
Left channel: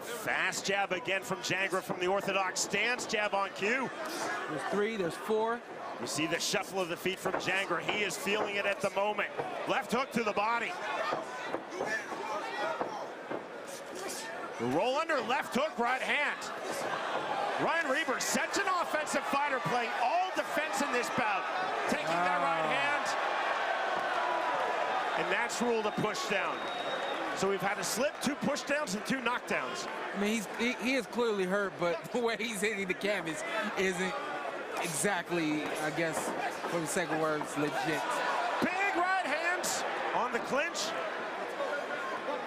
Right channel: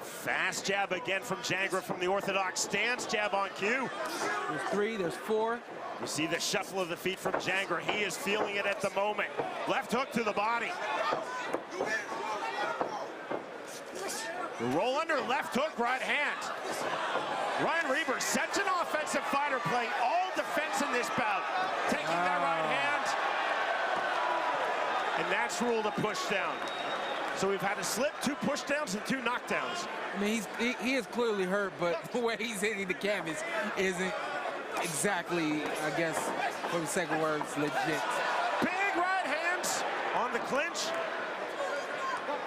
Fast jab again from Jangra from the orthodox stance. Jab on cue. There's 3, there's 4. You see the shuffle of the feet from Jangra. He is feeling it at the moment. Left hook to the body. The roll under, left hook, right hand. Ryan Reber, such an offensive fighter, playing all defense in this bout. Taking that right hand. And that's ruled a push down. So we've had a slip, 2 push downs, and 2 knockdowns. I mean, he is clearly hurt, but the way he's hitting the canvas isn't exactly, I guess, for the sake of words, legit. Big right hands on the clinch.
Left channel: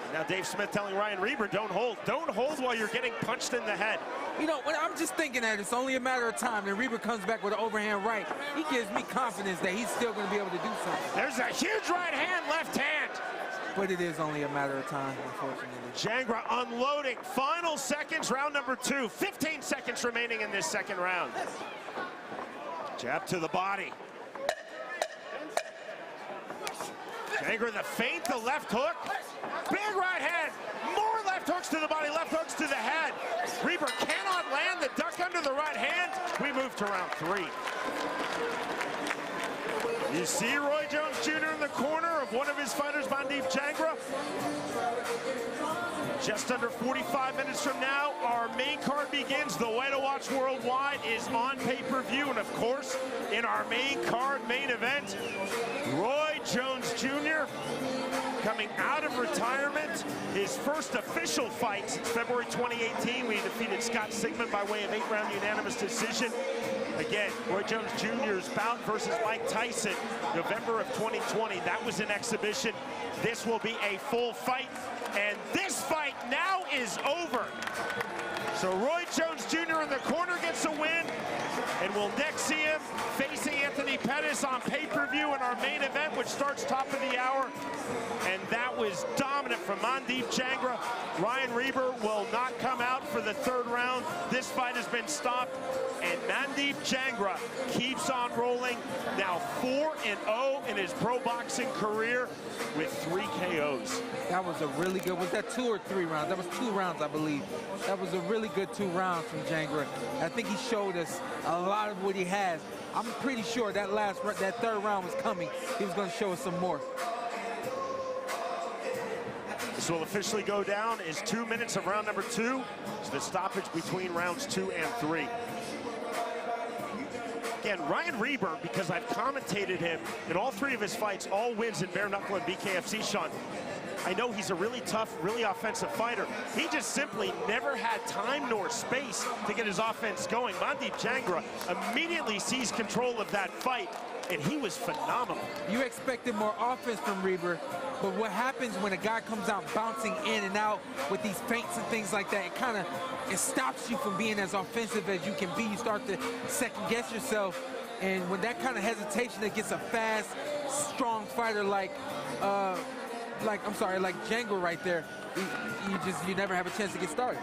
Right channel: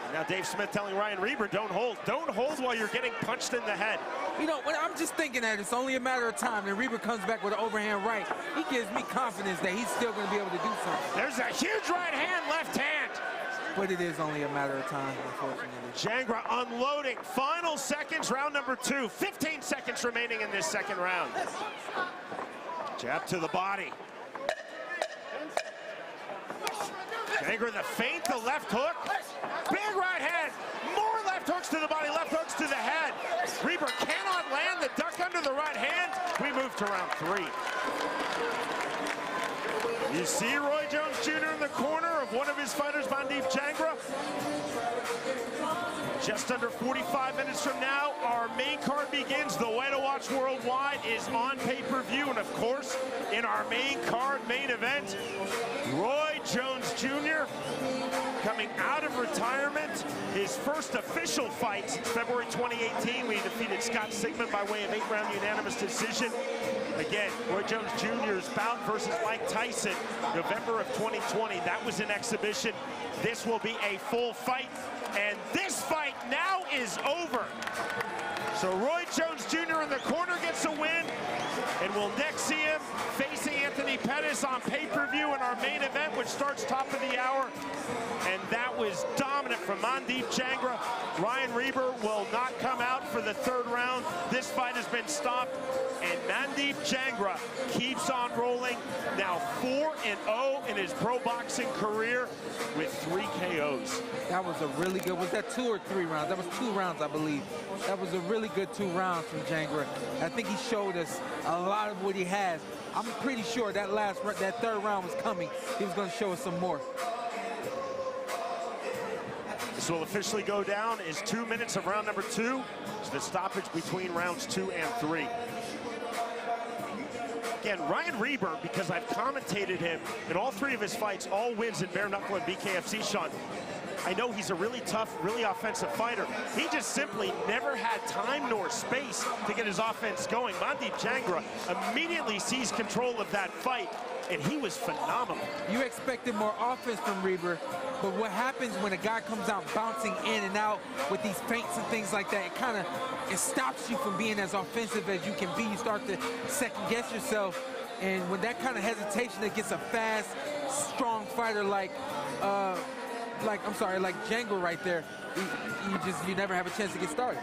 And Now Dave Smith telling Ryan Reber, don't hold. Don't hold while you're getting punched in the head. You know, I'm just thinking that it's only a matter of time, and Reber comes back with an overhand right. He gives me confidence that he's still going to be able to do something. There's a huge right hand, left hand. But it is only a matter of time, unfortunately. Jangra unloading. Final seconds, round number 2. 15 seconds remaining in this second round. Jab to the body. Jangra the feint, the left hook. Big right hand. More left hooks to the body, left hooks to the head. Reber cannot land the duck under the right hand. We move to round 3. You see Roy Jones Jr. in the corner of one of his fighters, Mandeep Jangra. Just under 45 minutes from now, our main card begins. The way to watch worldwide is on pay-per-view. And of course, in our main card, main event, Roy Jones Jr. coming out of retirement. His first official fight since February 2018. We defeated Scott Sigmund by way of 8-round unanimous decision. Again, Roy Jones Jr.'s bout versus Mike Tyson, November of 2020. That was an exhibition. This will be a full fight, and this fight now is over. So Roy Jones Jr. in the corner gets a win, and we'll next see him facing Anthony Pettis on pay-per-view in our main event, which starts top of the hour. And that was dominant from Mandeep Jangra. Ryan Reber will not come out for the 3rd round. This fight has been stopped, and Mandeep Jangra keeps on rolling. Now 4-0 in his pro boxing career with 3 KOs. That was a really good, was that 2 or 3 rounds? That was 2 rounds, I believe. That was a really good 2 rounds from Jangra. I think he showed us a lot of what he has. I'm pretty sure that that 3rd round was coming. He was going to show us some more. This will officially go down as 2 minutes of round number 2. It's the stoppage between rounds 2 and 3. Again, Ryan Reber, because I've commentated him in all 3 of his fights, all wins in bare knuckle and BKFC, Sean. I know he's a really tough, really offensive fighter. He just simply never had time nor space to get his offense going. Mandeep Jangra immediately seized control of that fight, and he was phenomenal. You expected more offense from Reber, but what happens when a guy comes out bouncing in and out with these feints and things like that, it stops you from being as offensive as you can be. You start to second guess yourself, and when that kind of hesitation against a fast, strong fighter like Jangra right there, you never have a chance to get started.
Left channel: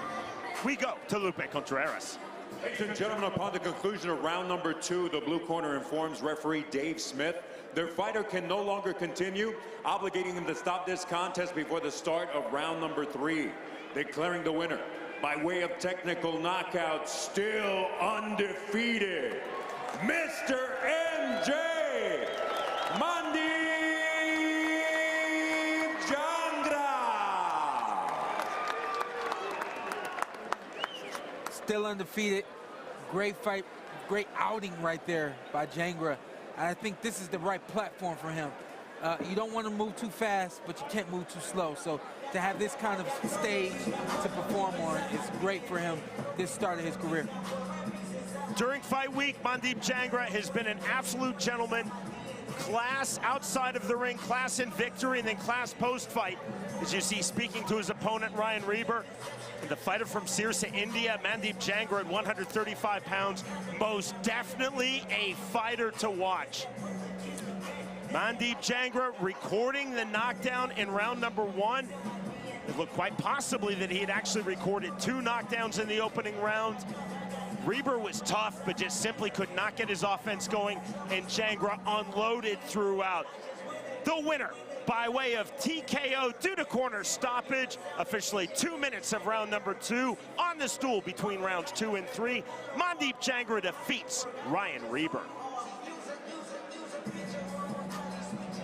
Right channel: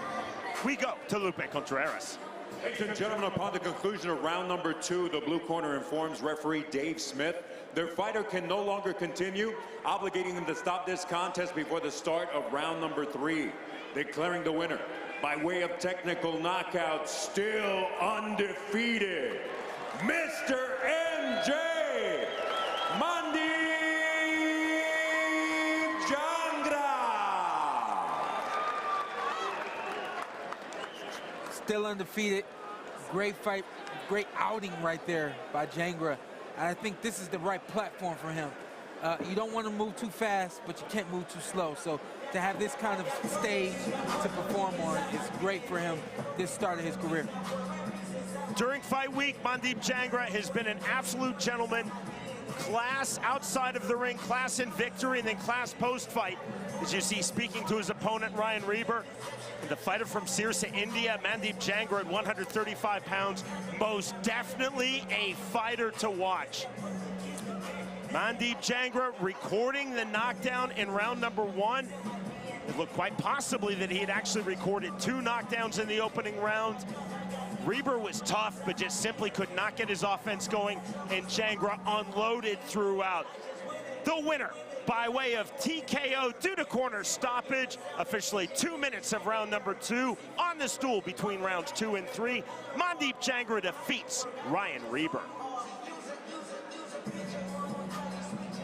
We go to Lupe Contreras. Ladies and gentlemen, upon the conclusion of round number 2, the blue corner informs referee Dave Smith their fighter can no longer continue, obligating them to stop this contest before the start of round number 3. Declaring the winner by way of technical knockout, still undefeated, Mr. MJ Mandeep Jangra. Still undefeated. Great fight, great outing right there by Jangra. And I think this is the right platform for him. You don't want to move too fast, but you can't move too slow. So to have this kind of stage to perform on is great for him this start of his career. During fight week, Mandeep Jangra has been an absolute gentleman. Class outside of the ring, class in victory, and then class post-fight. As you see, speaking to his opponent, Ryan Reber, the fighter from Sirsa, India, Mandeep Jangra at 135 pounds. Most definitely a fighter to watch. Mandeep Jangra recording the knockdown in round number 1. It looked quite possibly that he had actually recorded 2 knockdowns in the opening round. Reber was tough, but just simply could not get his offense going, and Jangra unloaded throughout. The winner, by way of TKO due to corner stoppage, officially 2 minutes of round number 2 on the stool between rounds 2 and 3. Mandeep Jangra defeats Ryan Reber.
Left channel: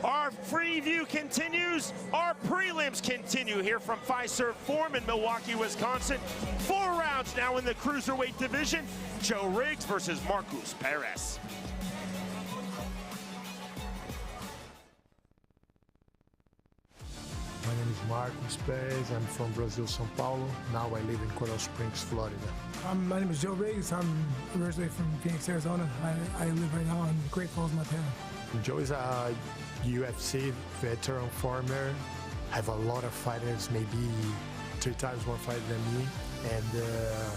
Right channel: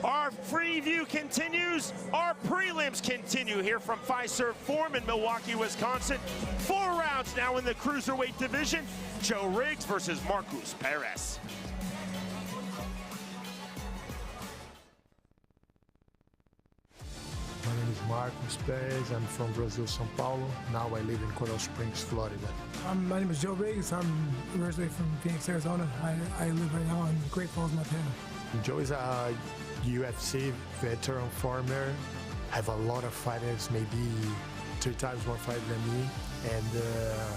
Our preview continues. Our prelims continue here from Fiserv Forum in Milwaukee, Wisconsin. 4 rounds now in the cruiserweight division. Joe Riggs versus Marcus Perez. My name is Marcus Perez. I'm from Brazil, São Paulo. Now I live in Coral Springs, Florida. My name is Joe Riggs. I'm originally from Phoenix, Arizona. I live right now in Great Falls, Montana. Joe is a UFC veteran, former have a lot of fighters, maybe 3 times more fighters than me. And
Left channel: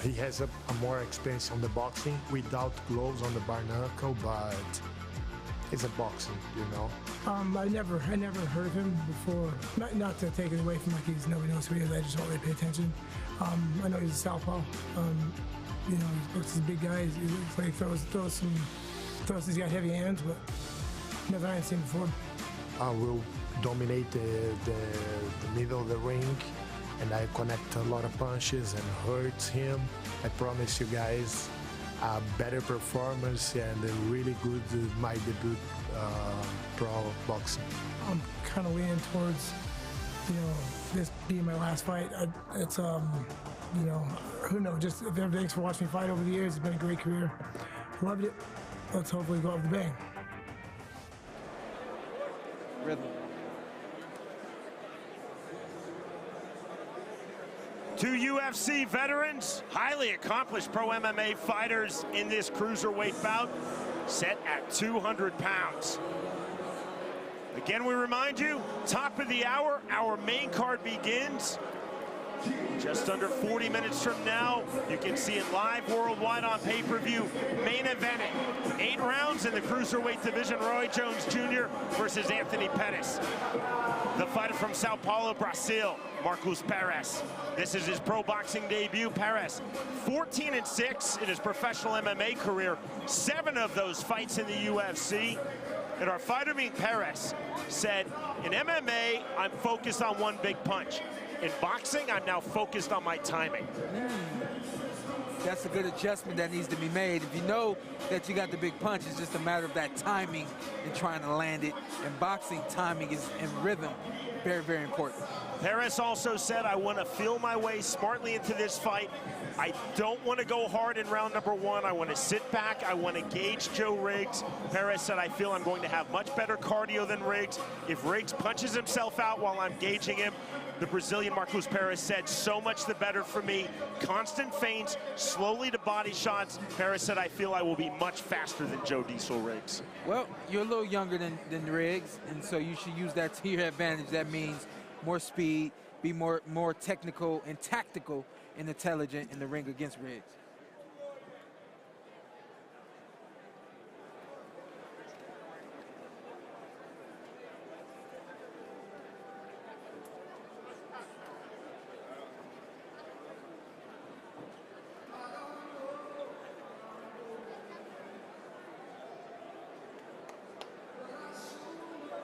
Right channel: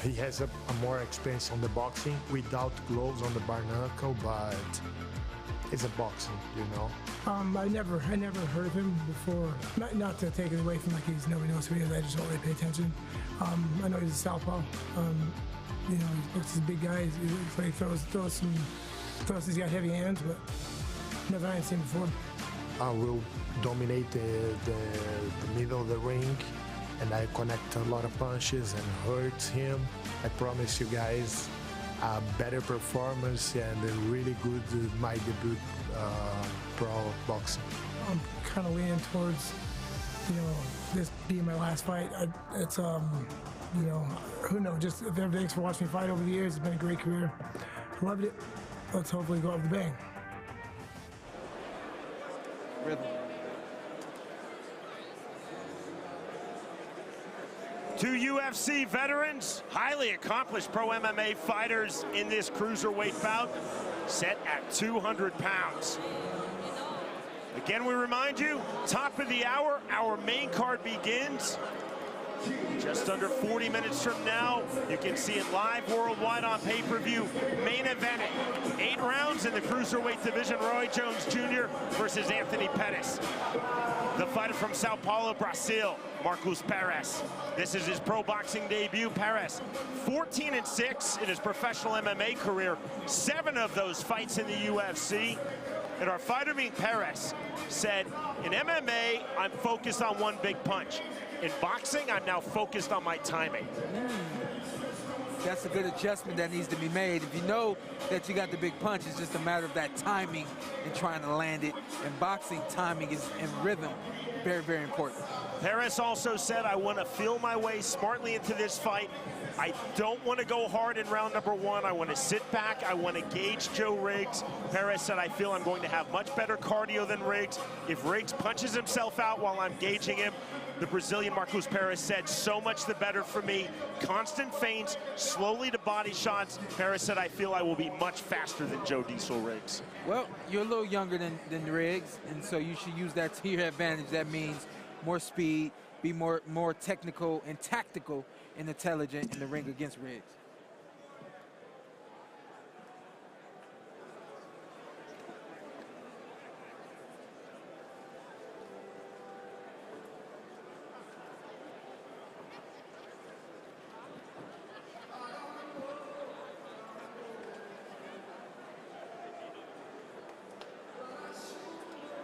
he has a more experience on the boxing without gloves on the bar knuckle, but it's a boxing, you know. I never heard of him before. Not to take it away from like nobody knows who he is. I just don't really pay attention. I know he's a southpaw. You know, he looks like a big guy. He looks like he throws. He's got heavy hands, but never I ain't seen before. I will dominate the middle of the ring, and I connect a lot of punches and hurt him. I promise you guys a better performance and a really good my debut pro boxing. I'm kind of leaning towards, you know, this being my last fight. It's you know, who knows? Just thanks for watching me fight over the years. It's been a great career. I loved it. Let's hopefully go out with a bang. Rhythm. Two UFC veterans, highly accomplished pro MMA fighters in this cruiserweight bout, set at 200 pounds. Again, we remind you, top of the hour, our main card begins just under 40 minutes from now. You can see it live worldwide on pay-per-view. Main event, 8 rounds in the cruiserweight division. Roy Jones Jr. versus Anthony Pettis. The fighter from Sao Paulo, Brazil, Marcus Perez. This is his pro boxing debut. Perez, 14-6 in his professional MMA career. 7 of those fights in the UFC. And our fighter, being Perez, said, in MMA, I'm focused on one big punch. In boxing, I'm now focused on my timing. That's a good adjustment that needs to be made. If you know that you got the big punch, it's just a matter of that timing and trying to land it. In boxing, timing is and rhythm very, very important. Perez also said, I want to feel my way smartly into this fight. I don't want to go hard in round number 1. I want to sit back. I want to gauge Joe Riggs. Perez said, I feel I'm going to have much better cardio than Riggs. If Riggs punches himself out while I'm gauging him, the Brazilian Marcus Perez said, so much the better for me. Constant feints, slowly to body shots. Perez said, I feel I will be much faster than Joe Diesel Riggs. Well, you're a little younger than Riggs, and so you should use that to your advantage. That means more speed, be more technical and tactical and intelligent in the ring against Riggs.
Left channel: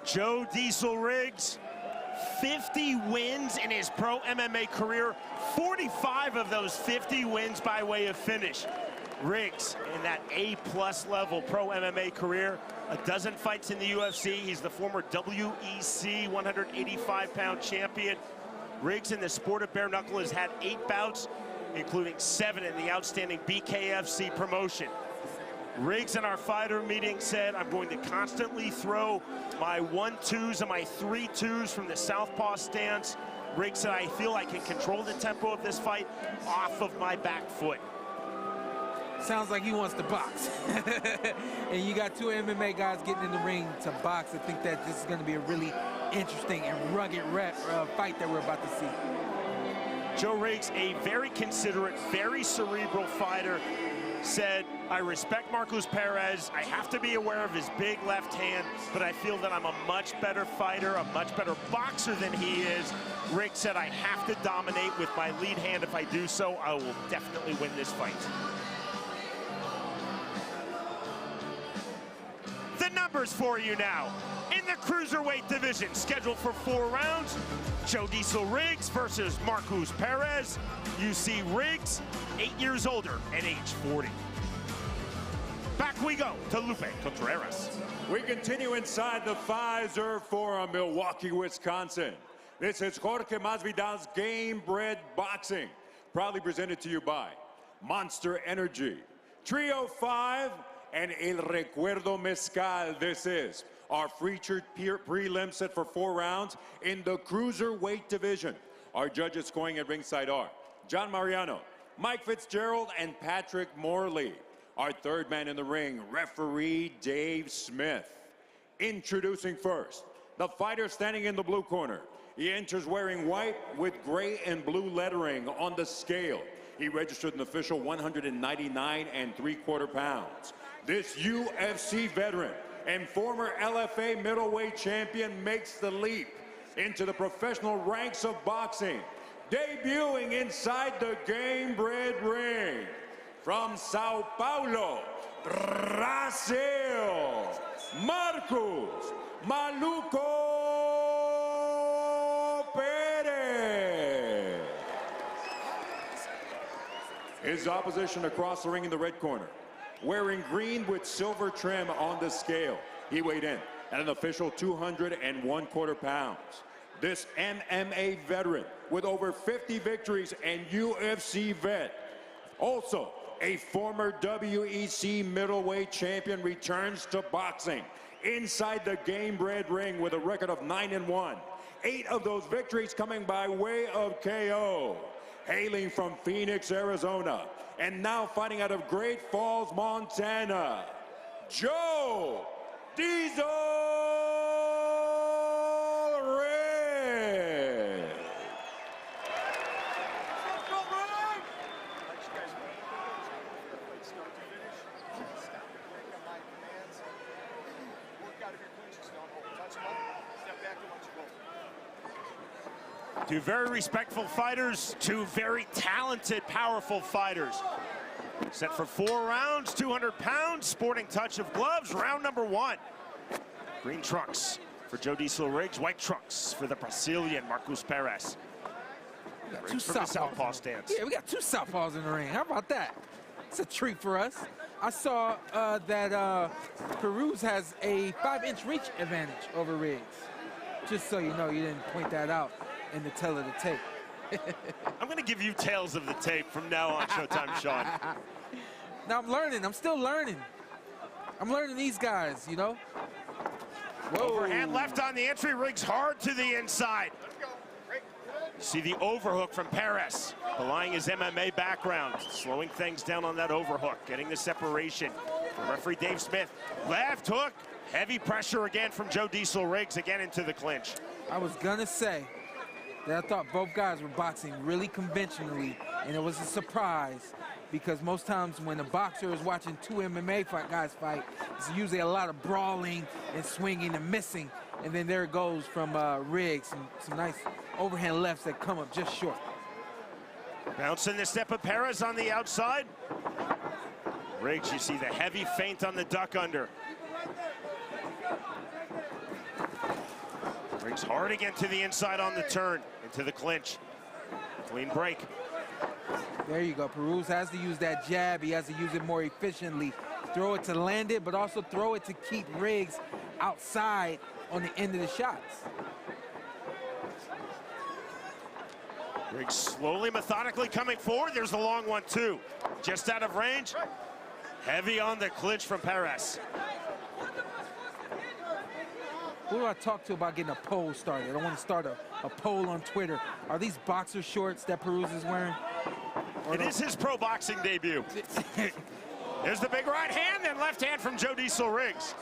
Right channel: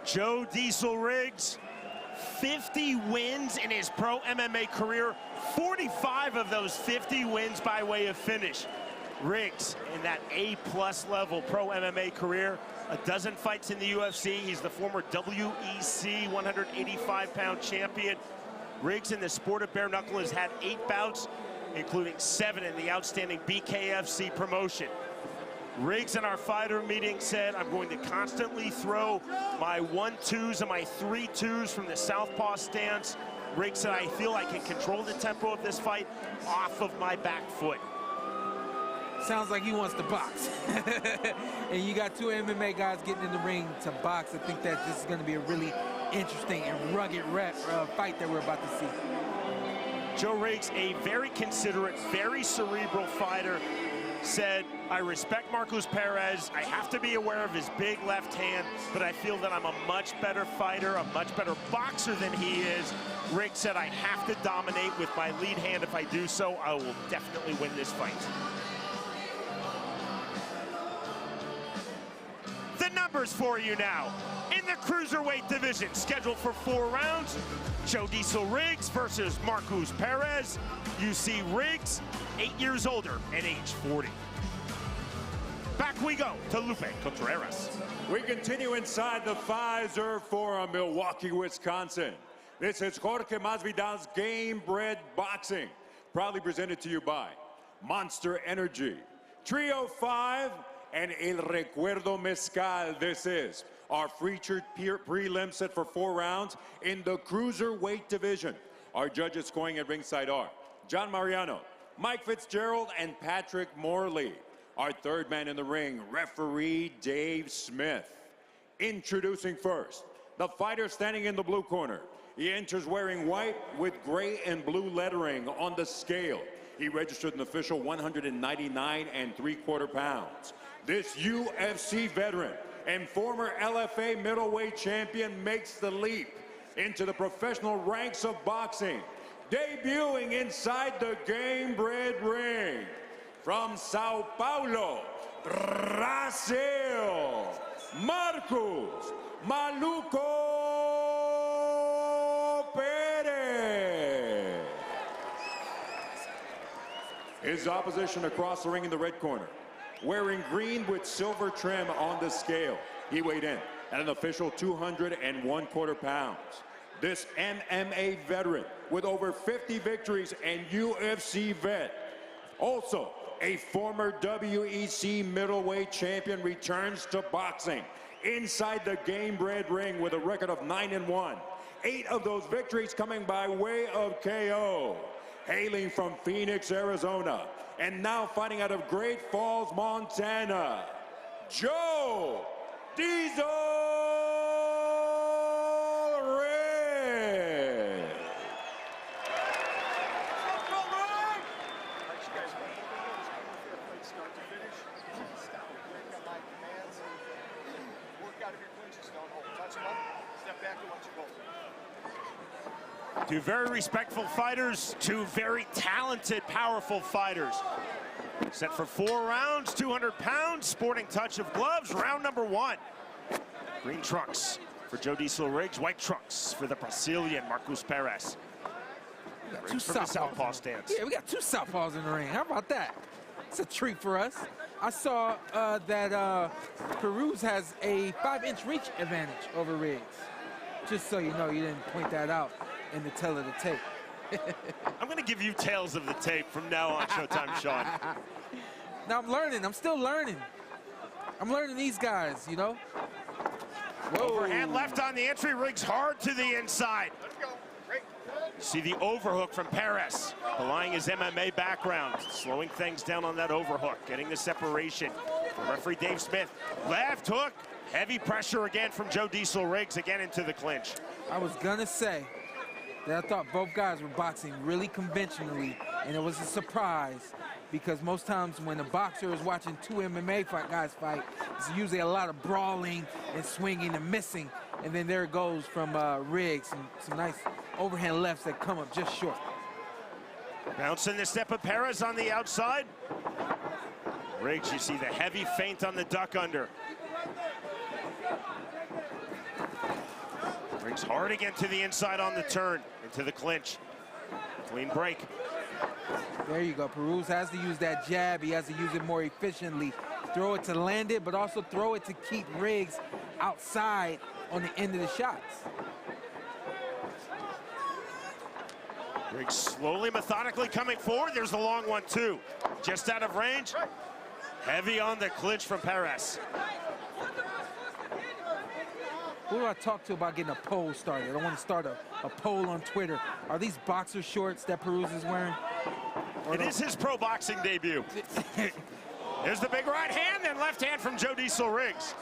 Joe Diesel Riggs, 50 wins in his pro MMA career, 45 of those 50 wins by way of finish. Riggs, in that A-plus level pro MMA career, a dozen fights in the UFC. He's the former WEC 185-pound champion. Riggs in the sport of bare knuckle has had 8 bouts, including 7 in the outstanding BKFC promotion. Riggs in our fighter meeting said, I'm going to constantly throw my 1-2s and my 3-2s from the southpaw stance. Riggs said, I feel I can control the tempo of this fight off of my back foot. Sounds like he wants to box. And you got 2 MMA guys getting in the ring to box. I think that this is going to be a really interesting and rugged fight that we're about to see. Joe Riggs, a very considerate, very cerebral fighter, said, I respect Marcus Perez. I have to be aware of his big left hand, but I feel that I'm a much better fighter, a much better boxer than he is. Riggs said, I have to dominate with my lead hand. If I do so, I will definitely win this fight. The numbers for you now. In the cruiserweight division, scheduled for 4 rounds, Joe Diesel Riggs versus Marcus Perez. You see Riggs, 8 years older at age 40. Back we go to Lupe Contreras. We continue inside the Pfizer Forum, Milwaukee, Wisconsin. This is Jorge Masvidal's Gamebred Boxing, proudly presented to you by Monster Energy, Trio 5, and El Recuerdo Mezcal. This is our featured prelim set for 4 rounds in the cruiserweight division. Our judges scoring at ringside are John Mariano, Mike Fitzgerald, and Patrick Morley. Our third man in the ring, referee Dave Smith. Introducing first, the fighter standing in the blue corner, He enters wearing white with gray and blue lettering on the scale. He registered an official 199.75 pounds. This UFC veteran and former LFA middleweight champion makes the leap into the professional ranks of boxing, debuting inside the Gamebred ring from Sao Paulo, Brazil, Marcos Maluco Perez. His opposition across the ring in the red corner, wearing green with silver trim on the scale. He weighed in at an official 201.25 pounds. This MMA veteran with over 50 victories and UFC vet, also a former WEC middleweight champion, returns to boxing inside the Gamebred ring with a record of 9-1. 8 of those victories coming by way of KO. Hailing from Phoenix, Arizona, and now fighting out of Great Falls, Montana, Joe Diesel Red. Two very respectful fighters, two very talented, powerful fighters. Set for 4 rounds, 200 pounds, sporting touch of gloves, round number 1. Green trunks for Joe Diesel Riggs, white trunks for the Brazilian Marcos Perez. We got Riggs two from the southpaws. southpaw stance. Yeah, we got 2 southpaws in the ring. How about that? It's a treat for us. I saw that Perez has a 5-inch reach advantage over Riggs. Just so you know, you didn't point that out in the tail of the tape. I'm going to give you tails of the tape from now on, Showtime Sean. Now I'm learning. I'm still learning. I'm learning these guys, you know. Whoa. Overhand left on the entry, Riggs hard to the inside. You see the overhook from Perez, belying his MMA background, slowing things down on that overhook, getting the separation. For referee Dave Smith, left hook, heavy pressure again from Joe Diesel Riggs, again into the clinch. I was gonna say that I thought both guys were boxing really conventionally, and it was a surprise because most times when a boxer is watching 2 MMA guys fight, it's usually a lot of brawling and swinging and missing, and then there it goes from Riggs, some nice overhand lefts that come up just short. Bouncing the step of Perez on the outside. Riggs, you see the heavy feint on the duck under. Riggs hard again to the inside on the turn, into the clinch. Clean break. There you go. Perez has to use that jab. He has to use it more efficiently. Throw it to land it, but also throw it to keep Riggs outside on the end of the shots. Riggs slowly, methodically coming forward. There's the long one, too. Just out of range. Heavy on the clinch from Perez. Who do I talk to about getting a poll started? I want to start a poll on Twitter. Are these boxer shorts that Perez is wearing? It is his pro boxing debut. There's the big right hand and left hand from Joe Diesel Riggs.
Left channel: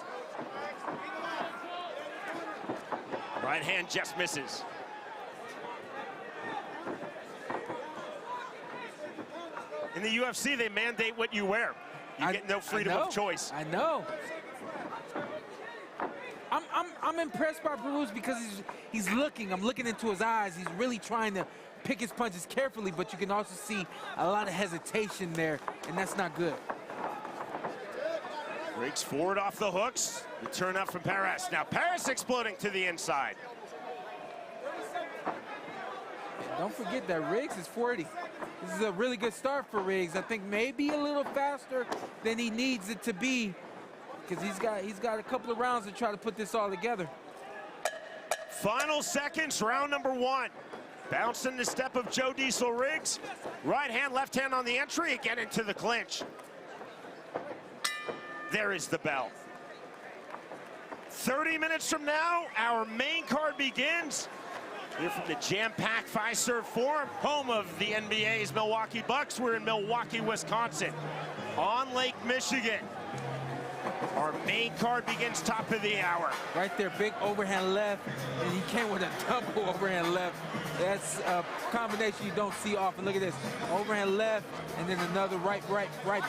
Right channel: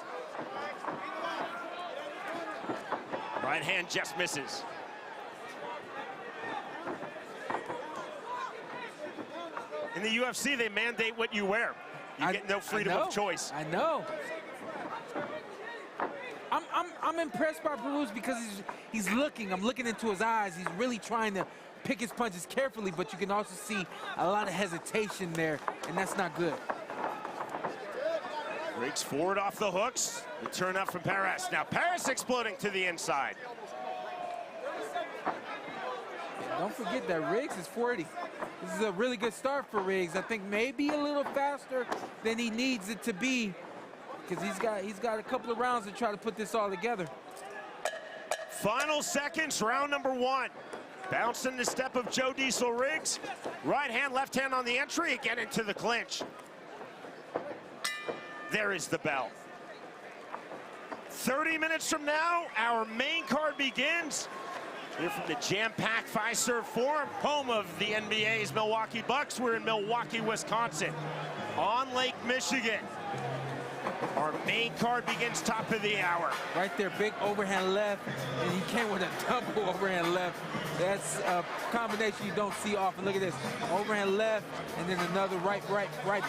Right hand just misses. In the UFC, they mandate what you wear. You get no freedom of choice. I know. I'm impressed by Perez because he's looking. I'm looking into his eyes. He's really trying to pick his punches carefully, but you can also see a lot of hesitation there, and that's not good. Riggs forward off the hooks. The turn up from Perez. Now Perez exploding to the inside. And don't forget that Riggs is 40. This is a really good start for Riggs. I think maybe a little faster than he needs it to be, because he's got a couple of rounds to try to put this all together. Final seconds, round number 1. Bouncing the step of Joe Diesel Riggs. Right hand, left hand on the entry, again into the clinch. There is the bell. 30 minutes from now, our main card begins. Here from the jam-packed Fiserv Forum, home of the NBA's Milwaukee Bucks. We're in Milwaukee, Wisconsin, on Lake Michigan. Our main card begins top of the hour. Right there, big overhand left, and he came with a double overhand left. That's a combination you don't see often. Look at this, overhand left, and then another right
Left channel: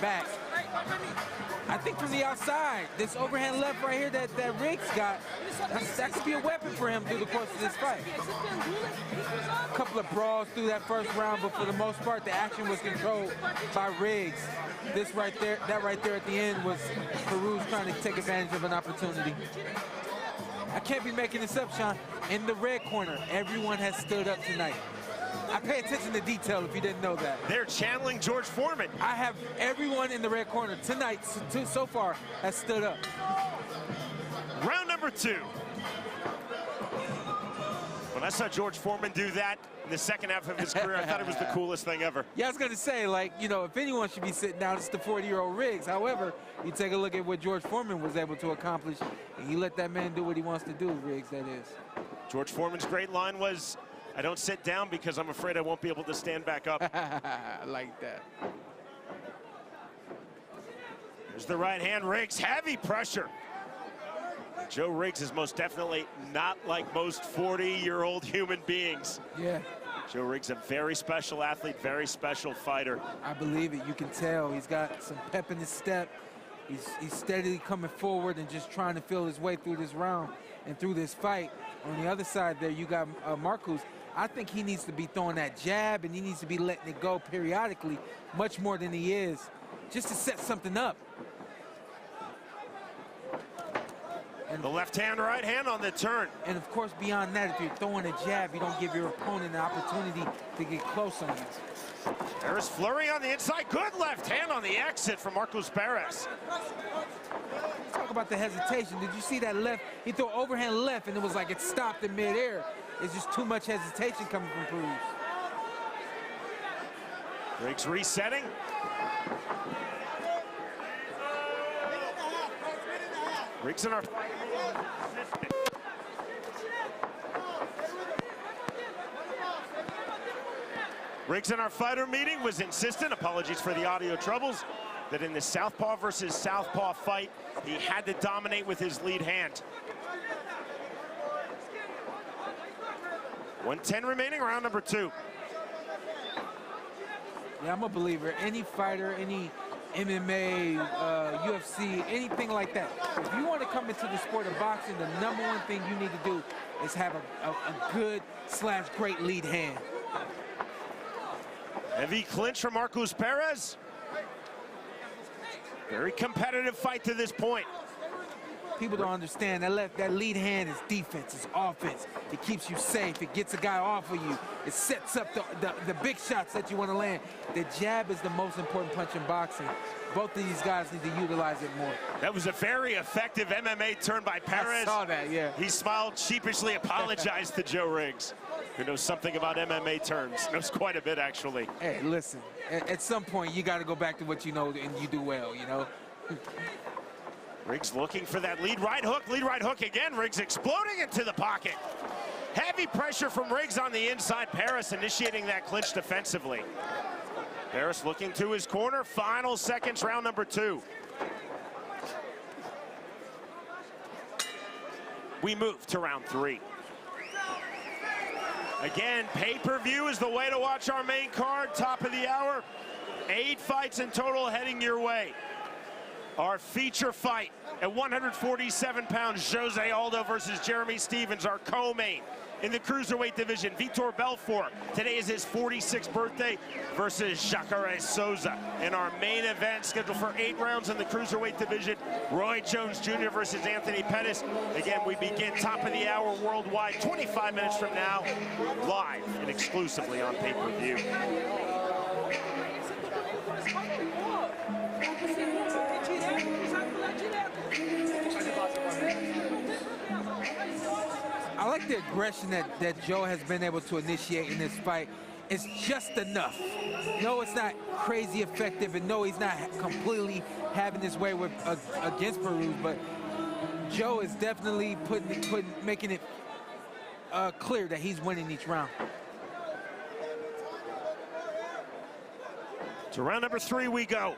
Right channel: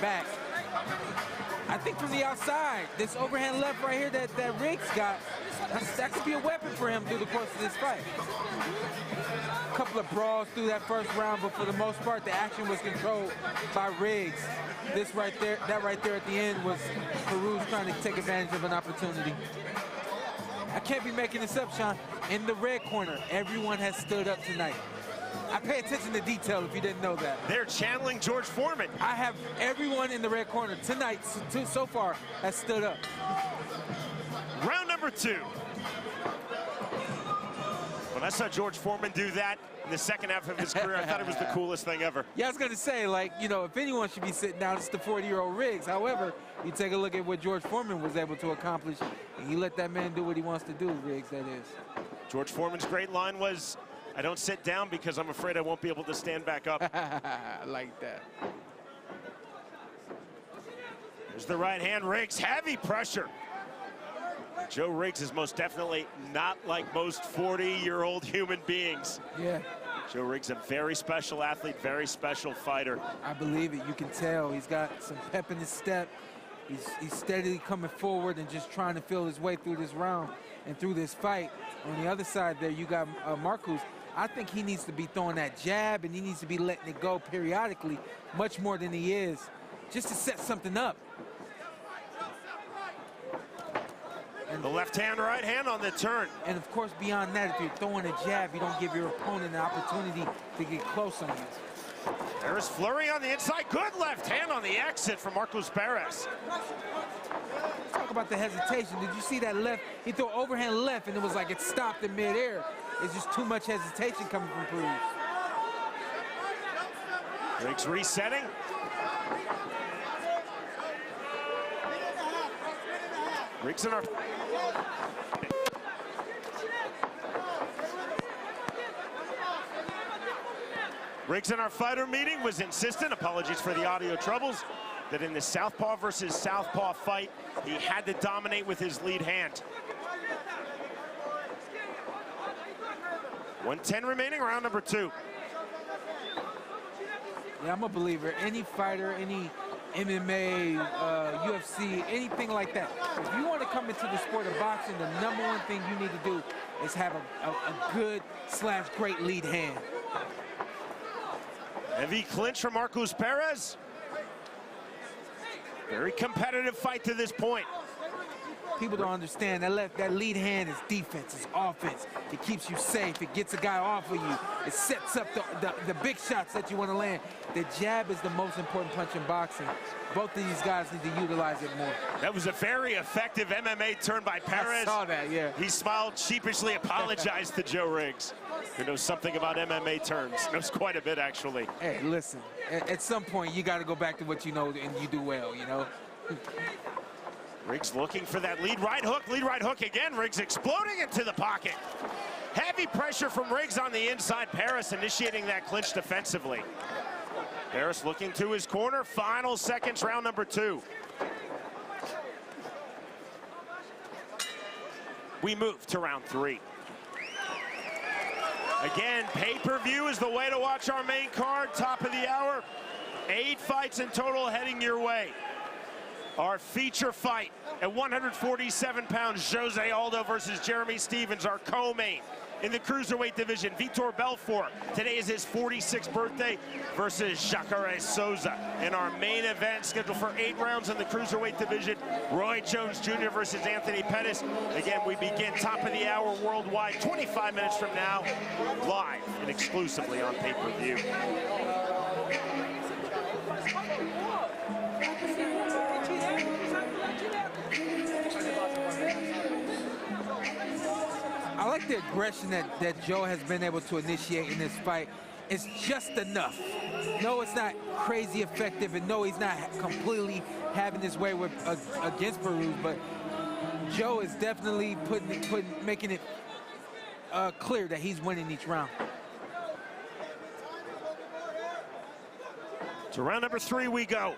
back. I think from the outside, this overhand left right here that Riggs got, that could be a weapon for him through the course of this fight. A couple of brawls through that first round, but for the most part, the action was controlled by Riggs. This right there, that right there at the end was Perez trying to take advantage of an opportunity. I can't be making this up, Sean. In the red corner, everyone has stood up tonight. I pay attention to detail if you didn't know that. They're channeling George Foreman. I have everyone in the red corner tonight so far has stood up. Round number 2. When I saw George Foreman do that in the second half of his career, I thought it was the coolest thing ever. Yeah, I was going to say, like, you know, if anyone should be sitting down, it's the 40-year-old Riggs. However, you take a look at what George Foreman was able to accomplish, and you let that man do what he wants to do, Riggs, that is. George Foreman's great line was, I don't sit down because I'm afraid I won't be able to stand back up. I like that. There's the right hand, Riggs, heavy pressure. Joe Riggs is most definitely not like most 40-year-old human beings. Yeah. Joe Riggs, a very special athlete, very special fighter. I believe it. You can tell he's got some pep in his step. He's steadily coming forward and just trying to feel his way through this round and through this fight. On the other side there, you got Marcus. I think he needs to be throwing that jab, and he needs to be letting it go periodically, much more than he is, just to set something up. And the left hand, right hand on the turn. And of course, beyond that, if you're throwing a jab, you don't give your opponent an opportunity to get close on you. There's flurry on the inside. Good left hand on the exit from Marcus Perez. Talk about the hesitation. Did you see that left? He threw overhand left, and it was like it stopped in midair. It's just too much hesitation coming from Perez. Riggs resetting. Riggs in our... Riggs in our fighter meeting was insistent, apologies for the audio troubles, that in the southpaw versus southpaw fight, he had to dominate with his lead hand. 1:10 remaining, round number 2. Yeah, I'm a believer. Any fighter, any MMA, UFC, anything like that. If you want to come into the sport of boxing, the #1 thing you need to do is have a good/great lead hand. Heavy clinch from Marcus Perez. Very competitive fight to this point. People don't understand that lead hand is defense, it's offense. It keeps you safe. It gets a guy off of you. It sets up the big shots that you want to land. The jab is the most important punch in boxing. Both of these guys need to utilize it more. That was a very effective MMA turn by Perez. I saw that, yeah. He smiled, sheepishly apologized to Joe Riggs, who knows something about MMA turns. Knows quite a bit, actually. Hey, listen, at some point, you got to go back to what you know and you do well, you know? Riggs looking for that lead right hook again. Riggs exploding into the pocket. Heavy pressure from Riggs on the inside. Perez initiating that clinch defensively. Perez looking to his corner. Final seconds, round number 2. We move to round 3. Again, pay-per-view is the way to watch our main card. Top of the hour. 8 fights in total heading your way. Our feature fight at 147 pounds, Jose Aldo versus Jeremy Stephens, our co-main. In the cruiserweight division, Vitor Belfort, today is his 46th birthday, versus Jacare Souza. In our main event, scheduled for 8 rounds in the cruiserweight division, Roy Jones Jr. versus Anthony Pettis. Again, we begin top of the hour worldwide, 25 minutes from now, live and exclusively on pay-per-view. I like the aggression that Joe has been able to initiate in this fight. It's just enough. No, it's not crazy effective, and no, he's not completely having his way with against Perez, but Joe is definitely making it clear that he's winning each round. To round number 3 we go.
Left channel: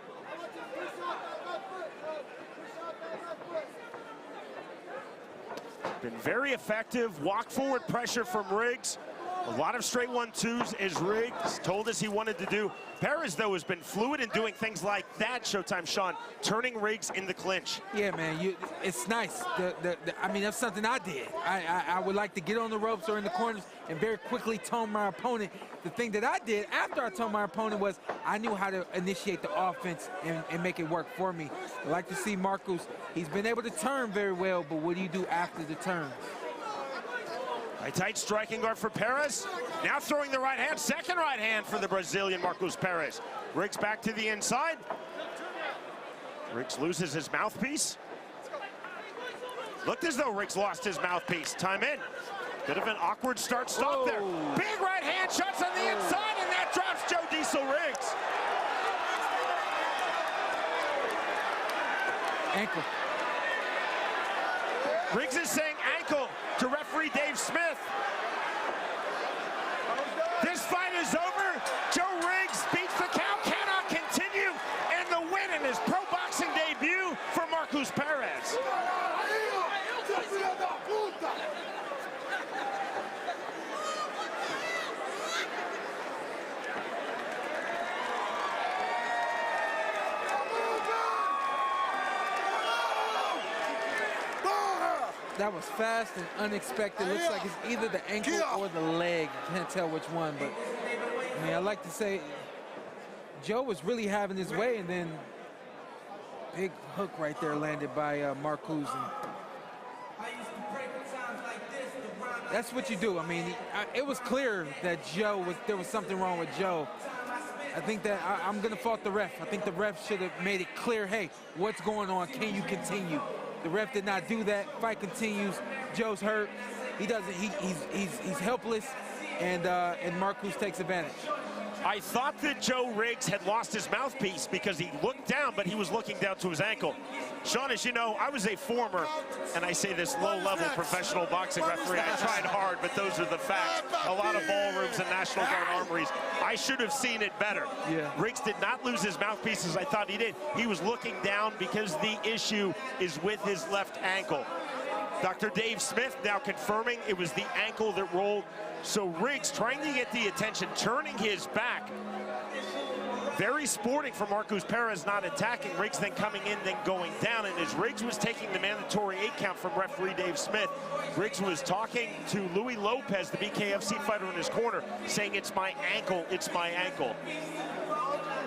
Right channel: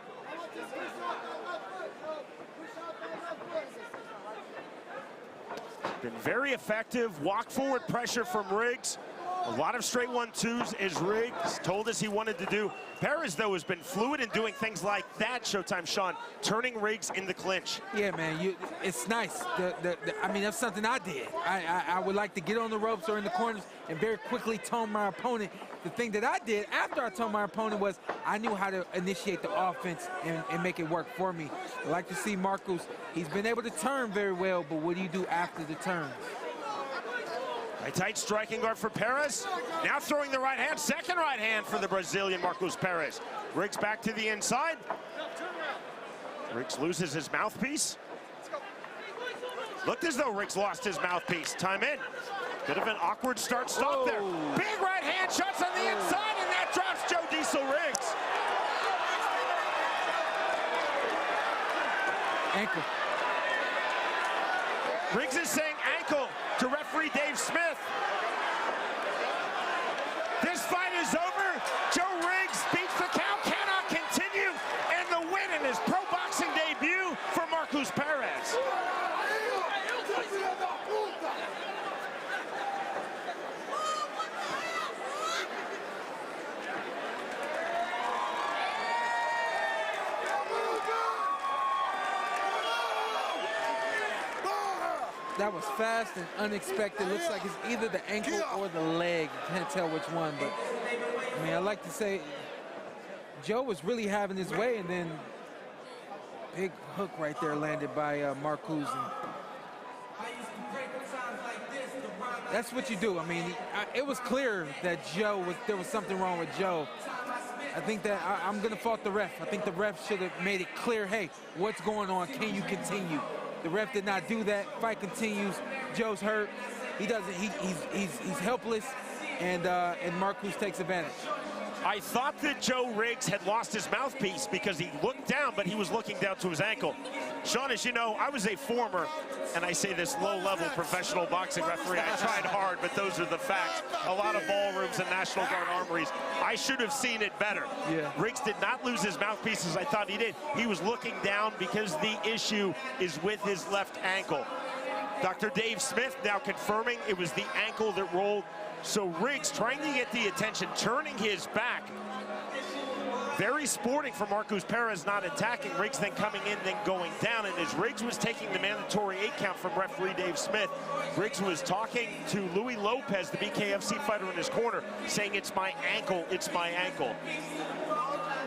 Been very effective. Walk forward pressure from Riggs. A lot of straight 1-2s as Riggs told us he wanted to do. Perez, though, has been fluid in doing things like that, Showtime Sean, turning Riggs in the clinch. Yeah, man, it's nice. I mean, that's something I did. I would like to get on the ropes or in the corners and very quickly tone my opponent. The thing that I did after I toned my opponent was I knew how to initiate the offense and make it work for me. I like to see Marcos. He's been able to turn very well, but what do you do after the turn? A tight striking guard for Perez. Now throwing the right hand, second right hand for the Brazilian Marcos Perez. Riggs back to the inside. Riggs loses his mouthpiece. Looked as though Riggs lost his mouthpiece. Time in. Bit of an awkward start-stop there. Big right hand shots on the inside, and that drops Joe Diesel Riggs. Ankle. Riggs is saying ankle to referee Dave Smith. This fight is over. Joe Riggs beats the count, cannot continue, and the win in his pro boxing debut for Marcos Perez. That was fast and unexpected. Looks like it's either the ankle or the leg. Can't tell which one, but I mean, I like to say Joe was really having his way, and then big hook right there landed by Marcos. That's what you do. I mean, it was clear that there was something wrong with Joe. I think that I'm going to fault the ref. I think the ref should have made it clear, hey, what's going on? Can you continue? The ref did not do that. Fight continues. Joe's hurt. He doesn't. He's helpless, and Marcos takes advantage. I thought that Joe Riggs had lost his mouthpiece because he looked down, but he was looking down to his ankle. Sean, as you know, I was a former, and I say this, low-level professional boxing referee. I tried hard, but those are the facts. A lot of ballrooms and National Guard armories. I should have seen it better. Yeah. Riggs did not lose his mouthpiece as I thought he did. He was looking down because the issue is with his left ankle. Dr. Dave Smith now confirming it was the ankle that rolled. So Riggs trying to get the attention, turning his back. Very sporting for Marcos Perez, not attacking. Riggs then coming in, then going down. And as Riggs was taking the mandatory 8 count from referee Dave Smith, Riggs was talking to Louis Lopez, the BKFC fighter in his corner, saying, it's my ankle, it's my ankle.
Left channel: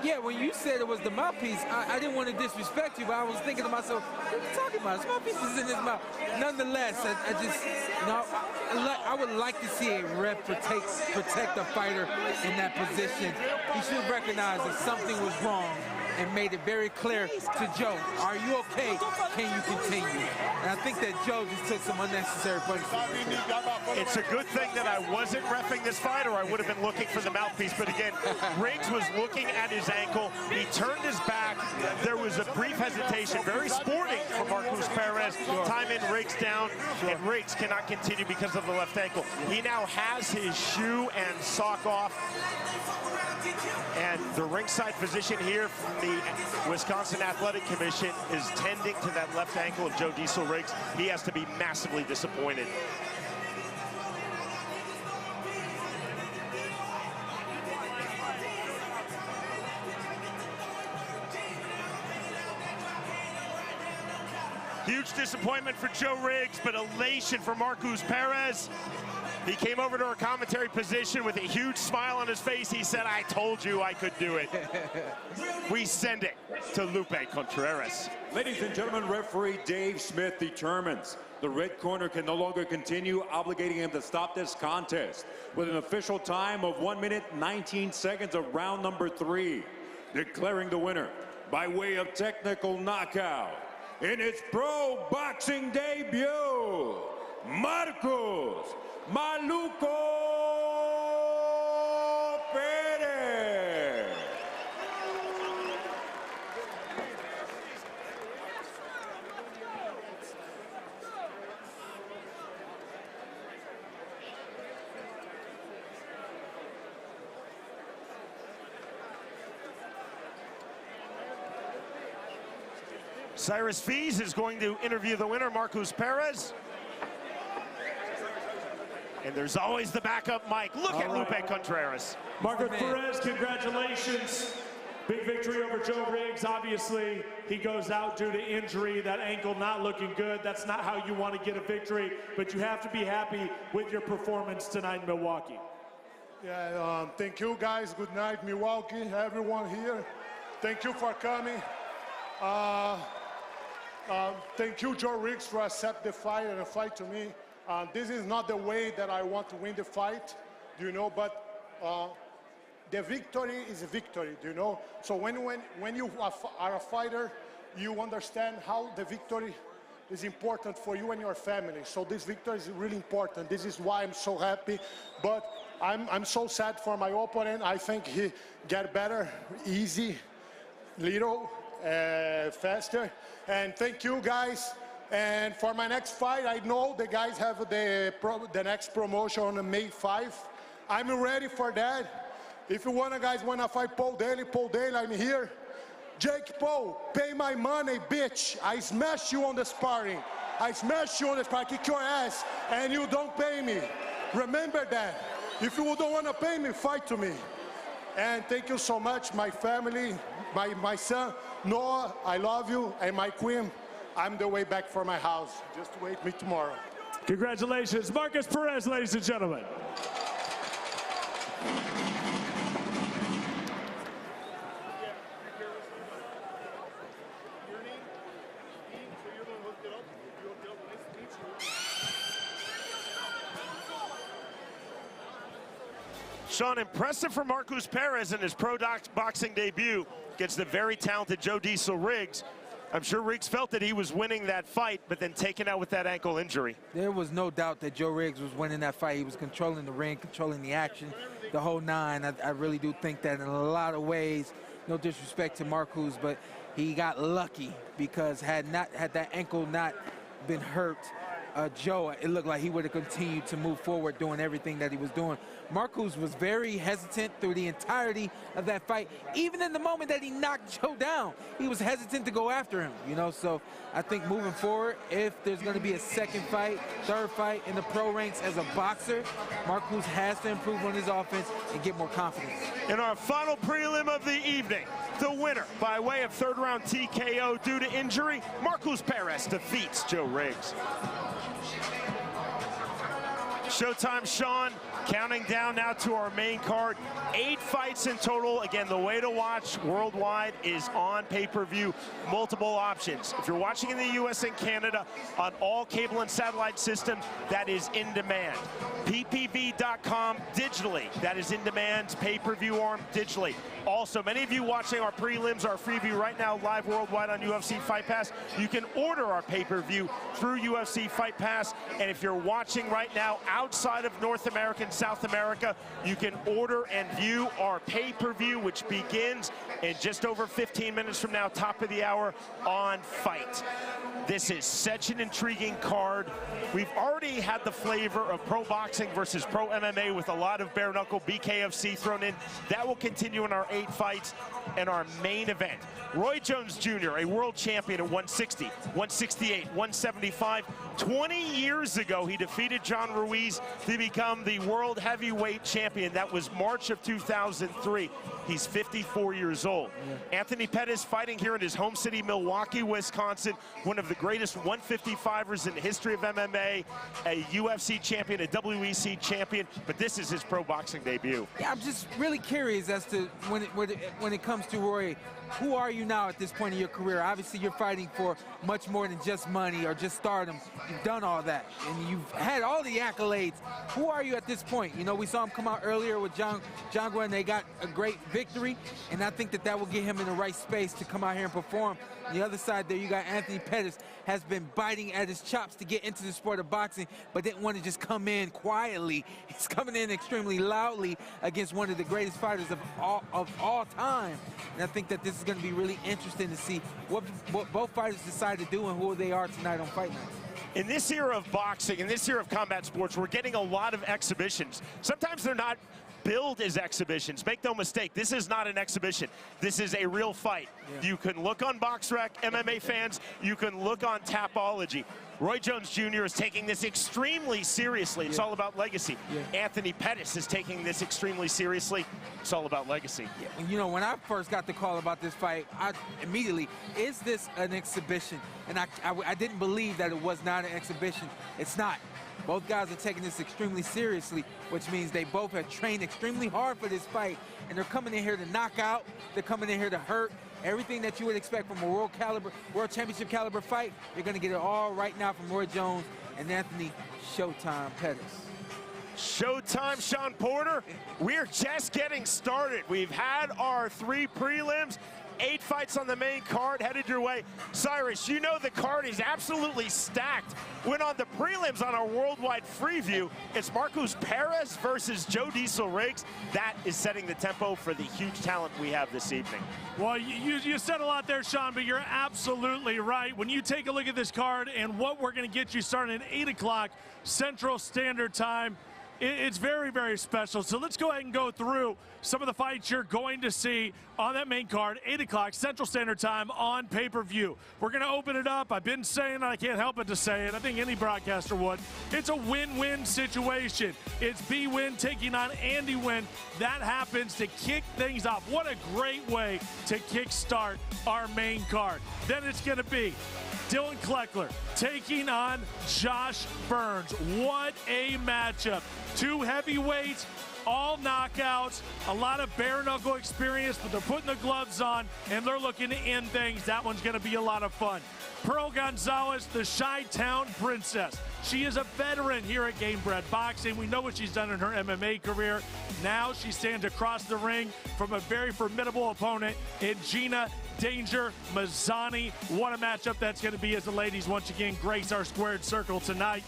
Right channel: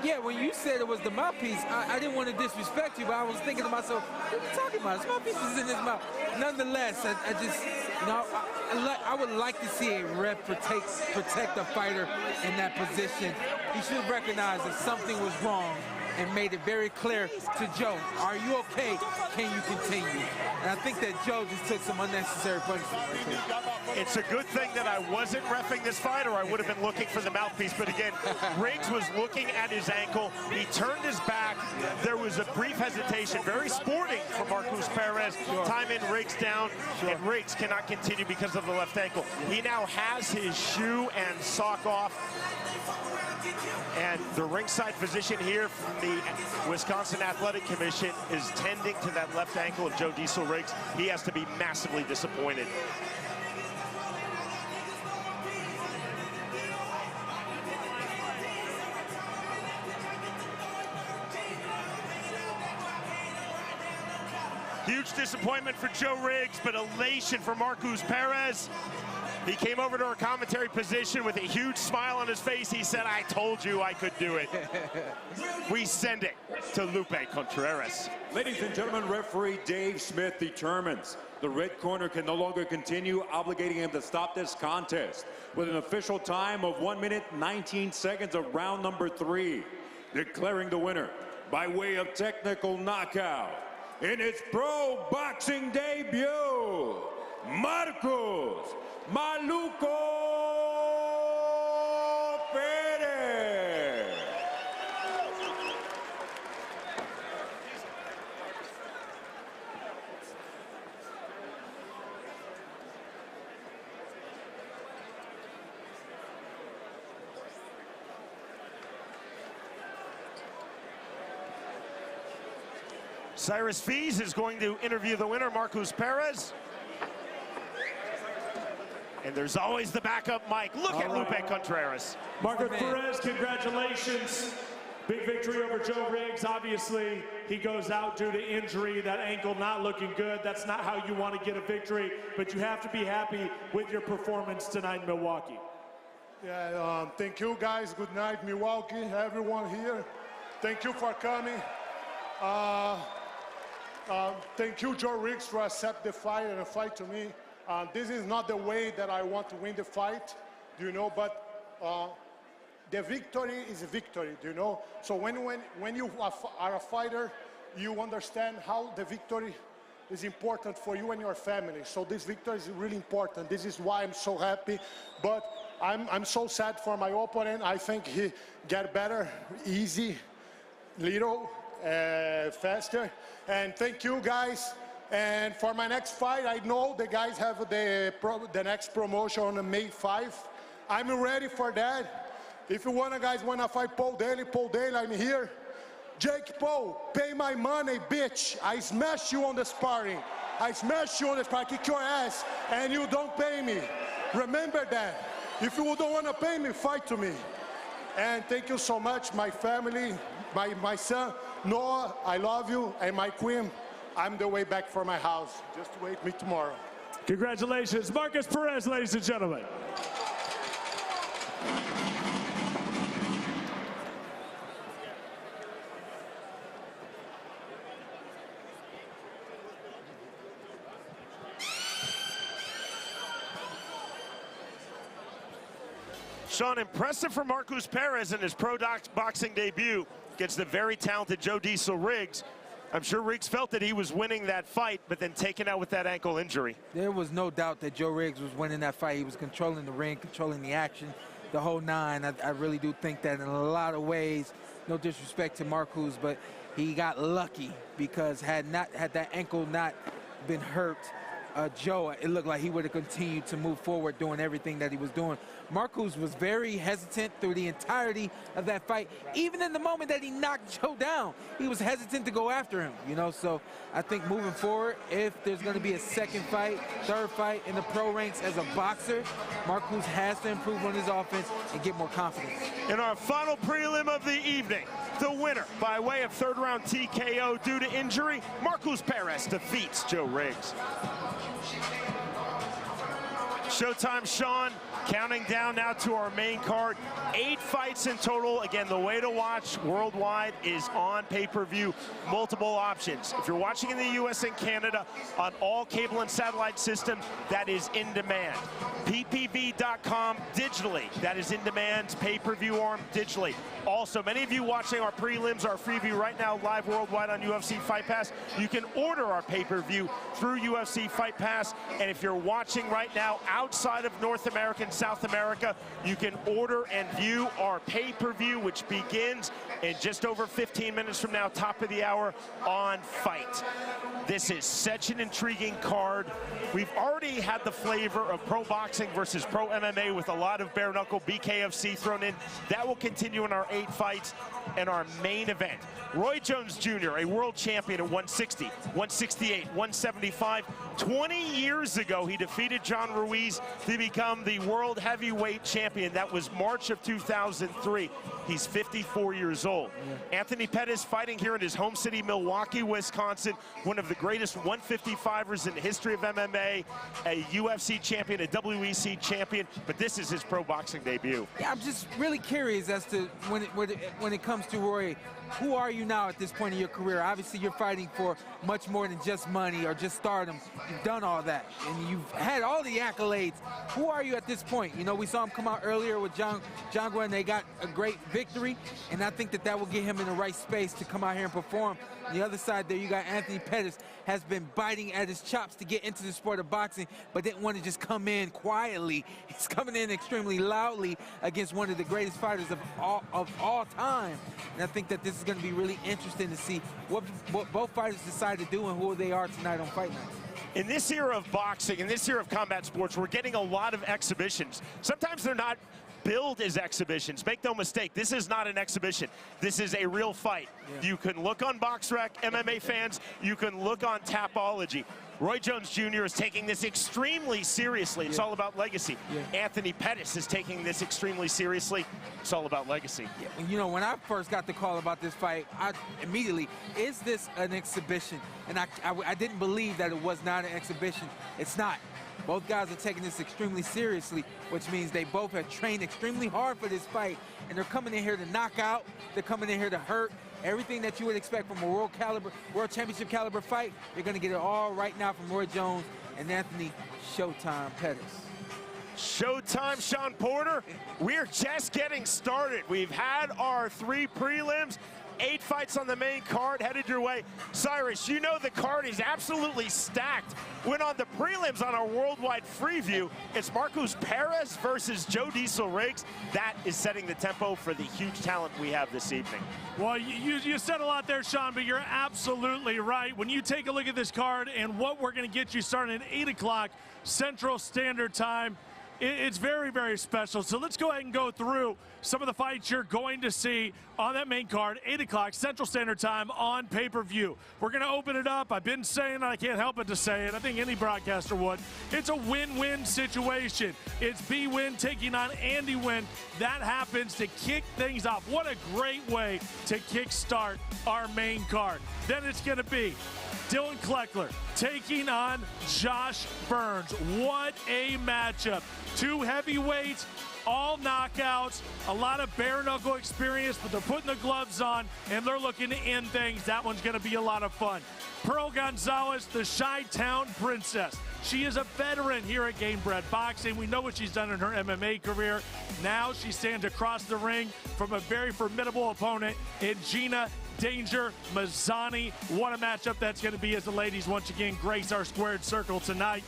Yeah, when you said it was the mouthpiece, I didn't want to disrespect you, but I was thinking to myself, what are you talking about? His mouthpiece is in his mouth. Nonetheless, I just, you know, I would like to see a ref protect a fighter in that position. He should recognize that something was wrong and made it very clear to Joe, are you okay? Can you continue? And I think that Joe just took some unnecessary punishment. It's a good thing that I wasn't reffing this fight, or I would have been looking for the mouthpiece. But again, Riggs was looking at his ankle. He turned his back. There was a brief hesitation. Very sporting for Marcos Perez. Time in, Riggs down, and Riggs cannot continue because of the left ankle. He now has his shoe and sock off. And the ringside physician here from the Wisconsin Athletic Commission is tending to that left ankle of Joe Diesel Riggs. He has to be massively disappointed. Huge disappointment for Joe Riggs, but elation for Marcos Perez. He came over to our commentary position with a huge smile on his face. He said, I told you I could do it. We send it to Lupe Contreras. Ladies and gentlemen, referee Dave Smith determines the red corner can no longer continue, obligating him to stop this contest with an official time of 1 minute, 19 seconds of round number 3. Declaring the winner by way of technical knockout in its pro boxing debut, Marcos Maluco Pettis. Cyrus Fees is going to interview the winner, Marcos Perez. And there's always the backup mic. Look at Lupe Contreras. Marcus Perez, congratulations. Big victory over Joe Riggs. Obviously, he goes out due to injury, that ankle not looking good. That's not how you want to get a victory, but you have to be happy with your performance tonight in Milwaukee. Yeah, thank you guys. Good night, Milwaukee, everyone here. Thank you for coming. Thank you, Joe Riggs, for accept the fight and fight to me. This is not the way that I want to win the fight, you know, but the victory is a victory, you know? So when you are a fighter, you understand how the victory is important for you and your family. So this victory is really important. This is why I'm so happy. But I'm so sad for my opponent. I think he get better, easy, little, faster. And thank you, guys. And for my next fight, I know the guys have the next promotion on May 5. I'm ready for that. If you guys wanna fight Paul Daly, I'm here. Jake Paul, pay my money, bitch. I smash you on the sparring. I smash you on the sparring, kick your ass, and you don't pay me. Remember that. If you don't wanna pay me, fight to me. And thank you so much, my family, my son, Noah, I love you, and my queen, I'm the way back for my house. Just wait me tomorrow. Congratulations, Marcus Perez, ladies and gentlemen. Sean, impressive for Marcus Perez in his pro boxing debut against the very talented Joe Diesel Riggs. I'm sure Riggs felt that he was winning that fight, but then taken out with that ankle injury. There was no doubt that Joe Riggs was winning that fight. He was controlling the ring, controlling the action, the whole nine. I really do think that in a lot of ways, no disrespect to Marcus, but he got lucky because had that ankle not been hurt, Joe, it looked like he would have continued to move forward doing everything that he was doing. Marcus was very hesitant through the entirety of that fight. Even in the moment that he knocked Joe down, he was hesitant to go after him, you know? So I think moving forward, if there's gonna be a second fight, third fight in the pro ranks as a boxer, Marcus has to improve on his offense and get more confidence. In our final prelim of the evening, the winner by way of third round TKO due to injury, Marcus Perez defeats Joe Riggs. Showtime, Sean, counting down now to our main card. 8 fights in total. Again, the way to watch worldwide is on pay-per-view, multiple options. If you're watching in the US and Canada on all cable and satellite systems, that is in demand. ppv.com digitally, that is in demand, pay-per-view arm digitally. Also, many of you watching our prelims, our freeview right now live worldwide on UFC Fight Pass, you can order our pay-per-view through UFC Fight Pass. And if you're watching right now outside of North America and South America, you can order and view our pay-per-view, which begins in just over 15 minutes from now, top of the hour on Fight. This is such an intriguing card. We've already had the flavor of pro boxing versus pro MMA with a lot of bare knuckle BKFC thrown in. That will continue in our 8 fights and our main event. Roy Jones Jr., a world champion at 160, 168, 175. 20 years ago, he defeated John Ruiz to become the world heavyweight champion. That was March of 2003. He's 54 years old. Yeah. Anthony Pettis fighting here in his home city, Milwaukee, Wisconsin. One of the greatest 155ers in the history of MMA, a UFC champion, a WEC champion, but this is his pro boxing debut. Yeah, I'm just really curious as to when it comes to Roy, who are you now at this point in your career? Obviously, you're fighting for much more than just money or just stardom. You've done all that, and you've had all the accolades. Who are you at this point? You know, we saw him come out earlier with Jangra, and they got a great victory, and I think that will get him in the right space to come out here and perform. On the other side there, you got Anthony Pettis, has been biting at his chops to get into the sport of boxing, but didn't want to just come in quietly. He's coming in extremely loudly against one of the greatest fighters of all time. And I think that this is going to be really interesting to see what both fighters decide to do and who they are tonight on Fight Night. In this era of boxing, in this era of combat sports, we're getting a lot of exhibitions. Sometimes they're not billed as exhibitions. Make no mistake, this is not an exhibition. This is a real fight. Yeah. You can look on BoxRec, MMA fans, you can look on Tapology. Roy Jones Jr. is taking this extremely seriously. It's all about legacy. Anthony Pettis is taking this extremely seriously. It's all about legacy. You know, when I first got the call about this fight, I immediately, is this an exhibition? And I didn't believe that it was not an exhibition. It's not. Both guys are taking this extremely seriously, which means they both have trained extremely hard for this fight, and they're coming in here to knock out. They're coming in here to hurt. Everything that you would expect from a world championship caliber fight, you're going to get it all right now from Roy Jones and Anthony Showtime Pettis. Showtime, Sean Porter. We're just getting started. We've had our 3 prelims. 8 fights on the main card headed your way. Cyrus, you know the card is absolutely stacked. When on the prelims on our worldwide Freeview, it's Marcos Perez versus Joe Diesel Riggs. That is setting the tempo for the huge talent we have this evening. Well, you said a lot there, Sean, but you're absolutely right. When you take a look at this card and what we're going to get you starting at 8 o'clock Central Standard Time, it's very, very special. So let's go ahead and go through some of the fights you're going to see on that main card, 8 o'clock Central Standard Time on pay-per-view. We're going to open it up. I've been saying it. I can't help but to say it. I think any broadcaster would. It's a win-win situation. It's B Win taking on Andy Win. That happens to kick things off. What a great way to kickstart our main card. Then it's going to be Dylan Kleckler taking on Josh Burns. What a matchup. 2 heavyweights, all knockouts, a lot of bare knuckle experience, but they're putting the gloves on and they're looking to end things. That one's going to be a lot of fun. Pearl Gonzalez, the Chi-Town Princess. She is a veteran here at Gamebred Boxing. We know what she's done in her MMA career. Now she stands across the ring from a very formidable opponent in Gina Danger Mazzani. What a matchup that's going to be as the ladies once again grace our squared circle tonight.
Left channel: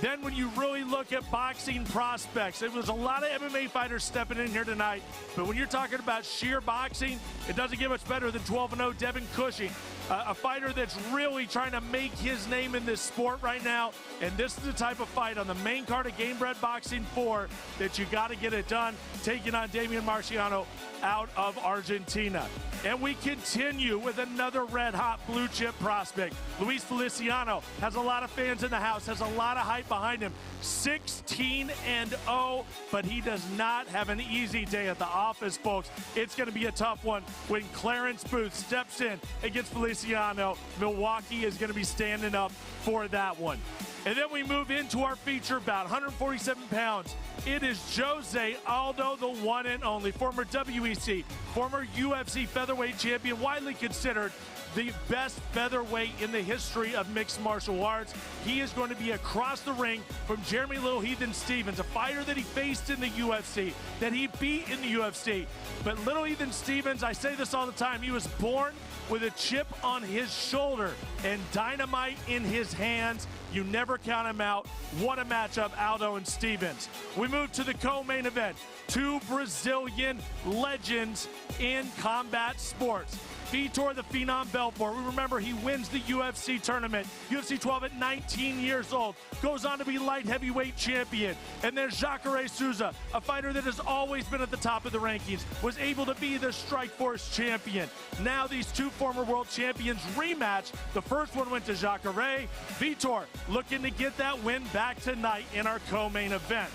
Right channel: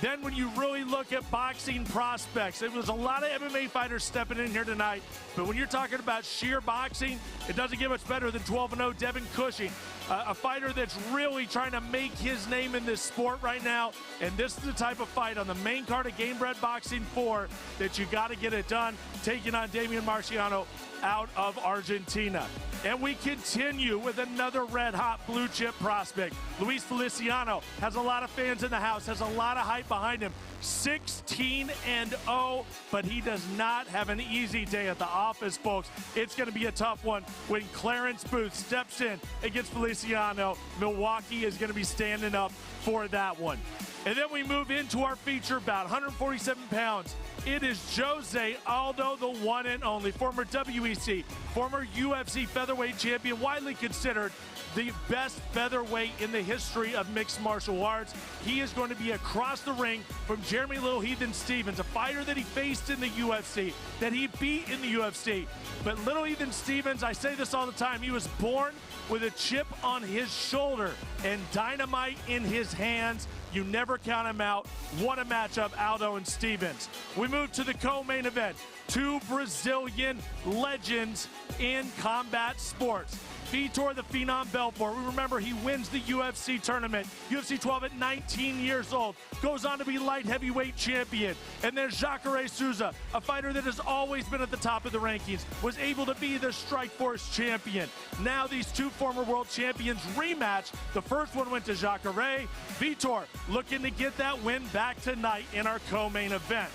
Then when you really look at boxing prospects, it was a lot of MMA fighters stepping in here tonight, but when you're talking about sheer boxing, it doesn't get much better than 12-0 Devin Cushing, a fighter that's really trying to make his name in this sport right now, and this is the type of fight on the main card of Gamebred Boxing 4 that you got to get it done, taking on Damian Marciano out of Argentina. And we continue with another red-hot blue-chip prospect. Luis Feliciano has a lot of fans in the house, has a lot of hype behind him. 16-0, but he does not have an easy day at the office, folks. It's going to be a tough one when Clarence Booth steps in against Feliciano. Milwaukee is going to be standing up for that one. And then we move into our feature bout, 147 pounds. It is Jose Aldo, the one and only, former WEC, former UFC featherweight champion, widely considered the best featherweight in the history of mixed martial arts. He is going to be across the ring from Jeremy Little Heathen Stevens, a fighter that he faced in the UFC, that he beat in the UFC. But Little Heathen Stevens, I say this all the time, he was born with a chip on his shoulder and dynamite in his hands. You never count him out. What a matchup, Aldo and Stevens. We move to the co-main event. 2 Brazilian legends in combat sports. Vitor the Phenom Belfort. We remember he wins the UFC tournament, UFC 12 at 19 years old, goes on to be light heavyweight champion. And there's Jacare Souza, a fighter that has always been at the top of the rankings, was able to be the Strikeforce champion. Now these 2 former world champions rematch. The first one went to Jacare. Vitor looking to get that win back tonight in our co-main event.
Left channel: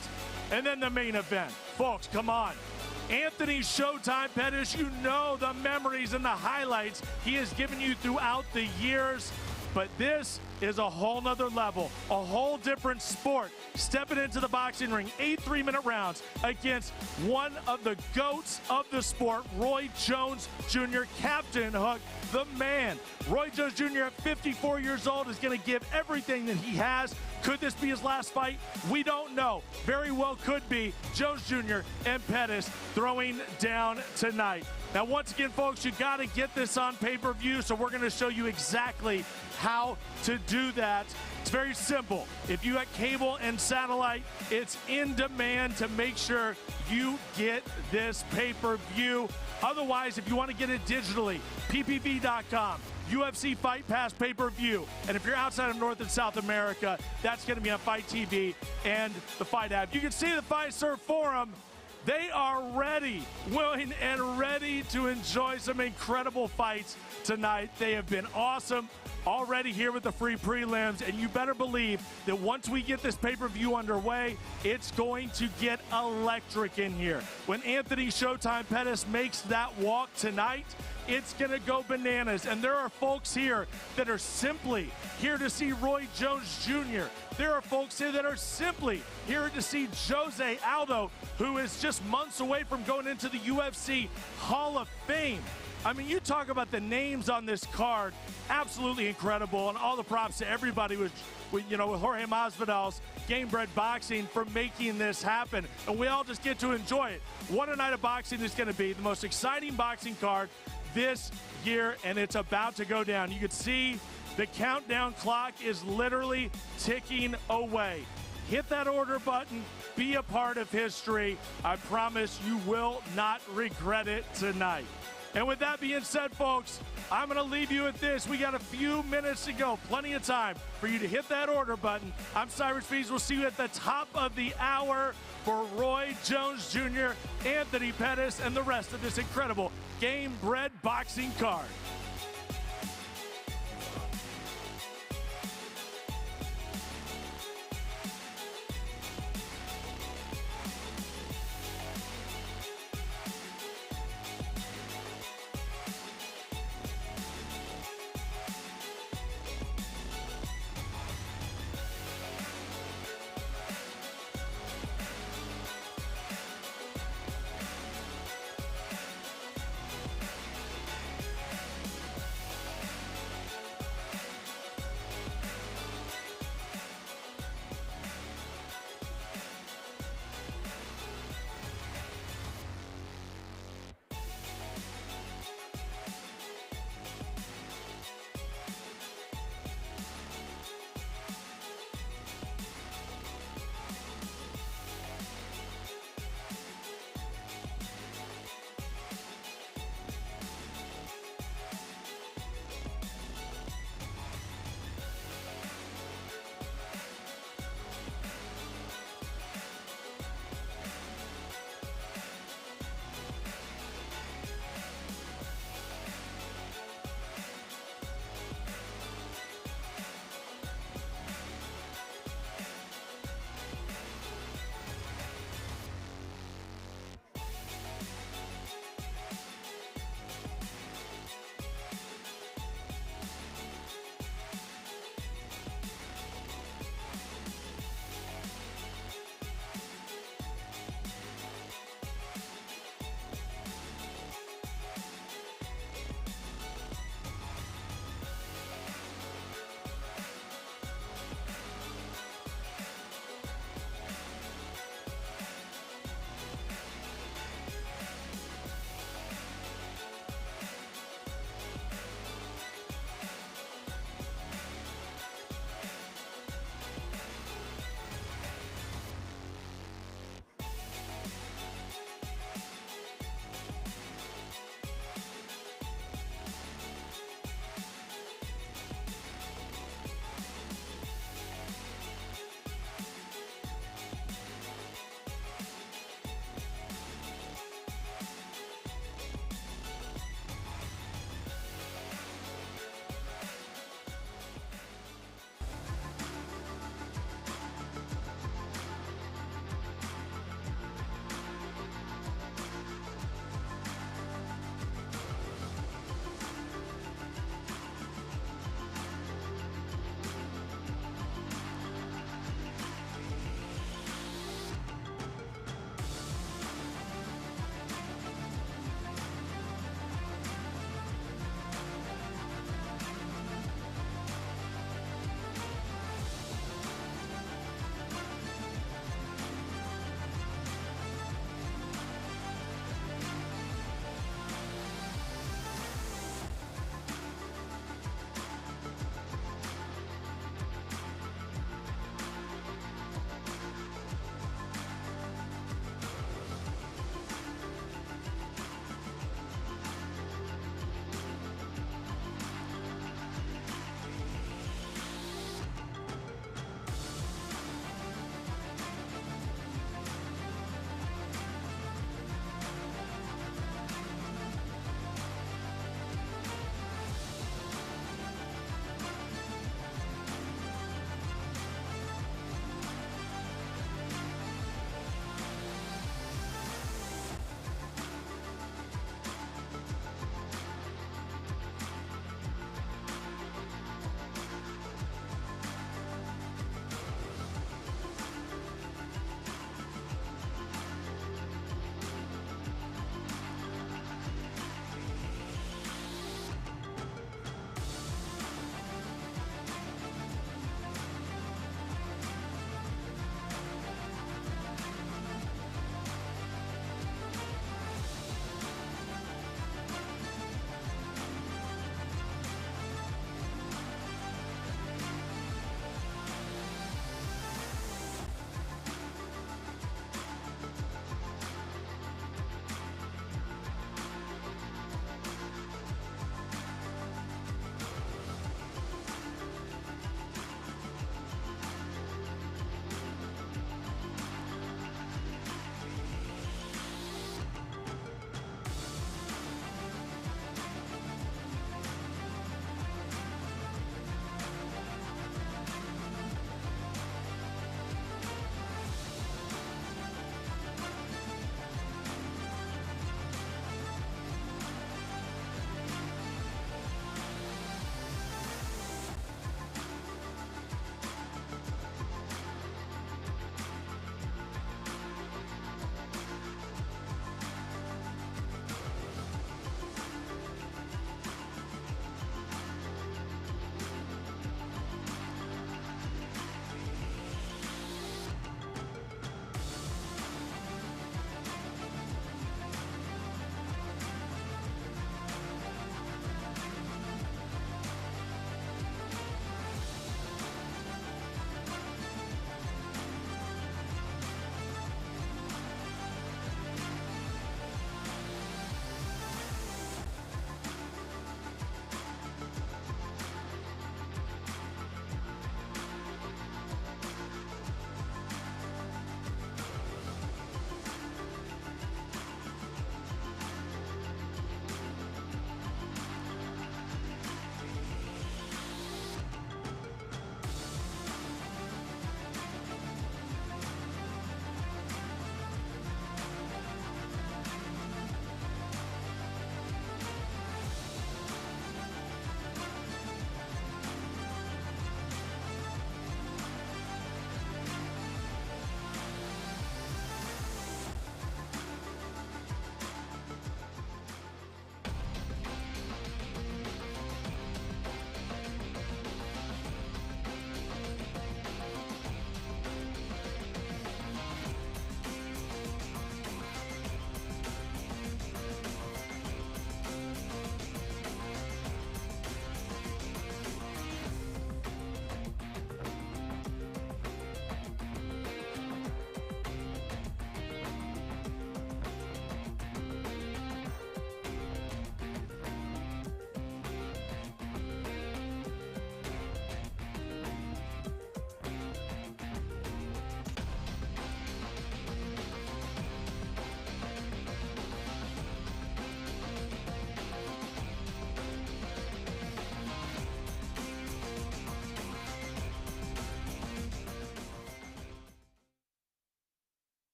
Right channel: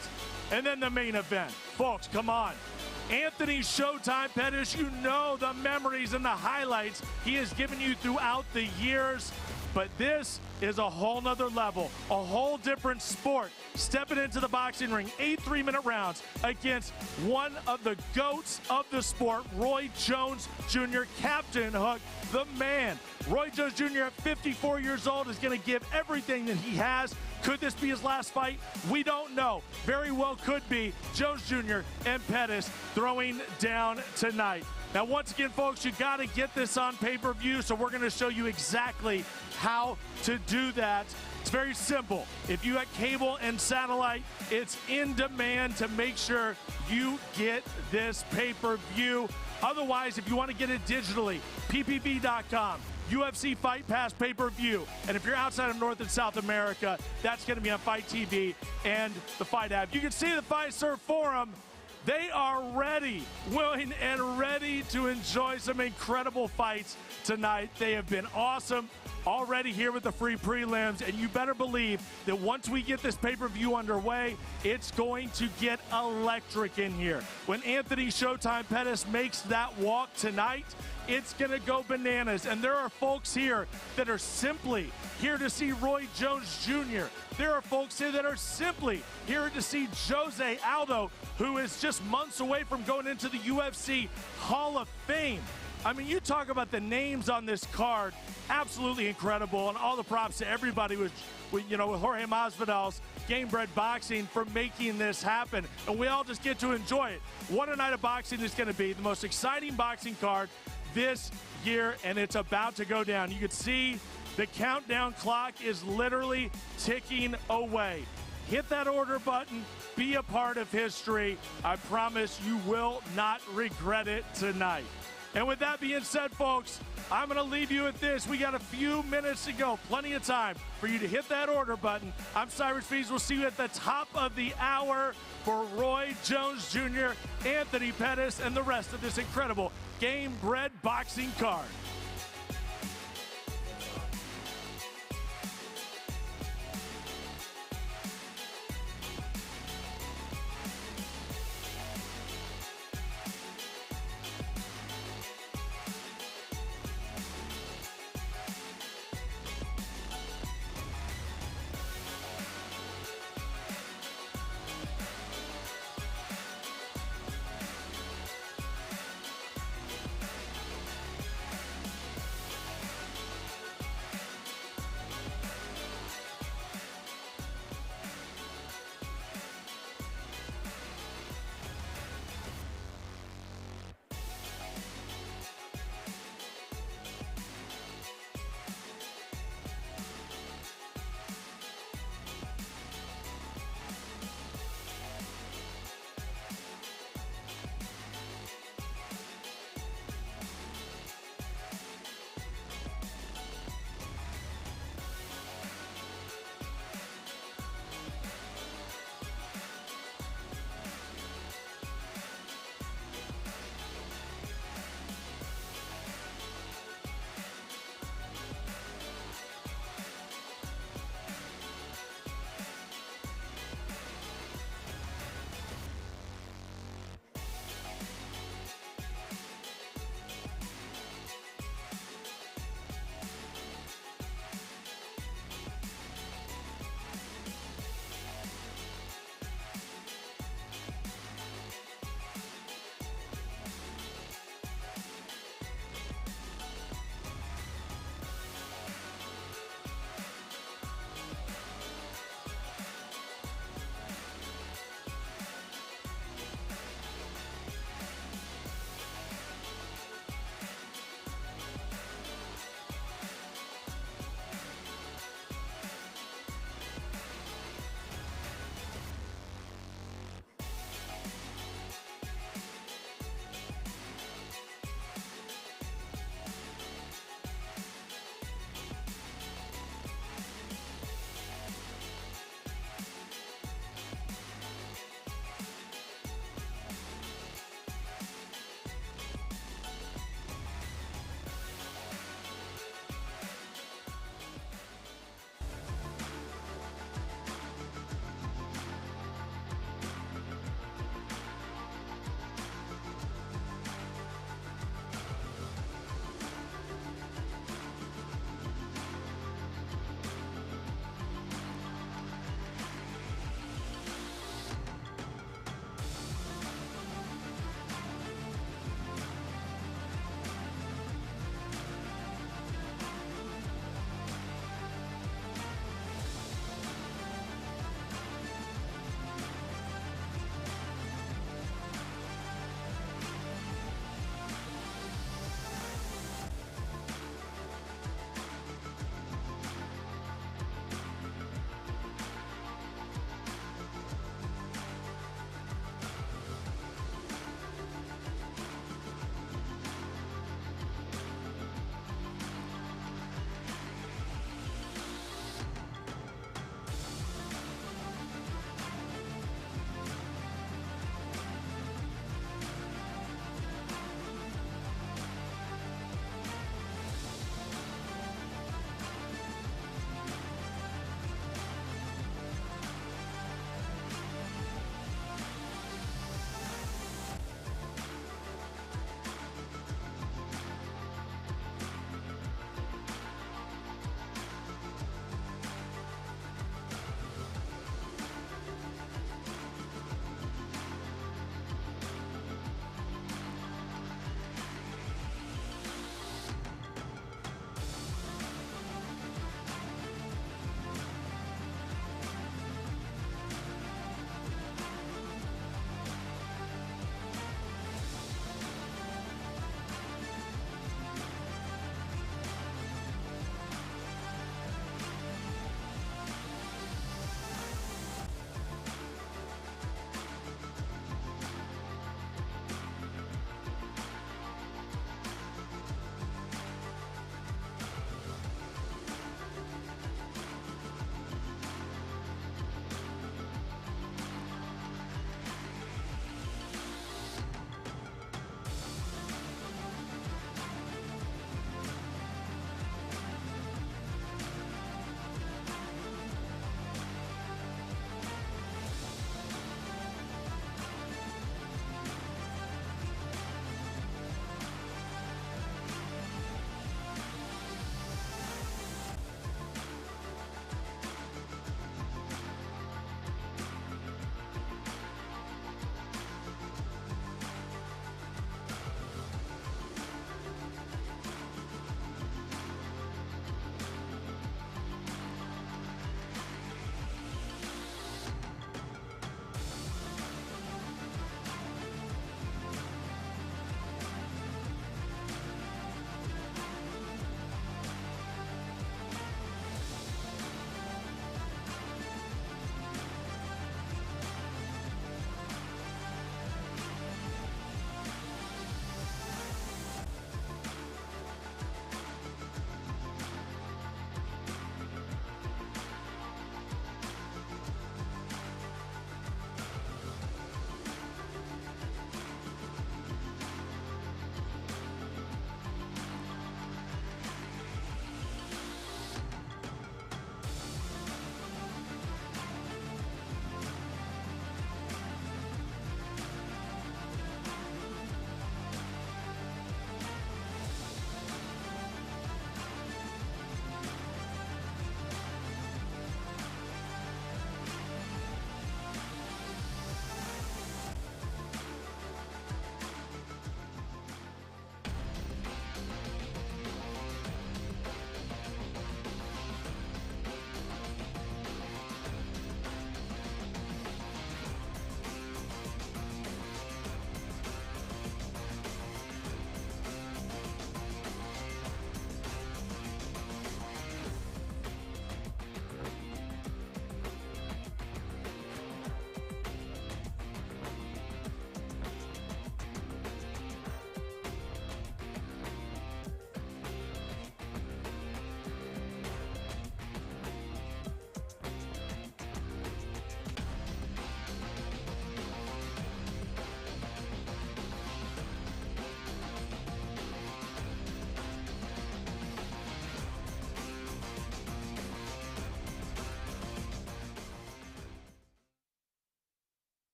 And then the main event. Folks, come on. Anthony Showtime Pettis, you know the memories and the highlights he has given you throughout the years. But this is a whole nother level, a whole different sport. Stepping into the boxing ring, 8 3-minute rounds against one of the GOATs of the sport, Roy Jones Jr., Captain Hook, the man. Roy Jones Jr. at 54 years old is going to give everything that he has. Could this be his last fight? We don't know. Very well could be. Jones Jr. and Pettis throwing down tonight. Now, once again, folks, you got to get this on pay-per-view, so we're going to show you exactly how to do that. It's very simple. If you got cable and satellite, it's in demand to make sure you get this pay-per-view. Otherwise, if you want to get it digitally, ppv.com. UFC Fight Pass pay-per-view. And if you're outside of North and South America, that's going to be on Fight TV and the Fight app. You can see the Fiserv Forum. They are ready, willing, and ready to enjoy some incredible fights tonight. They have been awesome already here with the free prelims, and you better believe that once we get this pay-per-view underway, it's going to get electric in here. When Anthony Showtime Pettis makes that walk tonight, it's going to go bananas. And there are folks here that are simply here to see Roy Jones Jr. There are folks here that are simply here to see Jose Aldo, who is just months away from going into the UFC Hall of Fame. I mean, you talk about the names on this card, absolutely incredible, and all the props to everybody with Jorge Masvidal's Gamebred Boxing for making this happen, and we all just get to enjoy it. What a night of boxing is going to be, the most exciting boxing card this year, and it's about to go down. You can see the countdown clock is literally ticking away. Hit that order button, be a part of history. I promise you will not regret it tonight. And with that being said, folks, I'm going to leave you with this. We got a few minutes to go, plenty of time for you to hit that order button. I'm Cyrus Bees. We'll see you at the top of the hour for Roy Jones Jr., Anthony Pettis, and the rest of this incredible Gamebred boxing card.